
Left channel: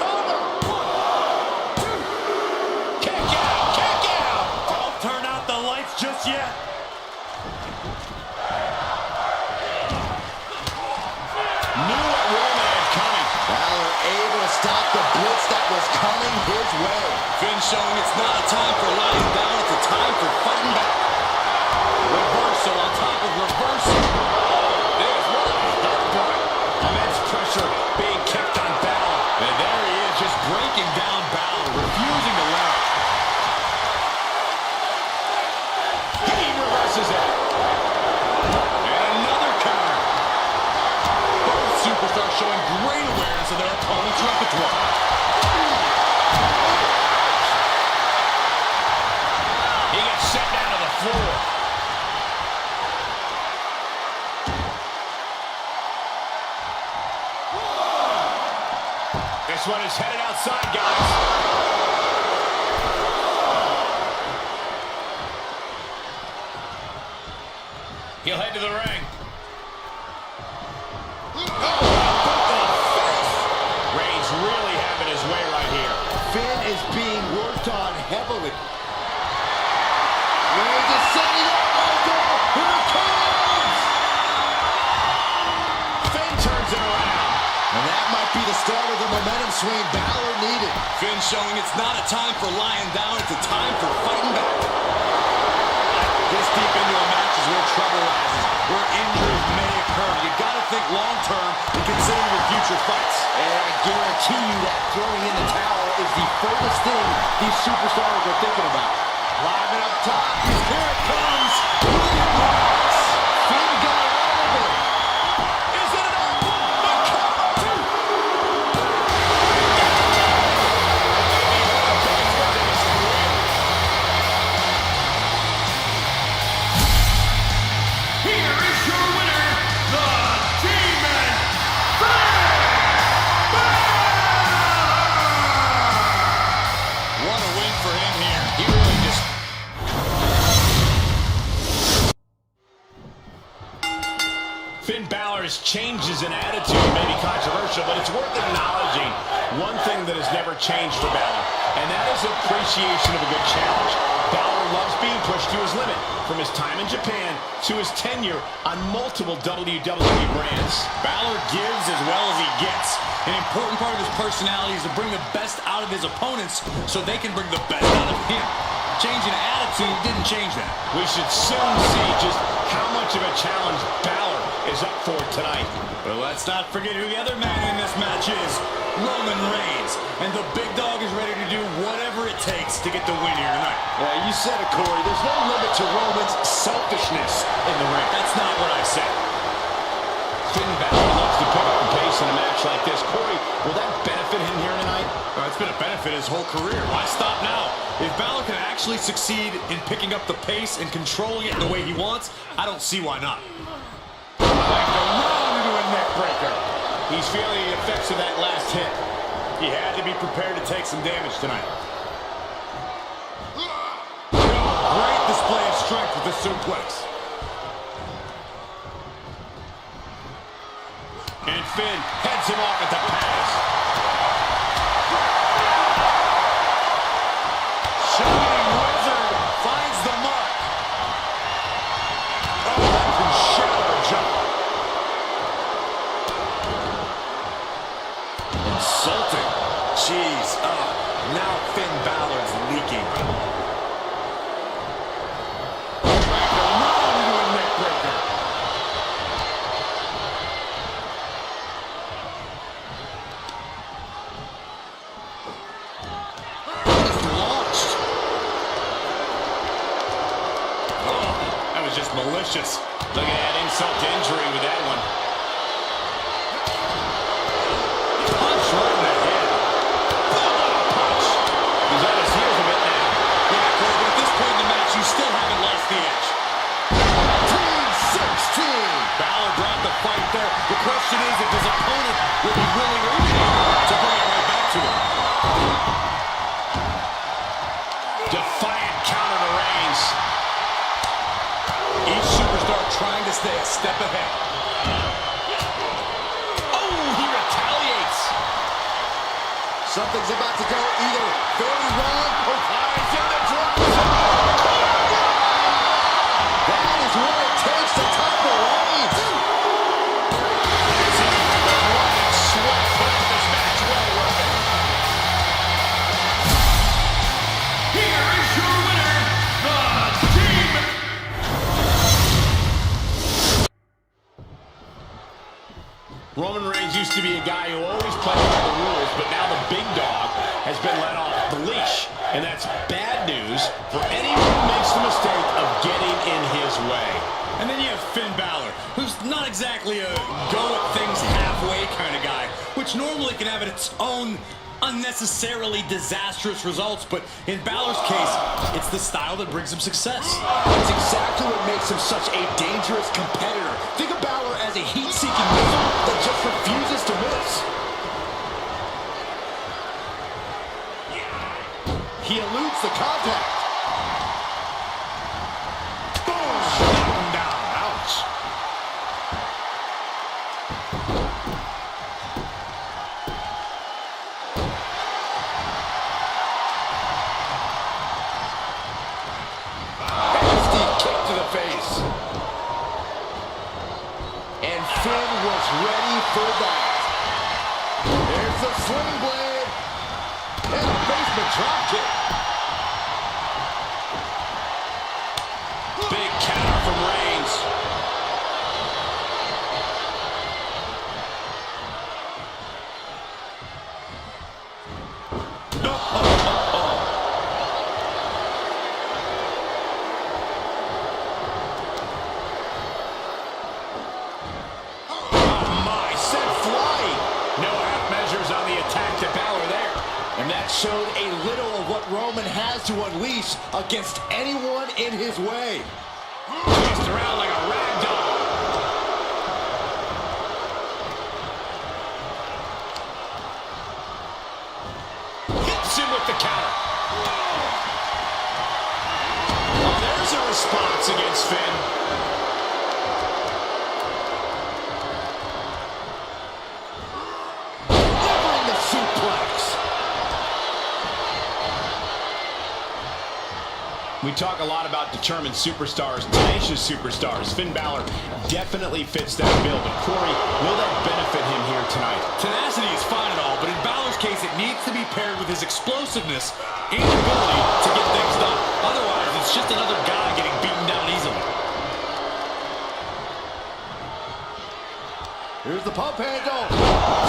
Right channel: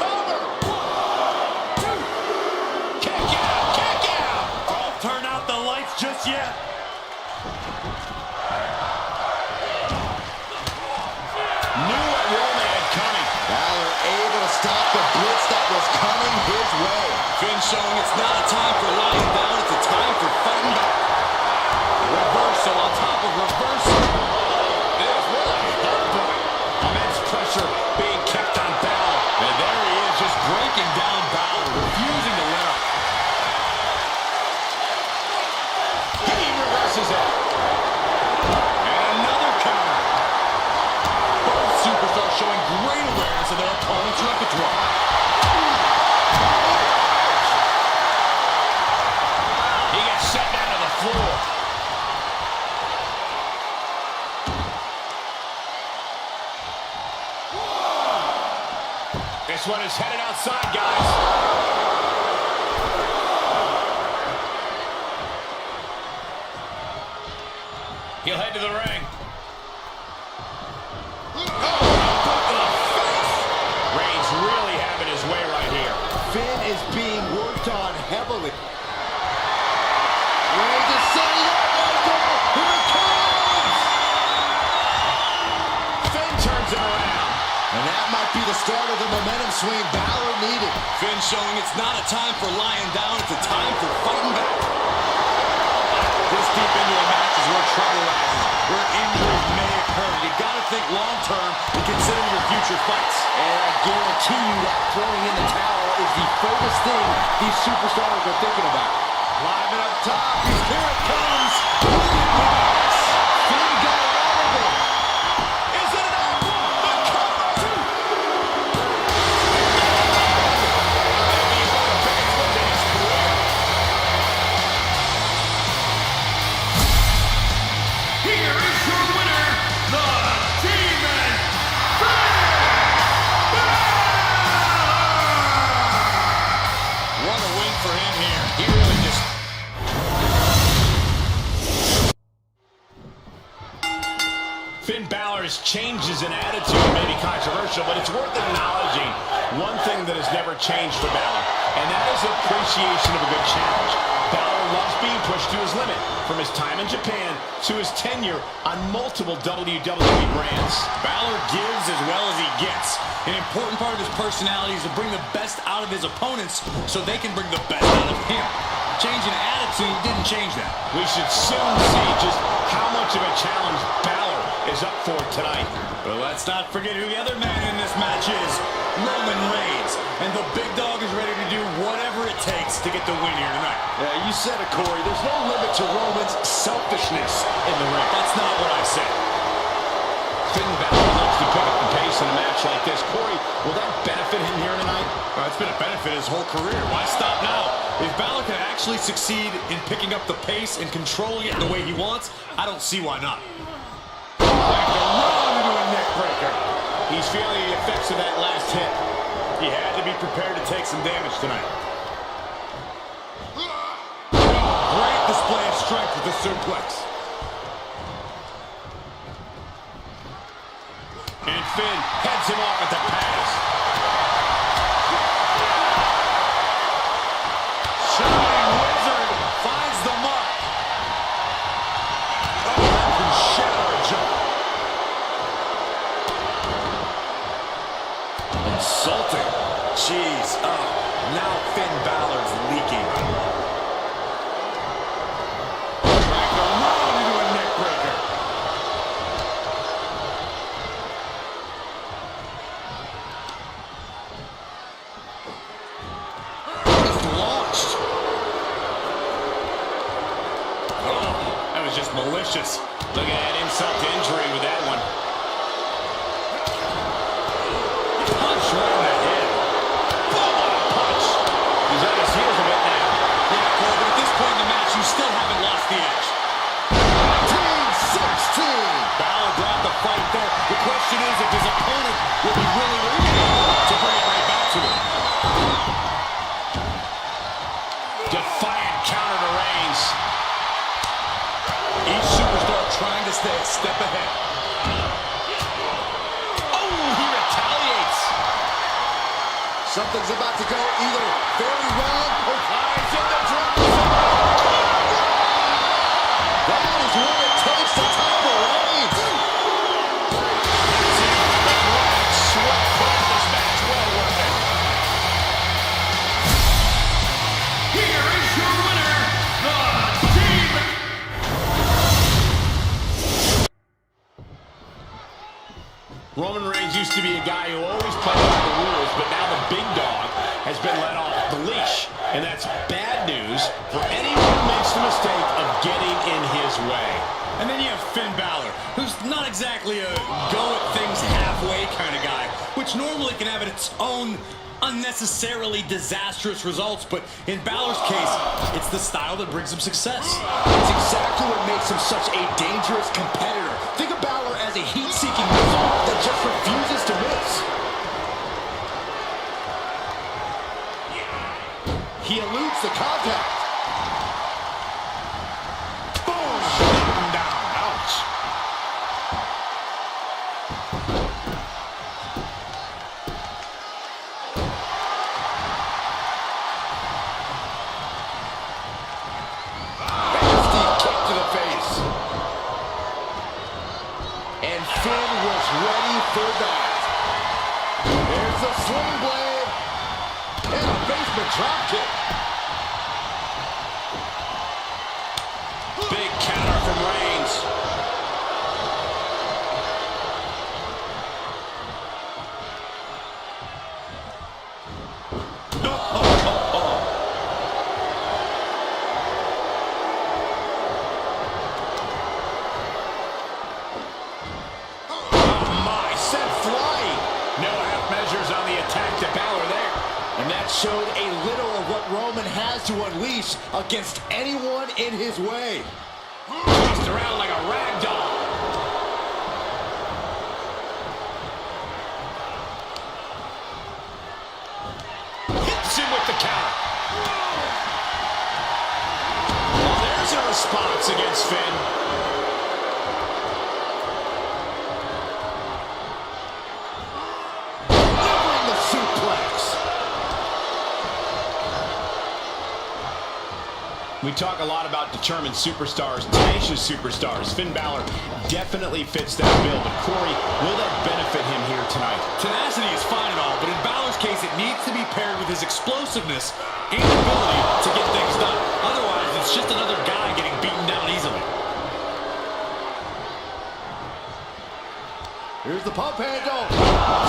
Cover. 1, 2. Kick out. Kick out. Don't turn out the lights just yet. Knew what Roman had coming. Balor able to stop the blitz that was coming his way. Finn showing it's not a time for lying down, it's a time for fighting back. Reversal on top of reversal. This, what a headbutt. Immense pressure being kept on Balor. And there he is, just breaking down Balor, refusing to let up. He reverses it. And another counter. Both superstars showing great awareness of their opponent's repertoire. He gets set down to the floor. This one is headed outside, guys. He'll head to the ring. Reigns really having his way right here. Finn is being worked on heavily. Reigns is setting up right there. Here it comes. Finn turns it around. And that might be the start of the momentum swing Balor needed. Finn showing it's not a time for lying down, it's a time for fighting back. This deep into a match is where trouble rises, where injuries may occur. You got to think long-term and consider your future fights. And I guarantee you that throwing in the towel is the furthest thing these superstars are thinking about. Live and up top, here it comes. Finn got out of it. Is it enough? The cover! Maybe one of the biggest wins in his career. Here is your winner, the Demon Finn Balor! What a win for him here. He really just... Finn Balor's changes in attitude may be controversial, but it's worth acknowledging one thing that has never changed for Balor, and that is appreciation of a good challenge. Balor loves being pushed to his limit, from his time in Japan to his tenure on multiple WWE brands. Balor gives as well as he gets. An important part of his personality is to bring the best out of his opponents so they can bring the best out of him. Changing attitude didn't change that. We should soon see just how much of a challenge Balor is up for tonight. But let's not forget who the other man in this match is. Roman Reigns. And the big dog is ready to do whatever it takes to get the win here tonight. Yeah, you said it, Corey. There's no limit to Roman's selfishness in the ring. That's not what I said. Finn Balor loves to pick up the pace in a match like this. Corey, will that benefit him here tonight? It's been a benefit his whole career. Why stop now? If Balor can actually succeed in picking up the pace and controlling it the way he wants, I don't see why not. Back around into a neck breaker. He's feeling the effects of that last hit. He had to be prepared to take some damage tonight. Great display of strength with the suplex. And Finn heads him off at the pass. Shining Wizard finds the mark. Oh, that can shatter a jump. Insulting. Jeez. Oh, now Finn Balor's leaking. Dragged around into a neck breaker. Just launched. Oh, that was just malicious. Look at that insult to injury with that one. Punch right in the head. Boom, what a punch. He's on his heels a bit now. Yeah, Cole, but at this point in the match, you still haven't lost the edge. 16. Balor brought the fight there. The question is if his opponent will be willing or even able to bring it right back to him. Defiant counter to Reigns. Each superstar trying to stay a step ahead. Oh, he retaliates. Something's about to go either very wrong or He's in the drop. that is what it takes to topple Reigns. That's it. The blood and sweat makes this match well worth it. Here is your winner, the Demon. Roman Reigns used to be a guy who always played by the rules, but now the big dog has been let off the leash. And that's bad news for anyone who makes the mistake of getting in his way. And then you have Finn Balor, who's not exactly a go-at-things-halfway kind of guy, which normally can have its own unnecessarily disastrous results, but in Balor's case, it's the style that brings him success. That's exactly what makes him such a dangerous competitor. Think of Balor as a heat-seeking missile that just refuses to miss. He eludes the contact. Boom! Knock him down. Ouch. Nasty kick to the face. And Finn was ready for that. There's the sling blade. And a basement drop kick. Big count. On the attack to Balor there. And that showed a little of what Roman has to unleash against anyone in his way. Tossed around like a rag doll. Hits him with the counter. Oh, there's a response against Finn. We talk a lot about determined superstars, tenacious superstars. Finn Balor definitely fits that bill, but Corey, will that benefit him here tonight? Tenacity is fine and all, but in Balor's case, it needs to be paired with his explosiveness and ability to get things done. Otherwise, it's just another guy getting beaten down easily. Here's the pump handle.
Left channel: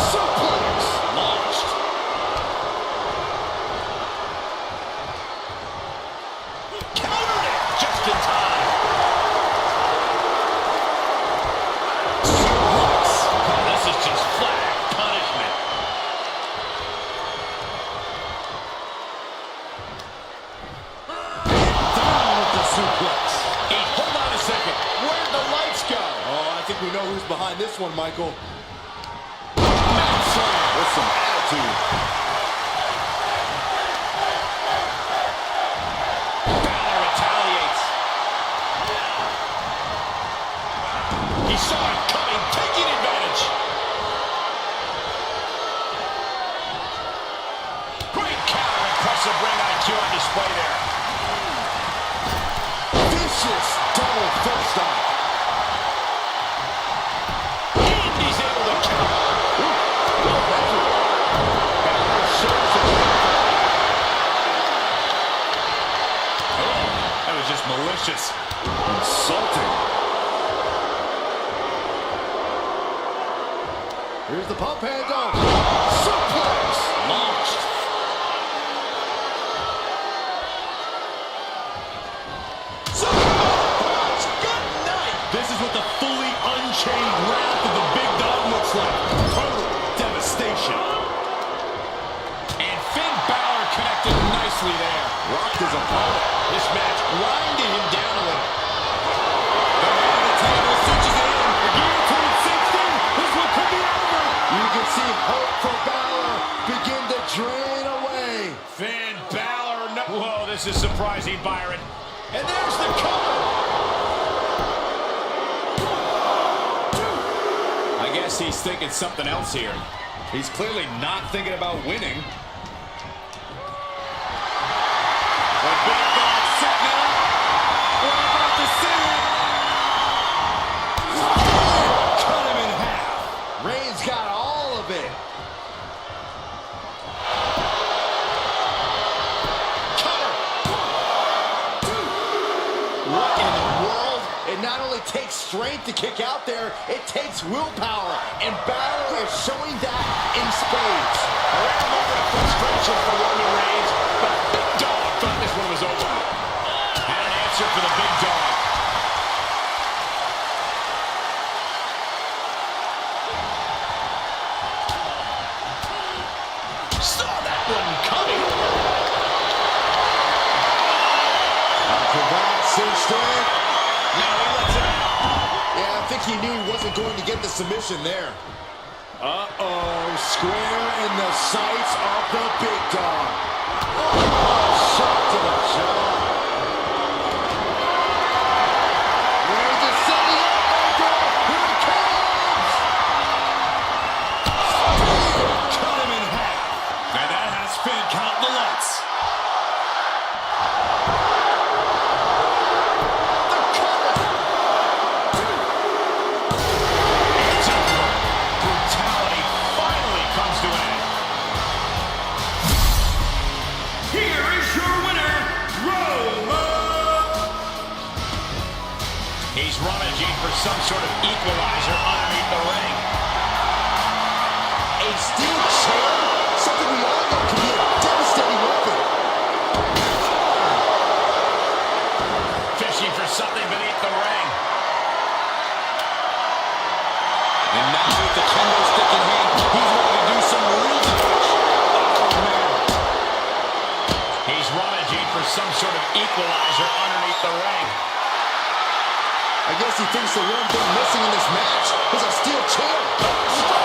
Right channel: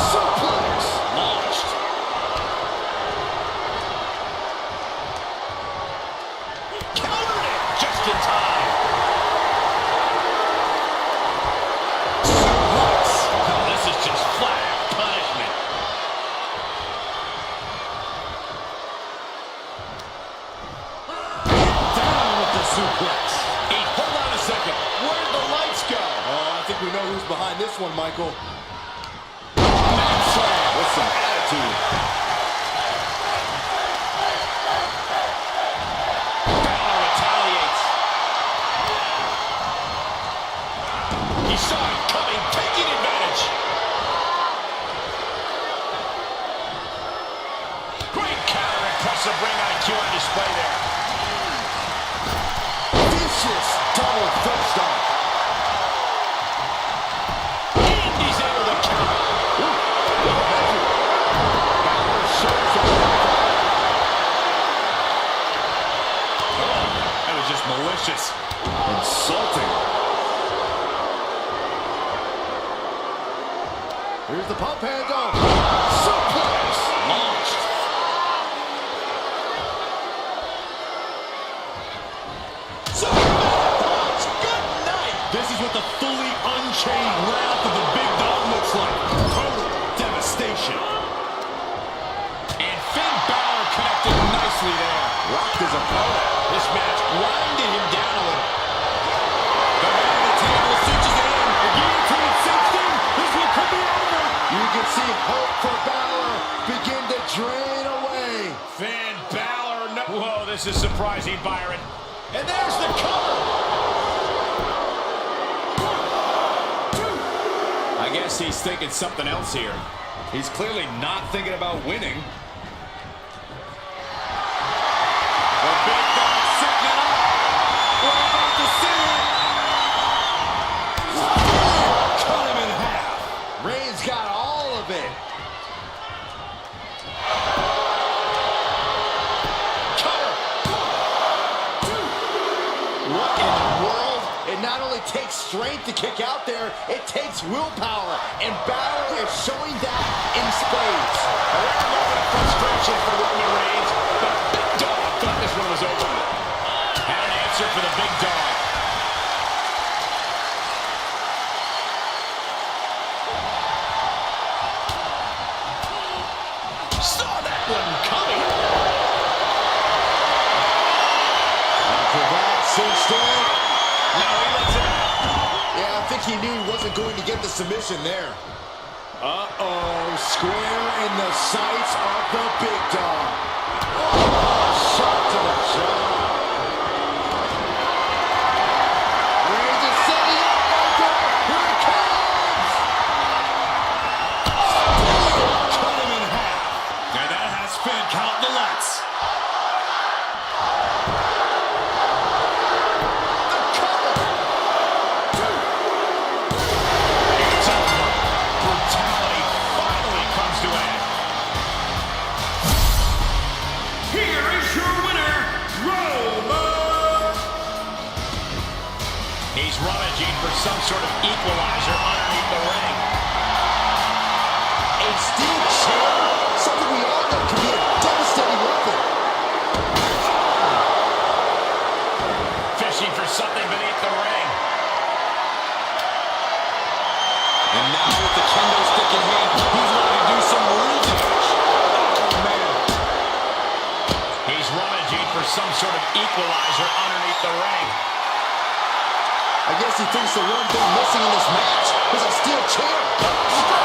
Suplex launched. In time. Suplex. Oh, this is just flat punishment. Down with the suplex. Hold on a second. Where'd the lights go? Oh, I think we know who's behind this one, Michael. Mat slam with some attitude. Saw it coming, taking advantage. Great counter, impressive ring IQ on display there. Vicious double foot stomp. And he's able to counter. Well measured. Balor shows the Oh, that was just malicious. Insulting. Here's the pump handle. Suplex launched. Superman. Good night. This is what the fully unchained wrath of the big dog looks like. Total devastation. And Finn Balor connected nicely there. Rocked his opponent. This match grinded him down a little. The man of the table cinches it in. The guillotine sinks in. This one could be over. You can see hope for Balor begin to drain away. Finn Balor, no. Whoa, this is surprising, Byron. And there's the cover. 1, 2. I guess he's thinking something else here. He's clearly not thinking about winning. The big dog setting it up. We're about to see it. Cut him in half. Reigns got all of it. Cover. 1, 2. What in the world? It not only takes strength to kick out there, it takes willpower. And Balor is showing that in spades. A rare moment of frustration for Roman Reigns, but Big Dog thought this one was over. Had an answer for the Big Dog. Saw that one coming. Cravat cinched in. No, he lets it out. Yeah, I think he knew he wasn't going to get the submission there. Uh-oh, square in the sights of the Big Dog. Oh, shot to the jaw. Reigns is setting up, Michael. Here it comes. Cut him in half. And that has Finn counting the lights. The cover. 1, 2. It's over. Brutality finally comes to an end. Here is your winner, Roman. He's rummaging for some sort of equalizer underneath the ring. A steel chair, something we all know can be a devastating some sort of equalizer underneath the ring. I guess he thinks the one thing missing in this match is a steel chair.